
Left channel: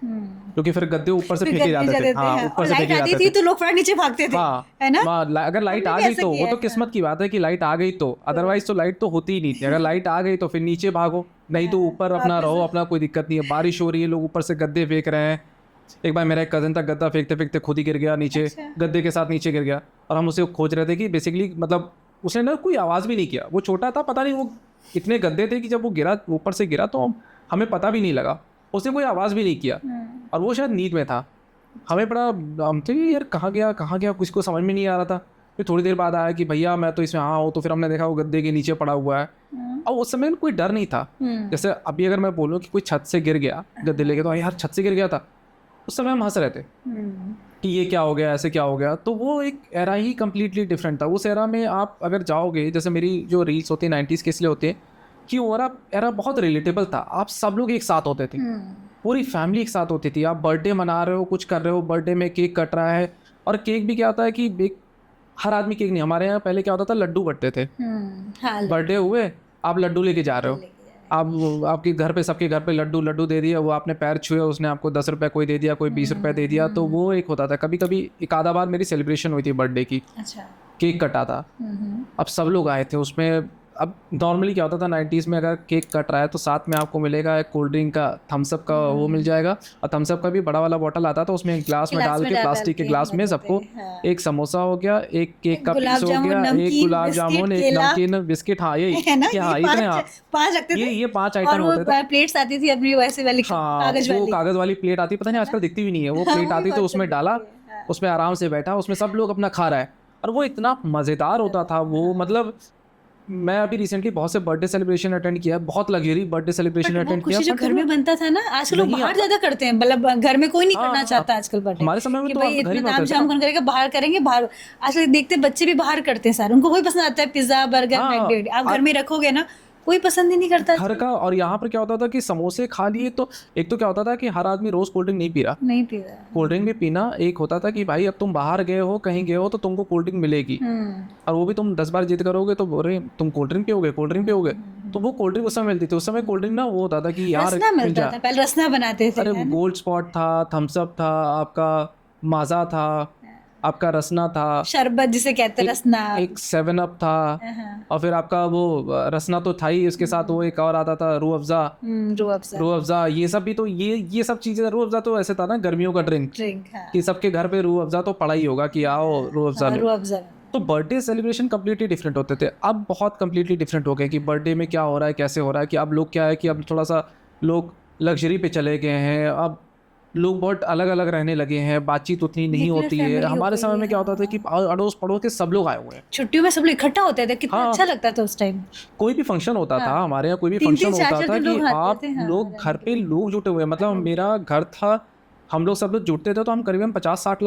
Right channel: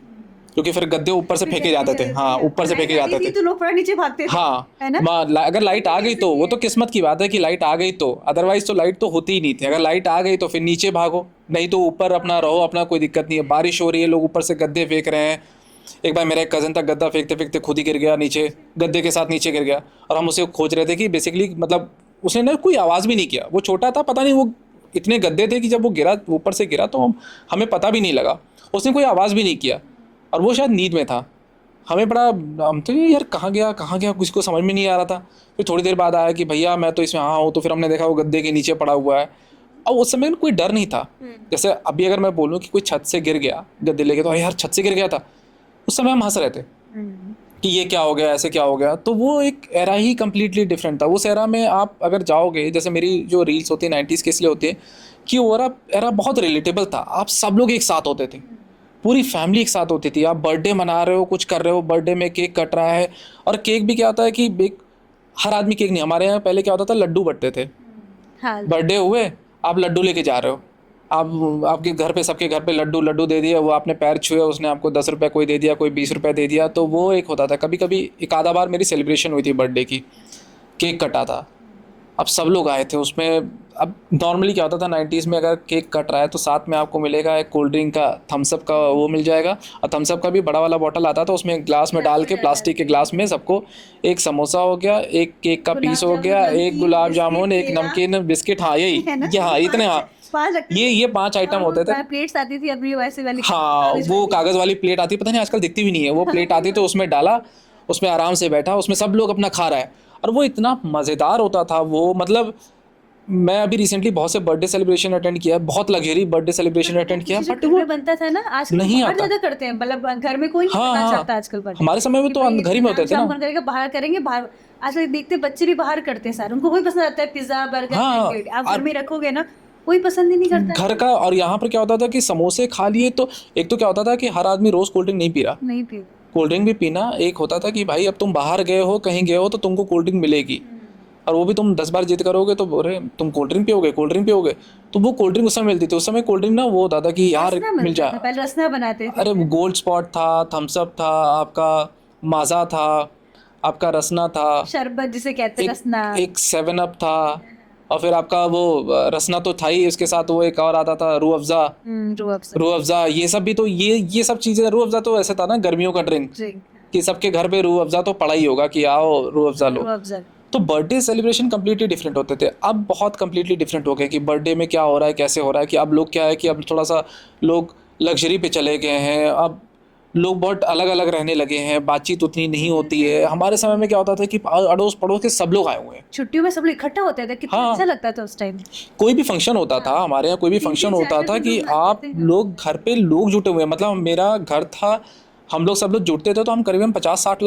क्योंकि फिर गद्दे ऊपर से फेंके जाते थे। हाँ, ऊपर से फेंके जाते थे, तो लोग थोड़ा नीचे भागते थे। हाँ, है ना? अगर लाइट आ गई तो वो तो किस्मत की बात है कि लाइट आ गई तो, अदरवाइज तो लाइट तो होती ही नहीं थी। अगर लाइट आ गई तो फिर नीचे भागो, नहीं तो ऊपर अपना रहो, अपना कोई दिक्कत नहीं है। बारिश हो रही है, लोग ऊपर से गद्दे फेंक रहे हैं। एक बार मेरा एक कज़न था, गद्दा फेंकते फेंकते खुद ही गिर गया नीचे, गद्दे के साथ नीचे गिर गया। और हम उसे खोज रहे थे कि बेसिकली, मतलब उसने ना कोई आवाज़ भी नहीं किया, वो छोटा था, पता नहीं वो इतने गद्दे थे कि जब वो गिरा, ऊपर से गिरा, तो हमें पता भी नहीं लगा, उसने कोई आवाज़ भी नहीं किया। और वो शायद नींद में था। हमें बड़ा, हम तो यार कहाँ गया कुछ को समझ में नहीं आ रहा था। फिर थोड़ी देर बाद आया कि भैया मैं तो इसमें हूँ। तो फिर हमने देखा वो गद्दे के नीचे पड़ा हुआ है। और उस समय कोई डर नहीं था। जैसे अभी अगर मैं बोलूँ कि कोई छत से गिर गया गद्दे लेके, तो यार छत से गिर गया था, उस समय हम हंस रहे थे कि ये क्या हो गया, ऐसे क्या हो गया। तो वो एक एरा ही कम्प्लीटली डिफरेंट था। उस एरा में आप अगर जाओगे, जैसे मेरी जो रील्स होती है 90s के इसलिए होती है कि वो एरा बहुत रिलेटेबल था। आप सब लोग एक साथ होते थे, पूरी फैमिली एक साथ होती थी। आप बर्थडे मना रहे हो, कुछ कर रहे हो, बर्थडे में केक कट रहा है। और केक भी क्या होता है कि हर आदमी केक नहीं, हमारे यहाँ पहले क्या होता था, लड्डू बंटते थे। बर्थडे हुए, आप लड्डू लेके जा रहे हो, आप आपके घर पे, सबके घर पे लड्डू दे दिया, वो आपने पैर छुए, उसने आपको 10 रुपये कोई दे दिया, कोई 20 रुपये दे दिया। तो वो एक होता था। कभी कभी एक आधा बार मेरी सेलिब्रेशन हुई थी बर्थडे की, केक कटा था। अब सब लोग आए थे उसमें, अब नॉर्मली क्या होता था 90s में, अगर केक कट रहा है तो साथ में आपको मिलेगा एक कोल्ड ड्रिंक का, थम्स अप का वो मिल जाएगा, और थम्स अप का भी बड़ा वाला बॉटल आता था, उसमें एक ग्लास में डाल के, प्लास्टिक के ग्लास में सबको एक समोसा हो गया, एक केक का पीस हो गया, एक गुलाब जामुन, एक नमकीन, बिस्किट, हाँ यही, हाँ इतने, हाँ 5 रखते थे। ये 5 आइटम होते थे। प्लेट्स आती थी अपनी वैसे वाली, हाँ वो कागज़ वाली प्लेट आती, पता नहीं आजकल दिखती भी नहीं है वो प्लेट आती, तो उसमें डाला, उसमें आराम से बैठा, उसमें सब लोग अपना खा रहा है, और वो इतना मज़ेदार होता था वो। मतलब मैं अभी रिसेंटली बहुत से बर्थडे सेलिब्रेशन अटेंड किया, बहुत लग्जरी बर्थडे सेलिब्रेशन अटेंड किया, जो घर में बनता था ना, आजकल नहीं बाहर आता। ज्यादा करते हैं, मतलब घर में कोई नहीं हाँ, करना हाँ। चाहता आजकल बर्थडे। हमारे समय में कि तो भाई हम घर ही इतना में होते थे नाम ना। कौन करेगा, बाहर करेंगे, बाहर आजकल देखते बच्चे भी बाहर करते हैं सारे, उनको वही पसंद आता है, पिज्जा बर्गर हाँ, मैंडेड। आप घर में रखोगे ना, कोई पसंद ही नहीं करता घर का। और यहाँ पर क्या होता था कि समोसे खा लिए तो एक तो क्या होता था कि हर आदमी रोज़ कोल्ड ड्रिंक नहीं पी रहा, नहीं पी रहा। कोल्ड ड्रिंक भी पीना एक होता था कि भाई अब तुम बाहर गए हो, कहीं गए हो, तो तुमको कोल्ड ड्रिंक मिलेगी, और वो भी तुम 10 बार जिद करोगे तो बोले तुम कोल्ड ड्रिंक पियोगे, कोल्ड ड्रिंक पियोगे, तो वो कोल्ड ड्रिंक उस समय मिलती थी। उस समय कोल्ड ड्रिंक ना वो होता था कि यार रसना मिल मिलता था, जाए, पहले रसना बनाते थे। अरे गोल्ड स्पॉट था, थम्स अप था, आपका माजा था, आपका रसना था, शरबत जिसे कहते हैं, रसना। एक 7 अप था, और फिर आपका वो रसना तो था ही, उसके साथ वो एक और आता था रूह अफ़ज़ा, रूह अफ़ज़ा, ये सब भी तो ये सब चीज़ें। रूह अफ़ज़ा तो ऐसे था ना गर्मियों का ड्रिंक, कि सबके घर पे रूह अफ़ज़ा तो पड़ा ही होगा कि आओ रूह अफ़ज़ा लो। तो बर्थडे सेलिब्रेशन कम्प्लीटली डिफरेंट होते थे। अब बहुत कम्प्लीटली डिफरेंट हो गए कि बर्थडे में क्या हो रहा है, कैसे हो रहा है, कि अब लोग क्या है कि अब थोड़ा सा लोग लग्जरी पे चले गए हैं, अब लोग बहुत अलग अलग रहने लगे हैं, बातचीत उतनी नहीं होती है। हमारे समय में क्या होता था कि अड़ोस पड़ोस के सब लोग आए हुए हैं, छुट्टियों में सब लोग इकट्ठा होते थे, कितना अच्छा लगता था उस टाइम। कोई भी फंक्शन होता था, हमारे यहाँ कोई भी फंक्शन होता था कि आप लोग घर पे लोग जुटे हुए हैं। मतलब मेरा घर था, हम लोग सब लोग जुटते थे, तो हम करीबन 50-60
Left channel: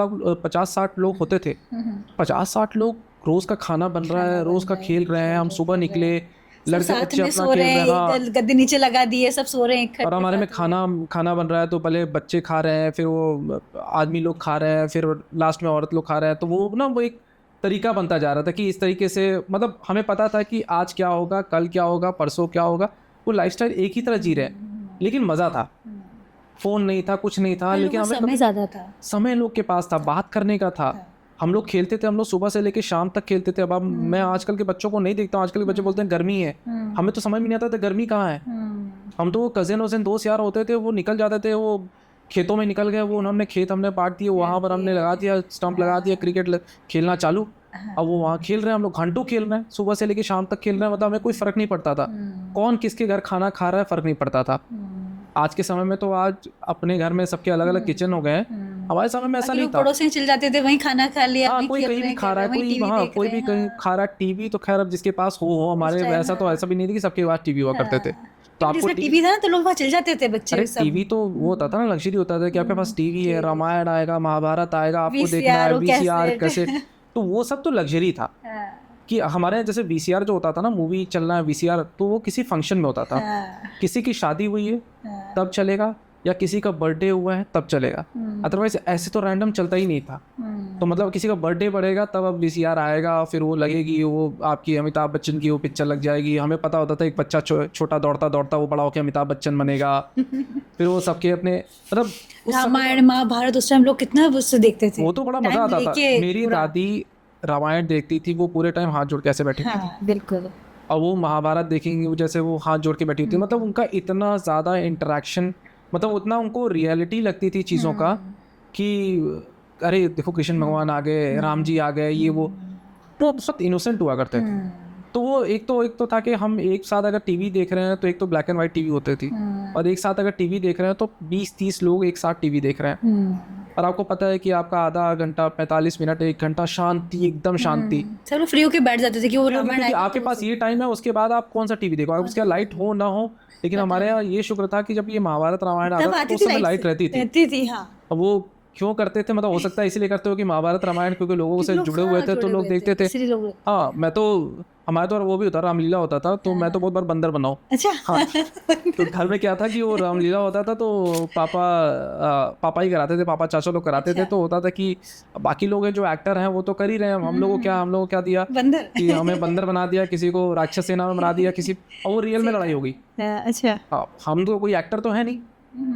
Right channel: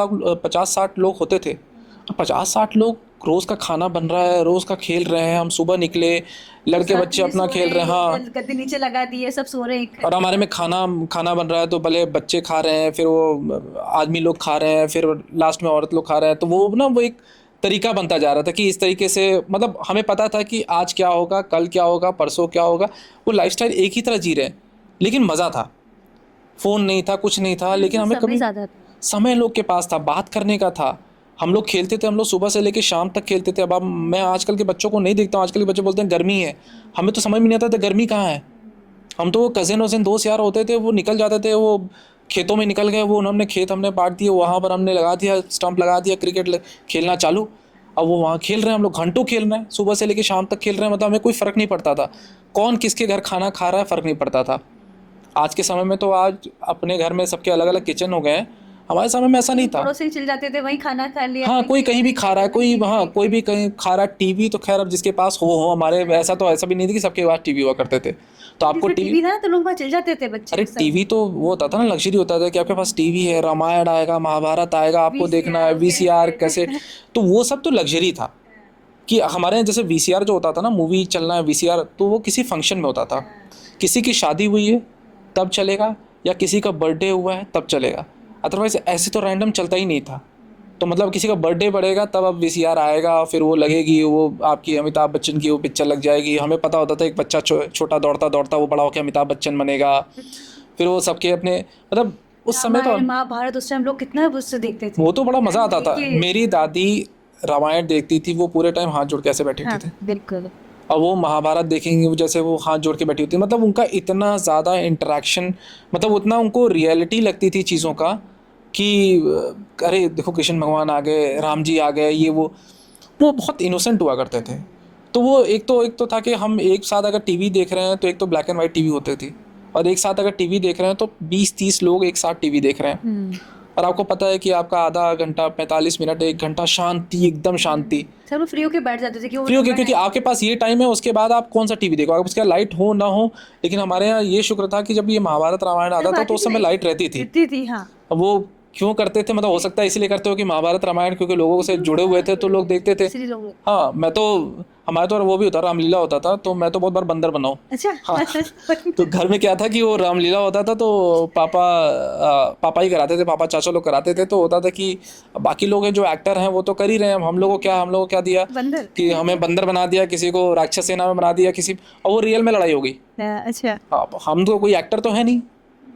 लोग होते थे। 50-60 लोग, रोज़ का खाना बन रहा है, रोज़ का खेल रहे हैं, हम सुबह निकले, लड़के बच्चे अपना खेल रहे हैं, हाँ गद्दे नीचे लगा दिए, सब सो रहे हैं, और हमारे में खाना बन रहा है, तो पहले बच्चे खा रहे हैं, फिर वो आदमी लोग खा रहे हैं, फिर लास्ट में औरत लोग खा रहे हैं। तो वो ना वो एक तरीका बनता जा रहा था कि इस तरीके से, मतलब हमें पता था कि आज क्या होगा, कल क्या होगा, परसों क्या होगा। वो लाइफस्टाइल एक ही तरह जी रहे हैं, लेकिन मज़ा था। फ़ोन नहीं था, कुछ नहीं था, लेकिन हमें कभी ज़्यादा था, समय लोग के पास था, बात करने का था। हम लोग खेलते थे, हम लोग सुबह से लेके शाम तक खेलते थे। अब मैं आजकल के बच्चों को नहीं देखता हूँ, आजकल के बच्चे बोलते हैं गर्मी है, हमें तो समझ में नहीं आता था गर्मी कहाँ है। हम तो कज़िन वज़िन दोस्त यार होते थे, वो निकल जाते थे, वो खेतों में निकल गए, वो उन्होंने खेत हमने बांट दिए, वहाँ पर हमने लगा दिया स्टंप, लगा दिया, क्रिकेट खेलना चालू। अब वो वहाँ खेल रहे हैं, हम लोग घंटों खेल रहे हैं, सुबह से लेके शाम तक खेल रहे हैं। मतलब हमें कोई फ़र्क नहीं पड़ता था कौन किसके घर खाना खा रहा है, फ़र्क नहीं पड़ता था। आज के समय में तो आज अपने घर में सबके अलग अलग किचन हो गए हैं, हमारे समय में ऐसा नहीं था। पड़ोसी चल जाते थे, वहीं खाना खा लिया। हाँ कोई कहीं भी खा रहा है, कोई वहाँ कोई भी कहीं खा रहा है। टीवी तो खैर अब जिसके पास हो, हमारे वैसा तो ऐसा भी नहीं था कि सबके पास टीवी हुआ करते थे। तो आपको टीवी था तो लोग वहाँ चल जाते थे बच्चे। अरे टीवी तो वो होता था ना, लग्जरी होता था कि आपके पास टीवी है, रामायण आएगा, महाभारत आएगा, आपको देखना है, VCR कैसेट, तो वो सब तो लग्जरी था। कि हमारे यहाँ जैसे VCR जो होता था ना, मूवी चलना है VCR, तो वो किसी फंक्शन में होता था, किसी की शादी हुई है तब चलेगा, या किसी का बर्थडे हुआ है तब चलेगा, अदरवाइज ऐसे तो रैंडम चलता ही नहीं था। तो मतलब किसी का बर्थडे बढ़ेगा तब अब VCR आएगा, फिर वो लगेगी, वो आपकी अमिताभ बच्चन की वो पिक्चर लग जाएगी। हमें पता होता था एक बच्चा छोटा दौड़ता दौड़ता वो बड़ा होकर अमिताभ बच्चन बनेगा। फिर वो सबके अपने, मतलब उस समय तो महाभारत उस टाइम लोग कितना उससे देखते थे, वो तो बड़ा मज़ा आता था। मेरी दादी रामायण देखती थी, वो पूरे टाइम हाथ जोड़ के ऐसे बैठी थी, बिल्कुल। और वो महाभारत देखेंगे जैसे वो हाथ जोड़ के बैठी होती है। मतलब उनका इतना ज़्यादा इंटरेक्शन, मतलब उतना उनको रियलिटी लगती थी चीज़ों का कि अरे देखो कृष्ण भगवान आ गए, राम जी आ गए, ये वो बहुत इनोसेंट हुआ करते थे। तो वो एक तो था कि हम एक साथ अगर टीवी देख रहे हैं तो एक तो ब्लैक एंड वाइट टीवी होती थी, और एक साथ अगर टीवी देख रहे हैं तो 20-30 लोग एक साथ टीवी देख रहे हैं। और आपको पता है कि आपका आधा घंटा, 45 मिनट, 1 घंटा शांति, एकदम शांति, सब फ्री होके बैठ जाते थे कि फ्री होके, क्योंकि आपके पास ये टाइम है, उसके बाद आप कौन सा टीवी देखो, अगर उसका लाइट हो ना हो। लेकिन हमारे यहाँ ये शुक्र था कि जब ये महाभारत रामायण आता था तो उस समय लाइट रहती थी। अब वो क्यों करते थे, मतलब हो सकता है इसलिए करते हो कि महाभारत रामायण क्योंकि लोगों से जुड़े हुए थे तो लोग देखते थे। हाँ मैं तो, हमारे तो वो भी होता, रामलीला होता था, तो मैं तो बहुत बार बंदर बनाऊँ। अच्छा। हाँ तो घर में क्या था कि वो रामलीला होता था तो पापा ही कराते थे, पापा चाचा लोग कराते थे। तो होता था कि बाकी लोग हैं जो एक्टर हैं वो तो कर ही रहे हैं, हम लोगों को क्या दिया बंदर, कि हमें बंदर बना दिया, किसी को राक्षस सेना में बना दिया, किसी, और वो रियल में लड़ाई हो गई। अच्छा। हाँ हम तो कोई एक्टर तो है नहीं,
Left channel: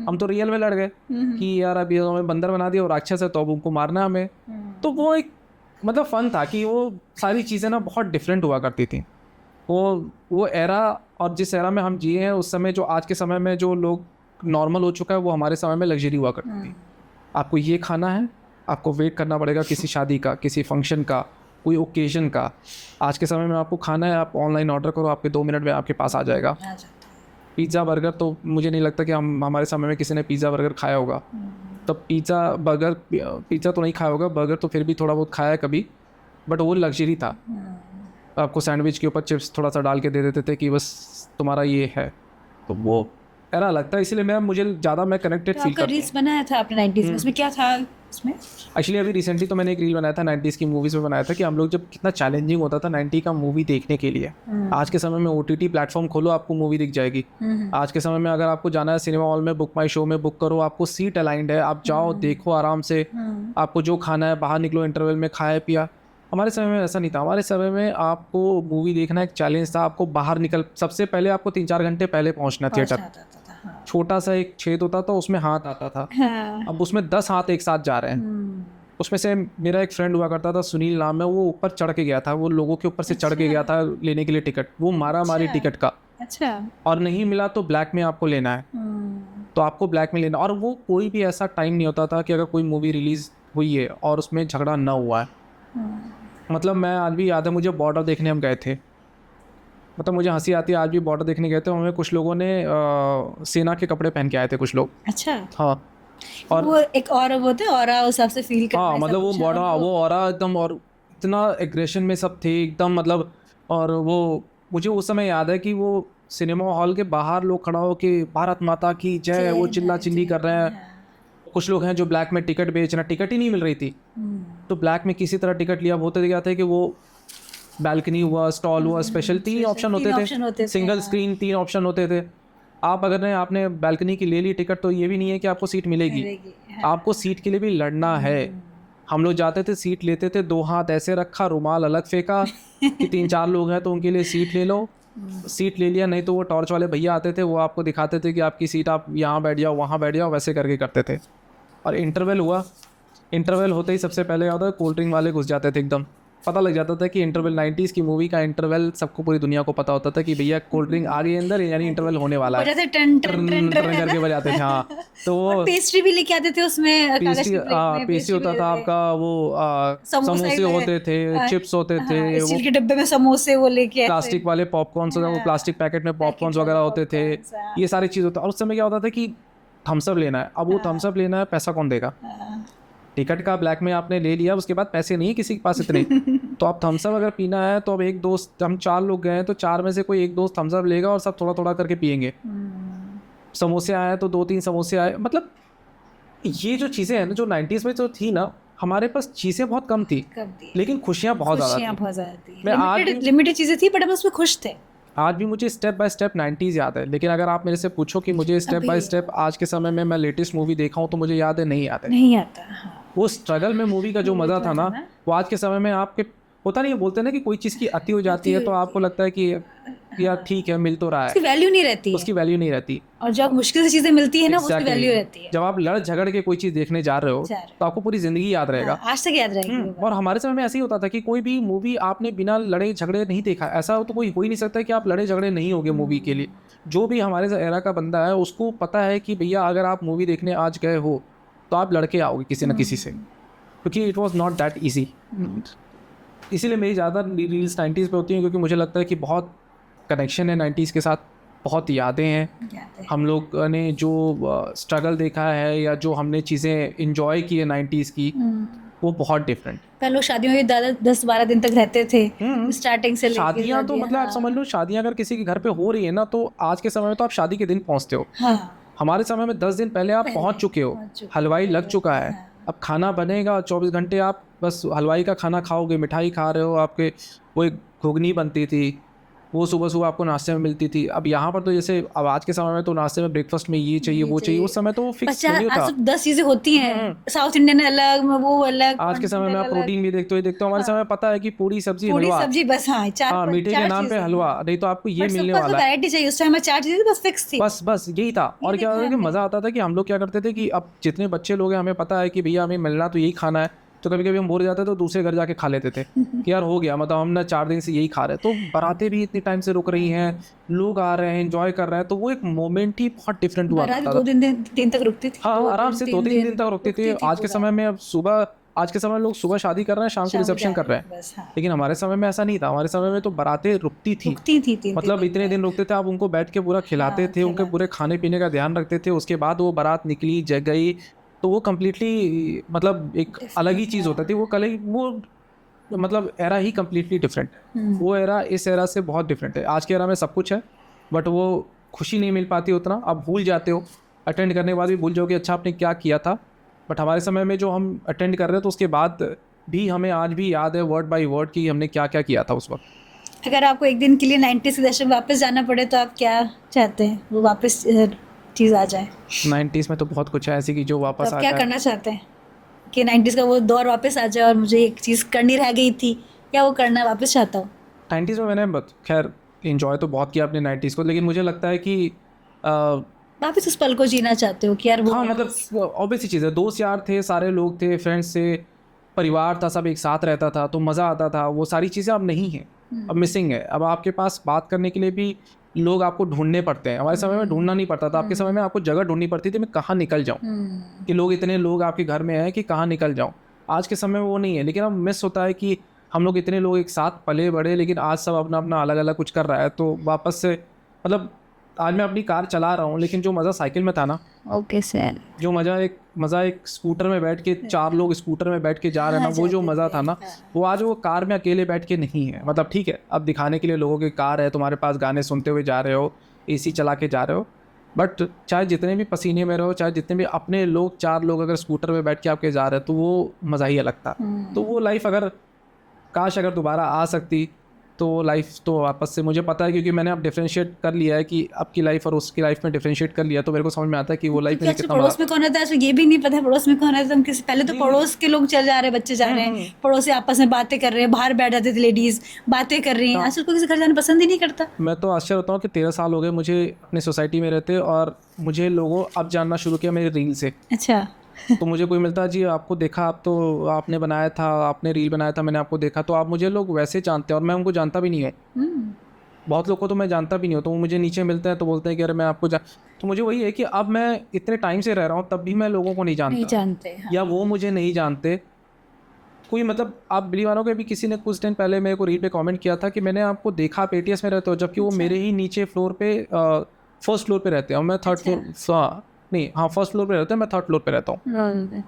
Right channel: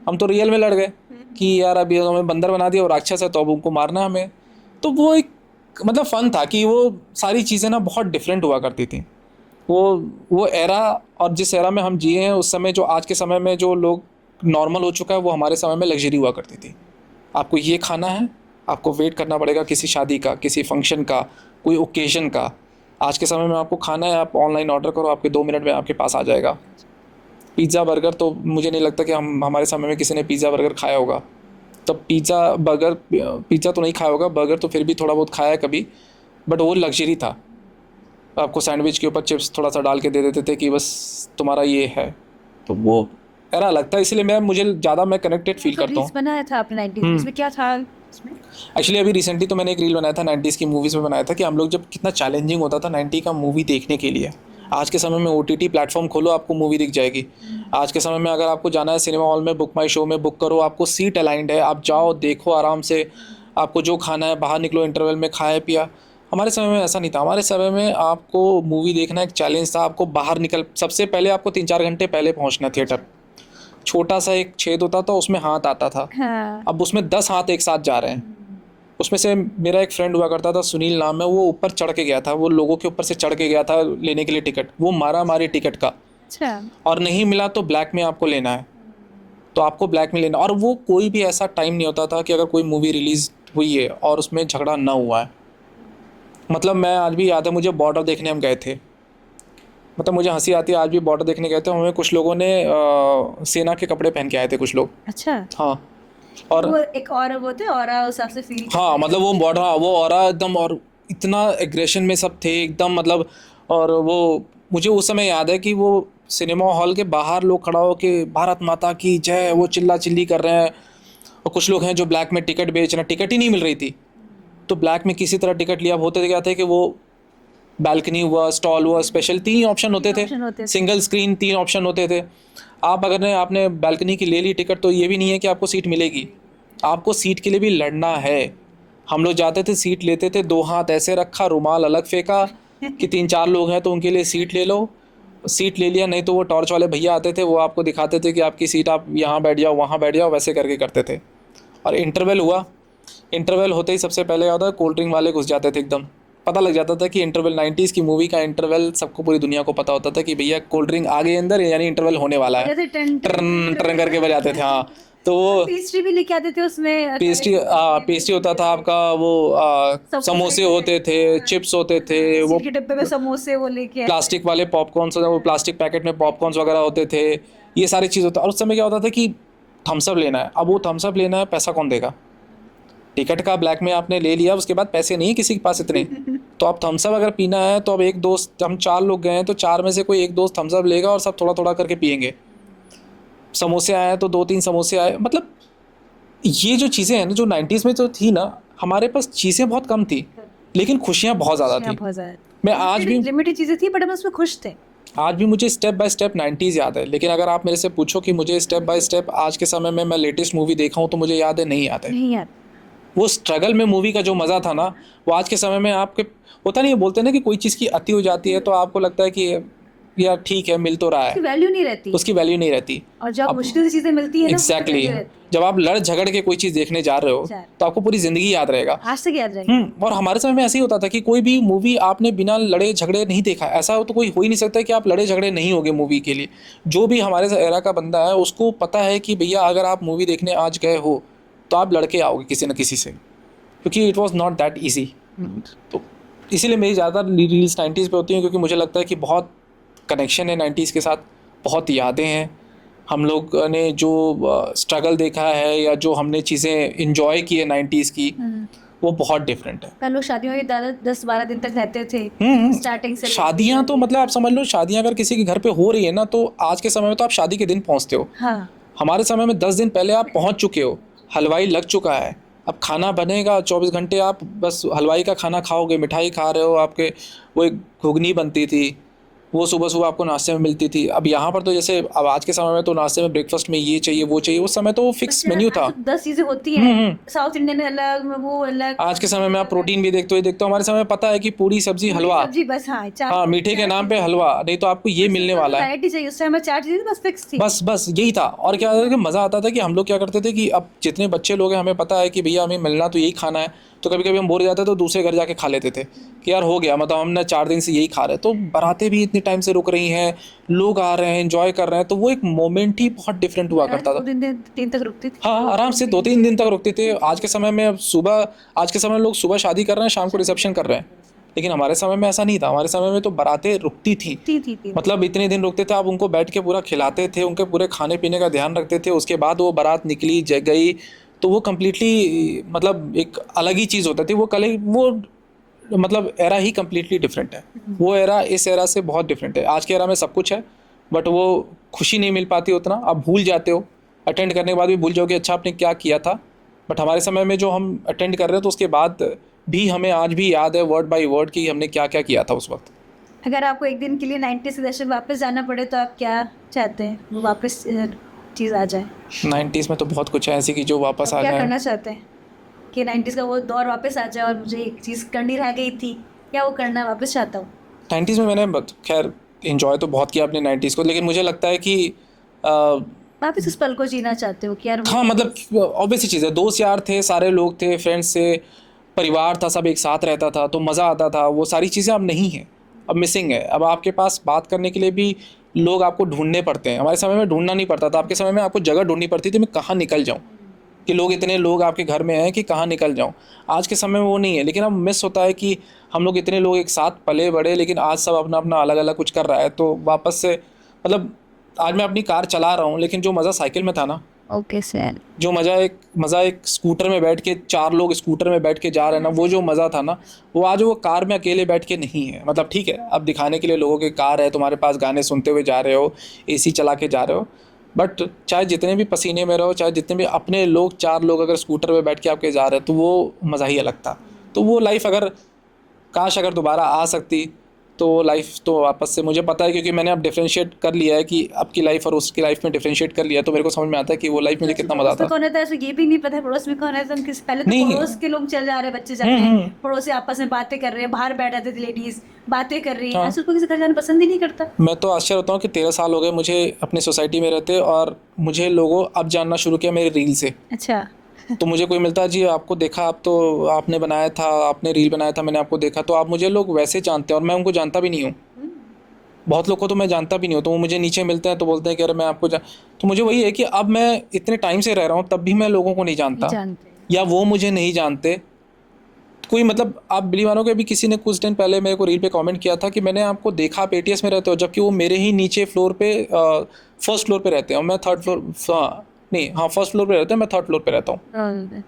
हम तो रियल में लड़ गए कि यार अभी हमें बंदर बना दिया और राक्षस है तो अब उनको मारना है हमें। तो वो एक मतलब फ़न था कि वो सारी चीज़ें ना बहुत डिफरेंट हुआ करती थी। वो एरा, और जिस एरा में हम जिए हैं उस समय, जो आज के समय में जो लोग नॉर्मल हो चुका है, वो हमारे समय में लग्जरी हुआ करती थी। आपको ये खाना है, आपको वेट करना पड़ेगा किसी शादी का, किसी फंक्शन का, कोई ओकेजन का। आज के समय में आपको खाना है, आप ऑनलाइन ऑर्डर करो, आपके 2 मिनट में आपके पास आ जाएगा। पिज़्ज़ा बर्गर तो मुझे नहीं लगता कि हमारे समय में किसी ने पिज़्ज़ा बर्गर खाया होगा। तब पिज़्ज़ा तो नहीं खाया होगा, बर्गर तो फिर भी थोड़ा बहुत खाया है कभी, बट वो लग्जरी था। आपको सैंडविच के ऊपर चिप्स थोड़ा सा डाल के दे देते थे कि बस तुम्हारा ये है, तो वो एरा लगता है। इसलिए मुझे ज़्यादा मैं कनेक्टेड फील करता हूँ। रील्स बनाया था आपने 90s में, इसमें क्या था इसमें? एक्चुअली अभी रिसेंटली तो मैंने एक रील बनाया था 90s की मूवीज़ में बनाया था, कि हम लोग जब कितना चैलेंजिंग होता था 90 का मूवी देखने के लिए। आज के समय में OTT प्लेटफॉर्म खोलो, आपको मूवी दिख जाएगी। आज के समय में अगर आपको जाना है सिनेमा हॉल में, बुक माई शो में बुक करो, आपको सीट अलाइंड है, आप जाओ देखो आराम से, आपको जो खाना है बाहर निकलो, इंटरवल में खाया पिया। हमारे समय में ऐसा नहीं था। हमारे समय में आपको मूवी देखना एक चैलेंज था। आपको बाहर सबसे पहले आपको 3-4 घंटे पहले पहुंचना थिएटर। छोटा सा एक छेद होता था, उसमें हाथ आता था। हाँ। अब उसमें 10 हाथ एक साथ जा रहे हैं। उसमें से मेरा एक फ्रेंड हुआ करता था, सुनील नाम है, वो ऊपर चढ़ के गया था, वो लोगों के ऊपर से चढ़ के गया था लेने के लिए टिकट। वो मारा मारी टिकट का, अच्छा। और नहीं मिला तो ब्लैक में आपको लेना है, तो आपको ब्लैक में लेना। और वो कोई भी ऐसा टाइम नहीं होता था कि अगर कोई मूवी रिलीज़ हुई है और उसमें झगड़ा ना हुआ है। मतलब मैं आज भी याद है, मुझे बॉर्डर देखने हम गए थे। मतलब मुझे हंसी आती है, आज भी बॉर्डर देखने गए थे, हमें कुछ लोगों ने सेना के कपड़े पहन के आए थे कुछ लोग। अच्छा। हाँ, और वो एक और वो थे, और उस हिसाब से फील करते हाँ, हैं मतलब सब वो कुछ। बॉर्डर, वो ऑरा एकदम, और इतना एग्रेशन में सब थे एकदम, मतलब। और वो मुझे उस समय याद है कि वो सिनेमा हॉल के बाहर लोग खड़ा हो के भारत माता की जय, वो चिल्ला चिल्ली कर रहे हैं। और कुछ लोग हैं जो ब्लैक में टिकट बेच रहे हैं, टिकट ही नहीं मिल रही थी, तो ब्लैक में किसी तरह टिकट लिया। होते क्या थे कि वो बैल्कनी हुआ, स्टॉल हुआ, स्पेशल 3 ऑप्शन होते option होते थे, थे, सिंगल स्क्रीन 3 ऑप्शन होते थे। आप अगर आपने बैल्कनी की ले ली टिकट, तो ये भी नहीं है कि आपको सीट मिलेगी, आपको सीट के लिए भी लड़ना है। हम लोग जाते थे, सीट लेते थे, 2 हाथ ऐसे रखा, रुमाल अलग फेंका कि 3-4 लोग हैं तो उनके लिए सीट ले लो। सीट ले लिया, नहीं तो वो टॉर्च वाले भैया आते थे, वो आपको दिखाते थे कि आपकी सीट, आप यहाँ बैठ जाओ, वहाँ बैठ जाओ, वैसे करके करते थे। और इंटरवल हुआ, इंटरवल होते ही सबसे पहले होता है कोल्ड ड्रिंक वाले घुस जाते थे एकदम। पता लग जाता था कि इंटरवल 90s की मूवी का इंटरवल सबको, पूरी दुनिया को पता होता था कि भैया कोल्ड ड्रिंक आ गई अंदर, यानी इंटरवल होने वाला है। जैसे टन टन टर्न टर्न करके बजाते थे। हाँ, तो वो पेस्ट्री भी लेके आते थे उसमें, पेस्ट्री होता था आपका, वो समोसे होते थे, चिप्स होते थे, वो स्टील के डब्बे में समोसे वो लेके आते प्लास्टिक वाले पॉपकॉर्न्स, वो प्लास्टिक पैकेट में पॉपकॉर्न्स वगैरह होते थे। ये सारी चीज़ होता। और उस समय क्या होता था कि थम्सअप लेना है। अब वो थम्सअप लेना है, पैसा कौन देगा? टिकट का ब्लैक में आपने ले लिया, उसके बाद पैसे नहीं है किसी के पास इतने। तो अब थम्सअप अगर पीना है, तो अब एक दोस्त, हम 4 लोग गए हैं, तो 4 में से कोई एक दोस्त थम्सअप लेगा और सब थोड़ा थोड़ा करके पियेंगे। समोसे आए तो 2-3 समोसे आए। मतलब ये जो चीज़ें हैं ना, जो 90s में तो थी ना, हमारे पास चीज़ें बहुत कम थी, लेकिन खुशियाँ बहुत ज़्यादा थी। मैं आज भी, लिमिटेड चीजें थी, बट हम उसमें खुश थे। आज भी मुझे स्टेप बाय स्टेप 90s याद है। लेकिन अगर आप मेरे से पूछो कि मुझे स्टेप बाय स्टेप आज के समय में मैं लेटेस्ट मूवी देखा हूँ, तो मुझे याद है, नहीं याद है। नहीं आता। वो स्ट्रगल में मूवी का जो मज़ा था ना, वो आज के समय में आपके होता नहीं है। बोलते हैं ना कि कोई चीज़ की अति हो जाती है, तो आपको लगता है कि यार ठीक है, मिल तो रहा उसकी है, वैल्यू नहीं रहती है। उसकी वैल्यू नहीं रहती। और जब मुश्किल से चीजें मिलती है ना, उसकी एग्जैक्टली, वैल्यू रहती है। जब आप लड़ झगड़ के कोई चीज़ देखने जा रहे हो, तो आपको पूरी ज़िंदगी याद रहेगा। आज तक याद रहेगा। और हमारे समय में ऐसे ही होता था कि कोई भी मूवी आपने बिना लड़े झगड़े नहीं देखा। ऐसा तो कोई हो ही नहीं सकता कि आप लड़े झगड़े नहीं होगे मूवी के लिए। जो भी हमारे एरा का बंदा है, उसको पता है कि भैया अगर आप मूवी देखने आज गए हो, तो आप लड़के आओगे किसी न किसी से, क्योंकि it was not that easy. तो इसीलिए मेरी ज़्यादा रील्स 90s पे होती हैं, क्योंकि मुझे लगता है कि बहुत कनेक्शन है 90s के साथ, बहुत यादें हैं। हम लोग ने जो स्ट्रगल देखा है, या जो हमने चीज़ें इंजॉय की है 90s की, वो बहुत डिफरेंट है। पहले लोग शादियों में 10-12 दिन तक रहते थे, स्टार्टिंग से। शादियाँ तो मतलब आप समझ लो, शादियाँ अगर किसी के घर पे हो रही है ना, तो आज के समय में तो आप शादी के दिन पहुँचते हो। हाँ। हमारे समय में 10 दिन पहले आप पहुँच चुके हो, हलवाई लग चुका है, अब खाना बनेगा, 24 घंटे आप बस हलवाई का खाना खाओगे, मिठाई खा रहे हो। आपके वो एक घुगनी बनती थी, वो सुबह सुबह आपको नाश्ते में मिलती थी। अब यहाँ पर तो जैसे अब आज के समय में तो नाश्ते में ब्रेकफास्ट में ये चाहिए वो चाहिए, उस समय तो फिक्स मेन्यू था। 10 चीजें होती हैं, साउथ इंडियन अलग, वो अलग। आज के समय में आप प्रोटीन भी देखते हो हमारे समय में पता है कि पूरी सब्जी हलवा, सब्जी बस। हाँ, मीठे के नाम पे हलवा, नहीं तो आपको ये मिलने वाला है। वैरायटी चाहिए। उस टाइम में 4 चीजें बस फिक्स थी, बस यही था। और क्या होता था कि मज़ा आता था कि हम लोग क्या करते थे कि अब जितने बच्चे लोग हैं, हमें पता है कि भैया हमें मिलना तो यही खाना है, तो कभी कभी हम बोर हो जाते तो दूसरे घर जाके खा लेते थे कि यार हो गया, मतलब हम ना 4 दिन से यही खा रहे हैं। तो बारातें भी इतनी टाइम से रुक रही हैं, लोग आ रहे हैं, एंजॉय कर रहे हैं, तो वो एक मोमेंट ही बहुत डिफरेंट हुआ बारात करता था। 2 दिन तक रुकती थी। हाँ, आराम से 2-3 दिन तक रुकते थे। आज के समय में आज के समय में लोग सुबह शादी कर रहे हैं, शाम को रिसेप्शन कर रहे हैं, बस, हाँ। लेकिन हमारे समय में ऐसा नहीं था। हमारे समय में तो बारातें रुकती थी, थी। मतलब इतने दिन रुकते थे, आप उनको बैठ के पूरा खिलाते थे, उनके पूरे खाने पीने का ध्यान रखते थे, उसके बाद वो बारात निकली गई, तो वो कम्प्लीटली मतलब एक अलग ही चीज़ होता थी। वो मतलब एरा ही कम्प्लीटली डिफरेंट है। वो एरा इस एरा से बहुत डिफरेंट है। आज के एरा में सब कुछ है, बट वो खुशी नहीं मिल पाती उतना। आप भूल जाते हो, अटेंड करने के बाद भी भूल जाओ कि अच्छा आपने क्या किया था। बट हमारे समय में जो हम अटेंड कर रहे हैं, तो उसके बाद भी हमें आज भी याद है वर्ड बाय वर्ड कि हमने क्या क्या किया था उस वक्त। अगर आपको एक दिन के लिए 90s के दशक वापस जाना पड़े तो आप क्या चाहते हैं वो वापस चीज़ आ जाए? 90s में तो बहुत कुछ है ऐसी कि जो वापस तो आ क्या जाए। करना चाहते हैं कि 90s का वो दौर वापस आ जाए और मुझे एक चीज़ करनी रह गई थी, क्या वो करना वापस चाहता हूँ? 90s में मैंने खैर इन्जॉय तो बहुत किया अपने 90s को, लेकिन मुझे लगता है कि वापस उस पल को जीना चाहते हो कि यार वो हाँ, मतलब ऑब्वियस सी चीज़ है, दोस्त यार थे, सारे लोग थे, फ्रेंड्स थे, परिवार था, सब एक साथ रहता था, तो मज़ा आता था। वो सारी चीज़ें अब नहीं हैं, अब मिसिंग है। अब आपके पास बात करने के लिए भी लोग आपको ढूंढने पड़ते हैं। हमारे समय में ढूंढना नहीं पड़ता था, आपके समय में आपको जगह ढूंढनी पड़ती थी, मैं कहाँ निकल जाऊँ, कि लोग इतने लोग आपके घर में हैं कि कहाँ निकल जाऊँ। आज के समय में वो नहीं है, लेकिन अब मिस होता है कि हम लोग इतने लोग एक साथ पले बड़े, लेकिन आज सब अपना अपना अलग अलग कुछ कर रहा है। तो वापस से मतलब आज मैं अपनी कार चला रहा हूँ, लेकिन जो मज़ा साइकिल में था ना, ओके सर, जो मज़ा एक स्कूटर में बैठ के 4 लोग स्कूटर में बैठ के जा रहे हैं ना, वो जो मज़ा था ना, वो आज वो कार में अकेले बैठ के नहीं है। मतलब ठीक है, अब दिखाने के लिए लोगों की कार है, तुम्हारे पास गाने सुनते हुए जा रहे हो, एसी चला के जा रहे हो, बट चाहे जितने भी पसीने में रहो, चाहे जितने भी अपने लोग 4 लोग अगर स्कूटर में बैठ के आपके जा रहे हैं, तो वो मज़ा ही अलग था। तो वो लाइफ अगर दोबारा आ सकती तो लाइफ तो वापस से, मुझे पता है क्योंकि मैंने अब डिफरेंशिएट कर लिया है कि आपकी लाइफ और उसकी लाइफ में डिफरेंशिएट कर लिया, तो मेरे को समझ में आता है कि वो लाइफ मुझे कितना मजा पड़ोस में आता। कौन रहता है इसमें ये भी नहीं पता है पड़ोस में कौन रहता है। हम किसी पहले तो नहीं। पड़ोस के लोग चल जा रहे हैं, बच्चे जा रहे हैं, पड़ोसी आपस में बातें कर रहे हैं, बाहर बैठ जाते थे लेडीज बातें कर रही हैं। हाँ। आजकल कोई किसी घर जाना पसंद ही नहीं करता। मैं तो आश्चर्य होता हूँ कि 13 साल हो गए मुझे अपनी सोसाइटी में रहते, और मुझे लोगों अब जानना शुरू किया मेरे रील से। अच्छा। तो मुझे कोई मिलता है, जी आपको देखा, आप तो आपने बनाया था, आपने रील बनाया था, मैंने आपको देखा, तो आप मुझे लोग वैसे जानते हैं और मैं उनको जानता भी नहीं हूँ। बहुत लोग को तो मैं जानता भी नहीं हूँ, तो वो मुझे नीचे मिलते हैं तो बोलते हैं कि अरे मैं आपको तो मुझे वही है कि अब मैं इतने टाइम से रह रहा हूँ, तब भी मैं लोगों को नहीं जानता, जानते या वो मुझे नहीं जानते। कोई मतलब आप बिलीव मानोगे, अभी किसी ने कुछ दिन पहले मेरे को रील पे कमेंट किया था कि मैंने आपको देखा आप ATS में रहते हो, जबकि वो मेरे ही नीचे फ्लोर पे फर्स्ट फ्लोर पे रहते हैं और मैं थर्ड फ्लोर, फर्स्ट फ्लोर पे रहते हैं, मैं थर्ड फ्लोर पे रहता हूँ।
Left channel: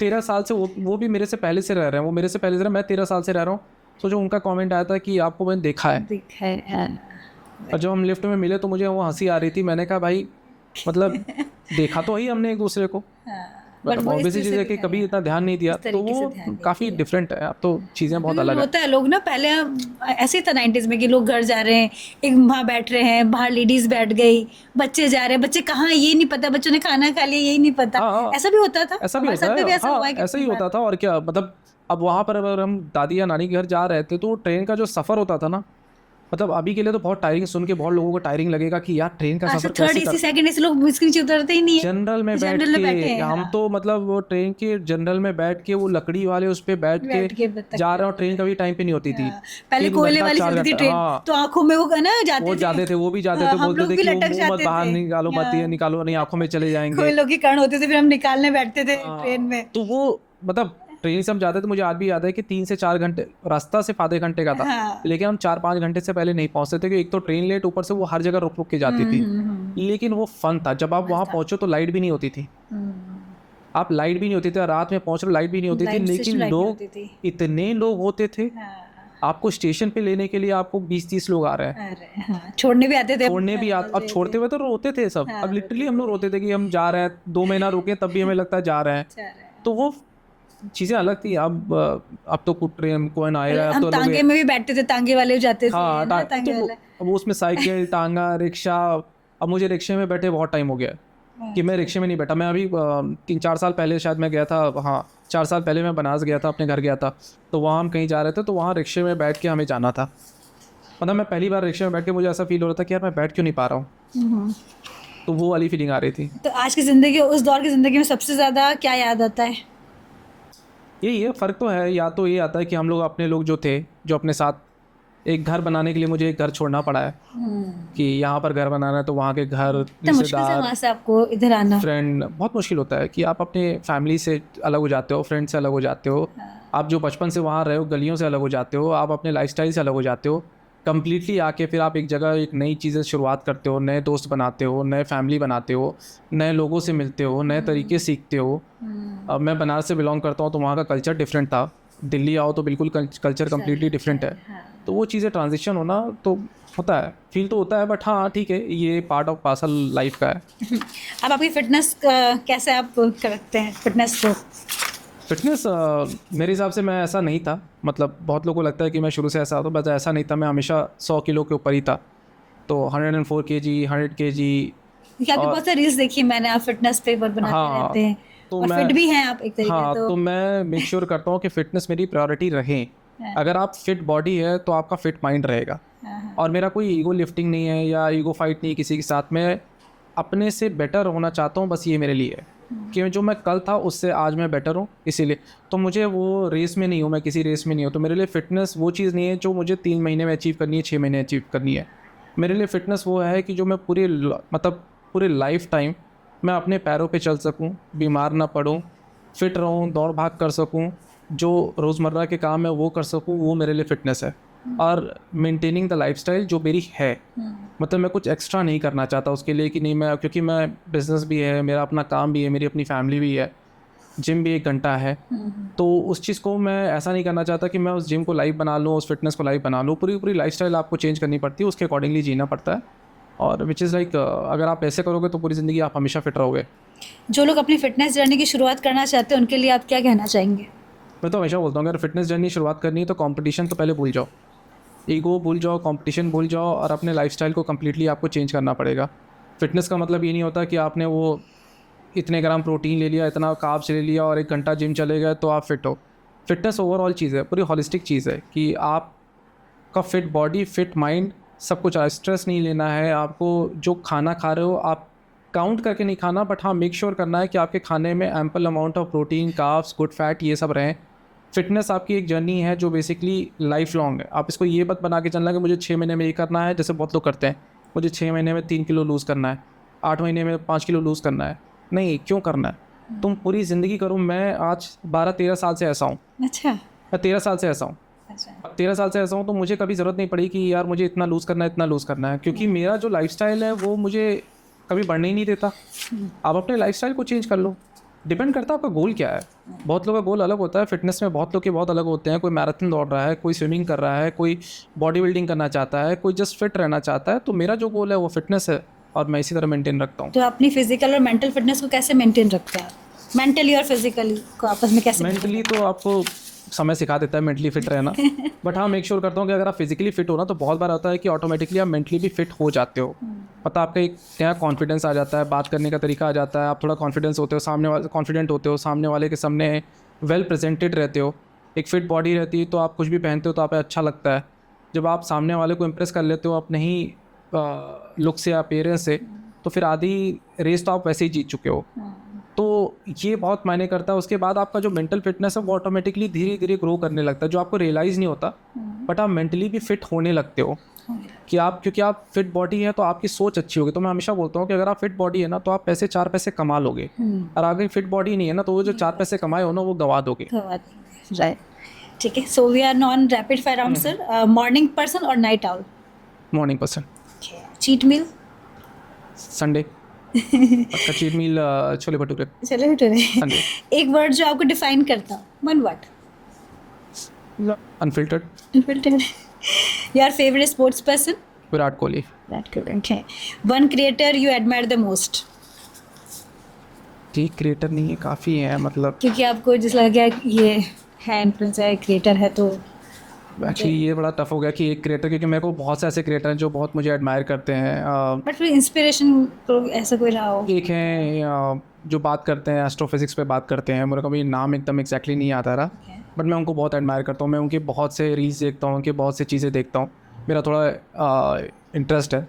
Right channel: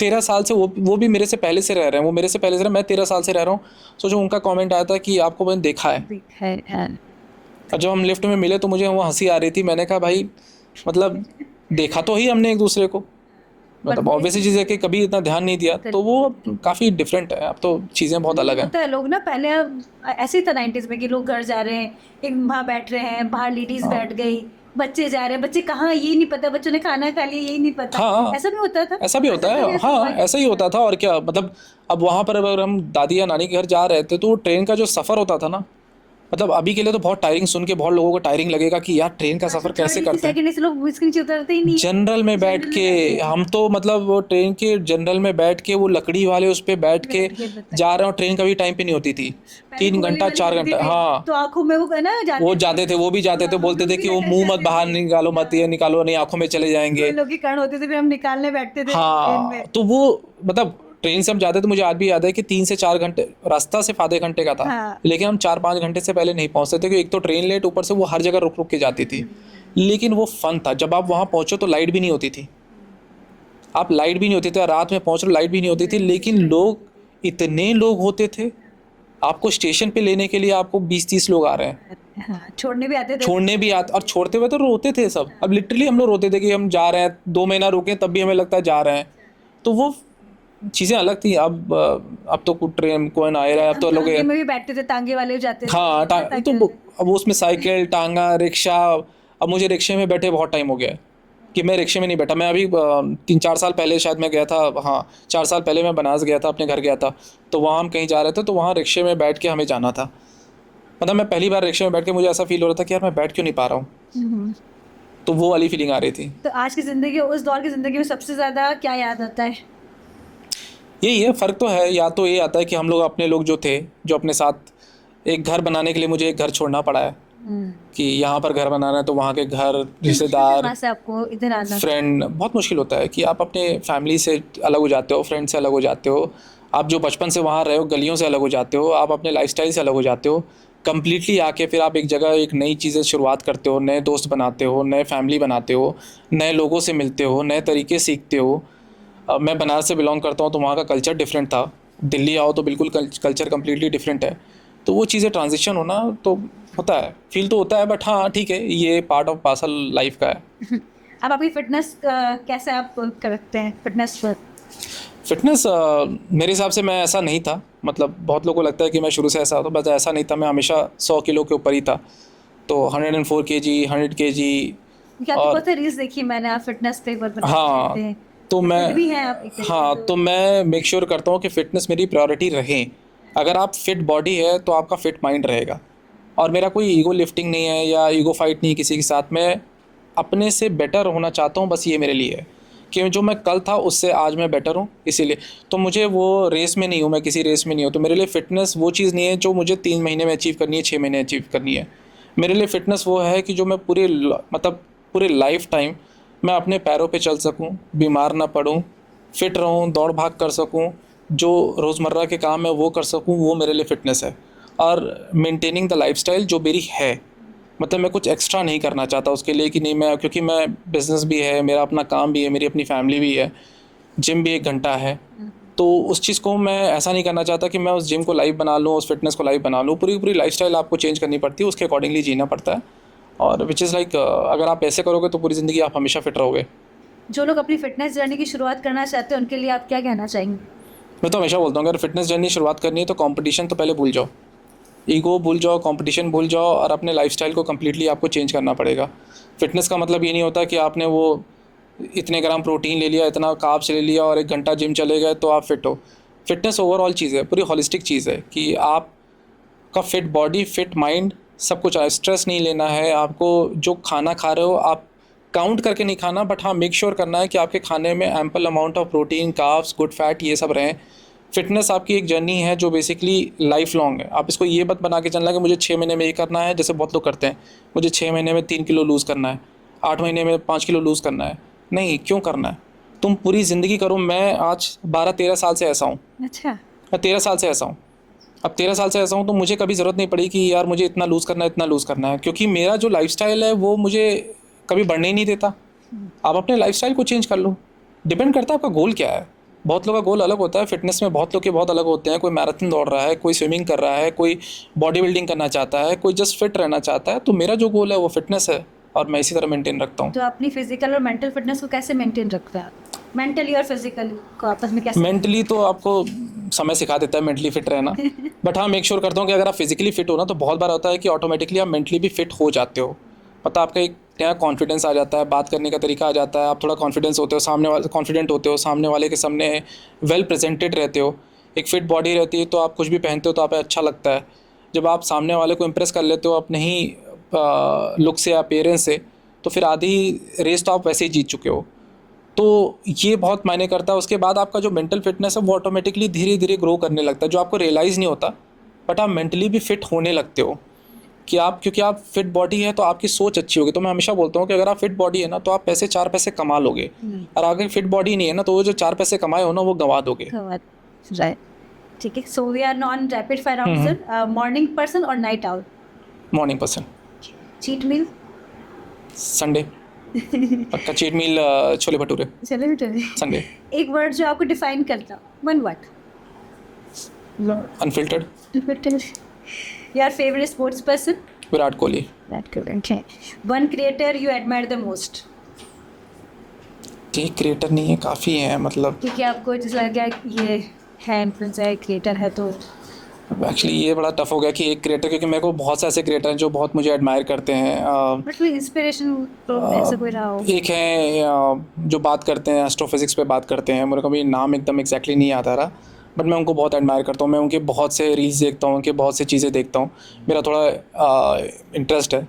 13 साल से वो भी मेरे से पहले से रह रहे हैं, वो मेरे से पहले से रहे, मैं 13 साल से रह रहा हूँ। सोचो उनका कमेंट आया था कि आपको मैंने देखा है। और जब हम लिफ्ट में मिले तो मुझे वो हंसी आ रही थी। मैंने कहा भाई मतलब देखा तो ही हमने एक दूसरे को, मतलब ऑब्वियसली चीज़ है कि कभी इतना ध्यान नहीं दिया, तो वो काफ़ी डिफरेंट है। अब तो चीज़ें बहुत अलग है। होता है लोग ना, पहले ऐसे ही था 90s में कि लोग घर जा रहे हैं, एक वहाँ बैठ रहे हैं, बाहर लेडीज बैठ गई, बच्चे जा रहे हैं, बच्चे कहाँ ये नहीं पता, बच्चों ने खाना खा लिया यही नहीं पता। हाँ, ऐसा भी होता था, ऐसा भी होता है। हाँ, ऐसा ही होता था। और क्या मतलब, अब वहाँ पर अगर हम दादी या नानी के घर जा रहे थे तो ट्रेन का जो सफ़र होता था ना, मतलब अभी के लिए तो बहुत टायरिंग, सुन के बहुत लोगों को टायरिंग लगेगा कि यार ट्रेन का सफ़र कैसे करते हैं। सेकंड से लोग इसके नीचे उतरते ही नहीं है। जनरल में बैठ के हम तो मतलब वो ट्रेन के जनरल में बैठ के वो लकड़ी वाले उस पे बैठ के जा रहे हो। ट्रेन कभी टाइम पे नहीं होती थी, 3 घंटा 4 घंटा। हाँ, तो आंखों में वो ना जाते थे, वो भी जाते थे, बोलते थे कि वो मुंह मत बाहर निकालो, मत ये निकालो, नहीं आंखों में चले जाएंगे। लोग के कारण होते थे, फिर हम निकालने बैठते थे ट्रेन में। तो वो मतलब ट्रेन से हम जाते थे, मुझे आज भी याद है कि 3 से 4 घंटे रास्ता सिर्फ आधे घंटे का था। लेकिन हम 4-5 घंटे से पहले नहीं पहुंचते थे, क्योंकि एक तो ट्रेन लेट, ऊपर से वो हर जगह रुक रुक के जाती थी। लेकिन वो फन था। जब आप वहाँ पहुंचो तो लाइट भी नहीं होती थी, आप लाइट भी नहीं होती थी, रात में पहुंच रहे लाइट भी नहीं होती थी, लेकिन लोग इतने लोग होते थे, आपको स्टेशन पे लेने के लिए आपको 20-30 लोग आ रहे हैं, छोड़ने भी आते थे, और छोड़ते हुए तो रोते थे सब। अब लिटरली हम लोग रोते थे कि हम जा रहे हैं, 2 महीना रुके तब भी हमें लगता है जा रहे हैं। तो वो चीज़ें अलग थी। अब तो ट्रेन कोई आ रहा है, अब तो लोग तांगे में भी बैठते थे, तांगे वाले जाते थे। हाँ, तो अब उसमें साइकिल, टांगा, रिक्शा। अब मुझे रिक्शे में बैठे बहुत टाइम हो गया है कि मैं रिक्शे में नहीं बैठा। मैं अभी 3-4 साल पहले शायद मैं गया था, हाँ 4 साल पहले मैं बनारस गया था, अपने घर गया था, तो वहाँ हम कहीं जा रहे थे, तो वहाँ रिक्शे में बैठ के हमें जाना था। मतलब मैं पहली बार रिक्शे में बैठ के मुझे ऐसा फील हो रहा था कि यार मैं बैठ क्यों नहीं पा रहा हूँ, तो वो वाली फीलिंग आ रही थी। तो आज की ज़िंदगी, उस दौर की ज़िंदगी में सबसे ज़्यादा क्या याद आता है? यही है, फ़र्क तो है। या तो ये आता है कि हम लोग अपने लोग जो थे, जो अपने साथ, एक घर बनाने के लिए मुझे एक घर छोड़ना पड़ा है कि यहाँ पर घर बनाना है तो वहाँ के घर, तो मुश्किल से रिश्तेदार, वहाँ से आपको इधर आना। फ्रेंड, बहुत मुश्किल होता है कि आप अपने फैमिली से अलग हो जाते हो, फ्रेंड से अलग हो जाते हो, आप जो बचपन से वहाँ रहे हो, गलियों से अलग हो जाते हो, आप अपने लाइफस्टाइल से अलग हो जाते हो कम्प्लीटली। आके फिर आप एक जगह एक नई चीज़ें शुरुआत करते हो, नए दोस्त बनाते हो, नए फैमिली बनाते हो, नए लोगों से मिलते हो, नए तरीके सीखते हो। अब मैं बनारस से बिलोंग करता हूँ तो वहाँ का कल्चर डिफरेंट था। दिल्ली आओ तो बिल्कुल कल्चर कम्प्लीटली डिफरेंट है। तो वो चीज़ें ट्रांजिशन होना तो होता है, फील तो होता है, बट हाँ ठीक है, ये पार्ट ऑफ पार्सल लाइफ का है। अब आपकी फिटनेस कैसे आप करते हैं फिटनेस को? फिटनेस मेरे हिसाब से मैं ऐसा नहीं था, मतलब बहुत लोगों को लगता है कि मैं शुरू से ऐसा था, बस ऐसा नहीं था। मैं हमेशा 100 किलो के ऊपर ही था, तो 104 kg, 100 kg। क्योंकि आपकी और बहुत सारी रील्स देखी मैंने, आप फिटनेस पे बनाते हाँ, रहते हैं तो और मैं फिट भी हैं आप एक तरीके हाँ से, तो मैं मेक श्योर करता हूँ कि फ़िटनेस मेरी प्रायोरिटी रहे। अगर आप फिट बॉडी है तो आपका फिट माइंड रहेगा। और मेरा कोई ईगो लिफ्टिंग नहीं है या ईगो फाइट नहीं है किसी के साथ। मैं अपने से बेटर होना चाहता हूँ, बस ये मेरे लिए है कि जो मैं कल था उससे आज मैं बेटर हूँ, इसीलिए। तो मुझे वो रेस में नहीं हूँ, मैं किसी रेस में नहीं हूँ। तो मेरे लिए फ़िटनेस वो चीज़ नहीं है जो मुझे 3 महीने में अचीव करनी है, 6 महीने अचीव करनी है। मेरे लिए फ़िटनेस वो है कि जो मैं मतलब पूरे लाइफ टाइम मैं अपने पैरों पे चल सकूं, बीमार ना पड़ूं, फिट रहूं, दौड़ भाग कर सकूं, जो रोज़मर्रा के काम है वो कर सकूं, वो मेरे लिए फ़िटनेस है। और मेंटेनिंग द लाइफस्टाइल जो मेरी है, मतलब मैं कुछ एक्स्ट्रा नहीं करना चाहता उसके लिए कि नहीं मैं, क्योंकि मैं बिज़नेस भी है, मेरा अपना काम भी है, मेरी अपनी फैमिली भी है, जिम भी 1 घंटा है। तो उस चीज़ को मैं ऐसा नहीं करना चाहता कि मैं उस जिम को लाइफ बना लूँ, उस फिटनेस को लाइफ बना लूँ। पूरी लाइफस्टाइल आपको चेंज करनी पड़ती है, उसके अकॉर्डिंगली जीना पड़ता है। और विच इज़ लाइक अगर आप ऐसे करोगे तो पूरी ज़िंदगी आप हमेशा फिट रहोगे। जो लोग अपनी फिटनेस जर्नी की शुरुआत करना चाहते हैं उनके लिए आप क्या कहना चाहेंगे? मैं तो हमेशा बोलता हूँ अगर फिटनेस जर्नी शुरुआत करनी है तो कंपटीशन तो पहले भूल जाओ, ईगो भूल जाओ, कंपटीशन भूल जाओ, और अपने लाइफस्टाइल को कम्प्लीटली आपको चेंज करना पड़ेगा। फिटनेस का मतलब ये नहीं होता कि आपने वो इतने ग्राम प्रोटीन ले लिया, इतना कार्ब्स ले लिया और 1 घंटा जिम चले गए तो आप फिट हो। फिटनेस ओवरऑल चीज़ है, पूरी होलिस्टिक चीज़ है कि आपका फिट बॉडी, फिट माइंड, सब कुछ। स्ट्रेस नहीं लेना है आपको। जो खाना खा रहे हो आप काउंट करके नहीं खाना, बट हाँ मेक श्योर करना है कि आपके खाने में ample amount of protein, carbs, good fat, ये सब रहें। फिटनेस आपकी एक जर्नी है जो बेसिकली लाइफ लॉन्ग है। आप इसको ये मत बना के चलना कि मुझे 6 महीने में ये करना है, जैसे बहुत लोग करते हैं, मुझे 6 महीने में 3 किलो लूज़ करना है, 8 महीने में 5 किलो लूज़ करना है। नहीं, क्यों करना है? तुम पूरी ज़िंदगी करो। मैं आज 12-13 साल से ऐसा हूँ, अच्छा। मैं 13 साल से ऐसा हूँ। अब 13 साल से ऐसा हूँ तो मुझे कभी ज़रूरत नहीं पड़ी कि यार मुझे इतना लूज़ करना है, इतना लूज़ करना है, क्योंकि मेरा जो लाइफस्टाइल है वो मुझे कभी बढ़ने ही नहीं देता। आप अपने लाइफस्टाइल को चेंज कर लो। डिपेंड करता है आपका गोल क्या है। बहुत लोगों का गोल अलग होता है। फिटनेस में बहुत लोग के बहुत अलग होते हैं। कोई मैराथन दौड़ रहा है, कोई स्विमिंग कर रहा है, कोई बॉडी बिल्डिंग करना चाहता है, कोई जस्ट फिट रहना चाहता है। तो मेरा जो गोल है वो फिटनेस है और मैं इसी तरह मेंटेन रखता हूँ। तो अपनी फिजिकल और मेंटल फिटनेस को कैसे मेंटेन रखते हैं आप? मेंटली और फिजिकली को आपस में कैसे? मेंटली तो आपको समय सिखा देता है मेंटली फिट रहना, बट हाँ मेक श्योर करता हूँ कि अगर आप फिजिकली फिट हो ना तो बहुत बार होता है कि ऑटोमेटिकली आप मेंटली भी फिट हो जाते हो। पता आपका एक नया कॉन्फिडेंस आ जाता है, बात करने का तरीका आ जाता है, आप थोड़ा कॉन्फिडेंस होते हो, सामने वाले कॉन्फिडेंट होते हो, सामने वाले के सामने वेल प्रेजेंटेड रहते हो। एक फिट बॉडी रहती है तो आप कुछ भी पहनते हो तो आप अच्छा लगता है। जब आप सामने वाले को इम्प्रेस कर लेते हो अपने ही लुक से, अपीयरेंस से, तो फिर आधी रेस तो आप वैसे ही जीत चुके हो। तो ये बहुत मायने करता है। उसके बाद आपका जो मेंटल फिटनेस है वो ऑटोमेटिकली धीरे धीरे ग्रो करने लगता है, जो आपको रियलाइज़ नहीं होता, बट आप मेंटली भी फिट होने लगते हो कि आप, क्योंकि आप फिट बॉडी है तो आपकी सोच अच्छी होगी। तो मैं हमेशा बोलता हूँ कि अगर आप फिट बॉडी है ना तो आप 4 पैसे कमा लोगे, और अगर फिट बॉडी नहीं है ना तो वो जो 4 पैसे कमाए हो ना वो गंवा दोगे। राइट, ठीक है। So we are non rapid fire round sir. Morning person और night owl? Morning person. Cheat meal? Sunday पक्का चीट मील, छोले भटूरे। चले भटूरे। संडे। एक वर्ड जो आपको डिफाइन करता, one word? Unfiltered. Your favourite sports person? Virat Kohli. Virat Kohli, okay. One creator you admire the most? ये creator नहीं है, काफ़ी है, मतलब क्योंकि आपको जिस लगा ये है इन्फ्लुएंसर है, क्रिएटर है, तो एक्चुअली ये बड़ा टफ हो गया कि एक क्रिएटर, क्योंकि मेरे को बहुत से ऐसे क्रिएटर हैं जो बहुत मुझे एडमायर करते हैं। बट फिर इंस्पिरेशन तो ऐसा कोई रहा हो? एक हैं जो बात करते हैं एस्ट्रोफिजिक्स पे बात करते हैं, मेरे को भी नाम एकदम एग्जैक्टली नहीं आता रहा, बट मैं उनको बहुत एडमायर करता हूँ। मैं उनकी बहुत से रील्स देखता हूँ, उनकी बहुत सी चीज़ें देखता हूँ। मेरा थोड़ा इंटरेस्ट है,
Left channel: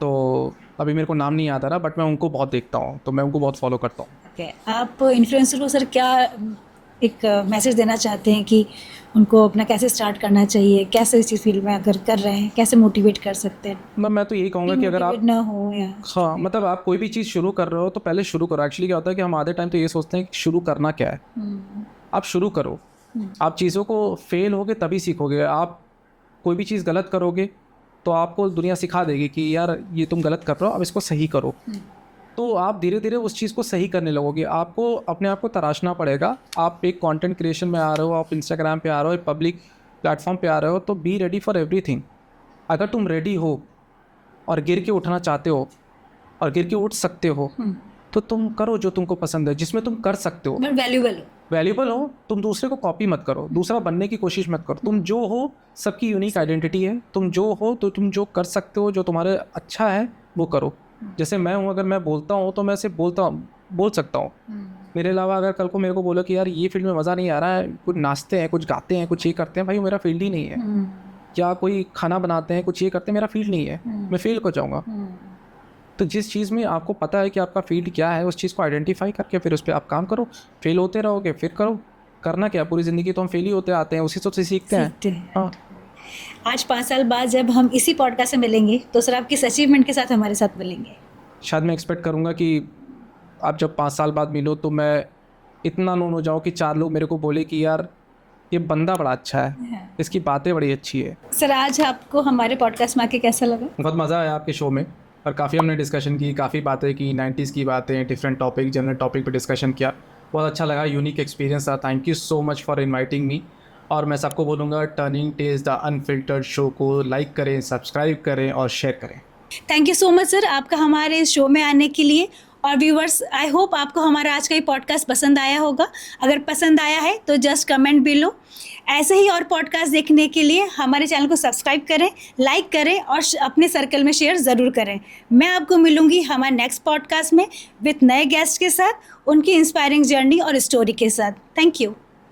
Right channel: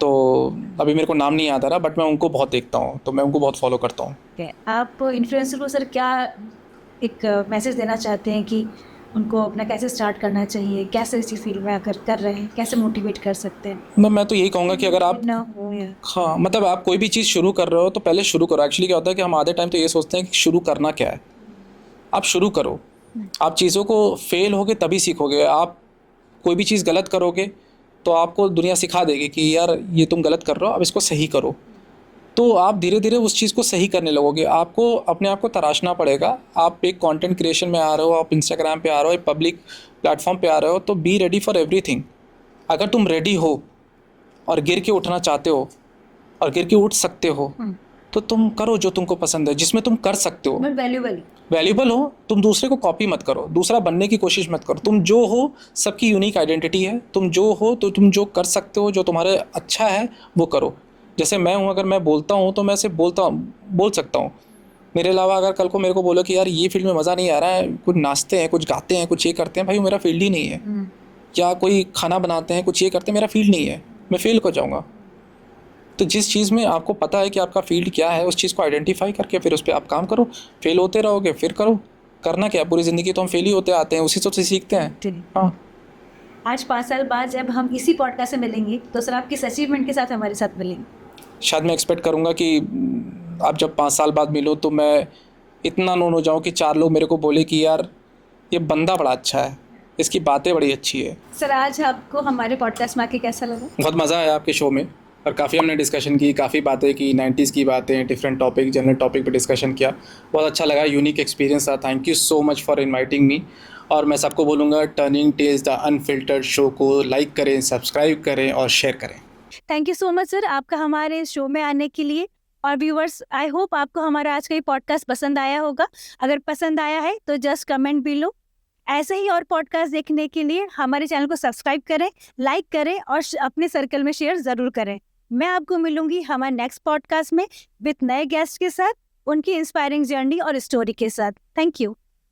तो अभी मेरे को नाम नहीं आता रहा, बट मैं उनको बहुत देखता हूँ, तो मैं उनको बहुत फॉलो करता हूँ। Okay. आप इन्फ्लुएंसर को सर क्या एक मैसेज देना चाहते हैं कि उनको अपना कैसे स्टार्ट करना चाहिए, कैसे इसी फील्ड में अगर कर रहे हैं कैसे मोटिवेट कर सकते हैं? मैं तो यही कहूँगा कि अगर आप Motivate ना हो या हाँ मतलब आप कोई भी चीज़ शुरू कर रहे हो तो पहले शुरू करो। एक्चुअली क्या होता है कि हम आधे टाइम तो ये सोचते हैं कि शुरू करना क्या है। आप शुरू करो। आप चीज़ों को फेल होगे तभी सीखोगे। आप कोई भी चीज़ गलत करोगे तो आपको दुनिया सिखा देगी कि यार ये तुम गलत कर रहे हो, अब इसको सही करो। तो आप धीरे धीरे उस चीज़ को सही करने लगोगे। आपको अपने आप को तराशना पड़ेगा। आप एक कंटेंट क्रिएशन में आ रहे हो, आप इंस्टाग्राम पे आ रहे हो, एक पब्लिक प्लेटफॉर्म पे आ रहे हो, तो बी रेडी फॉर एवरीथिंग। अगर तुम रेडी हो और गिर के उठना चाहते हो और गिर के उठ सकते हो तो तुम करो जो तुमको पसंद है, जिसमें तुम कर सकते हो, वैल्यूबल हो। तुम दूसरे को कॉपी मत करो, दूसरा बनने की कोशिश मत करो। तुम जो हो, सबकी यूनिक आइडेंटिटी है। तुम जो हो तो तुम जो कर सकते हो, जो तुम्हारे अच्छा है वो करो। जैसे मैं हूँ, अगर मैं बोलता हूँ तो मैं सिर्फ बोल सकता हूँ। मेरे अलावा अगर कल को मेरे को बोलो कि यार ये फील्ड में मज़ा नहीं आ रहा है, कुछ नाचते हैं, कुछ गाते हैं, कुछ ये करते हैं, भाई मेरा फील्ड ही नहीं है। या कोई खाना बनाते हैं, कुछ ये करते हैं, मेरा फील्ड नहीं है, मैं फेल हो जाऊँगा। तो जिस चीज़ में आपको पता है कि आपका फील्ड क्या है, उस चीज़ को आइडेंटिफाई करके फिर उस पर आप काम करो। फेल होते रहोगे फिर करो। करना क्या, पूरी ज़िंदगी तो हम फेल ही होते आते हैं, उसी से सीखते हैं। हाँ। आज 5 साल बाद जब हम इसी पॉडकास्ट से मिलेंगे तो सर आप किस अचीवमेंट के साथ हमारे साथ मिलेंगे? शायद मैं एक्सपेक्ट करूँगा कि आप जब 5 साल बाद मिलो तो मैं इतना नोन हो जाऊँ कि 4 लोग मेरे को बोले कि यार ये बंदा बड़ा अच्छा है, इसकी बातें बड़ी अच्छी है। सर आज आपको हमारे पॉडकास्ट में आके कैसा लगा? बहुत मज़ा आया आपके शो में और काफ़ी हमने डिस्कशन की, काफ़ी बातें की, 90s की बातें, डिफरेंट टॉपिक, जनरल टॉपिक पे डिस्कशन किया। बहुत अच्छा लगा, यूनिक एक्सपीरियंस था। Thank you so much for inviting me. और मैं सबको बोलूँगा turning tells the unfiltered show को लाइक करें, सब्सक्राइब करें और शेयर करें। Thank you so much sir आपका हमारे इस शो में आने के लिए। और व्यूवर्स, आई होप आपको हमारा आज का ये पॉडकास्ट पसंद आया होगा। अगर पसंद आया है तो जस्ट कमेंट बिलो। ऐसे ही और पॉडकास्ट देखने के लिए हमारे चैनल को सब्सक्राइब करें, लाइक करें और अपने सर्कल में शेयर ज़रूर करें। मैं आपको मिलूंगी हमारे नेक्स्ट पॉडकास्ट में विथ नए गेस्ट के साथ, उनकी इंस्पायरिंग जर्नी और स्टोरी के साथ। Thank you.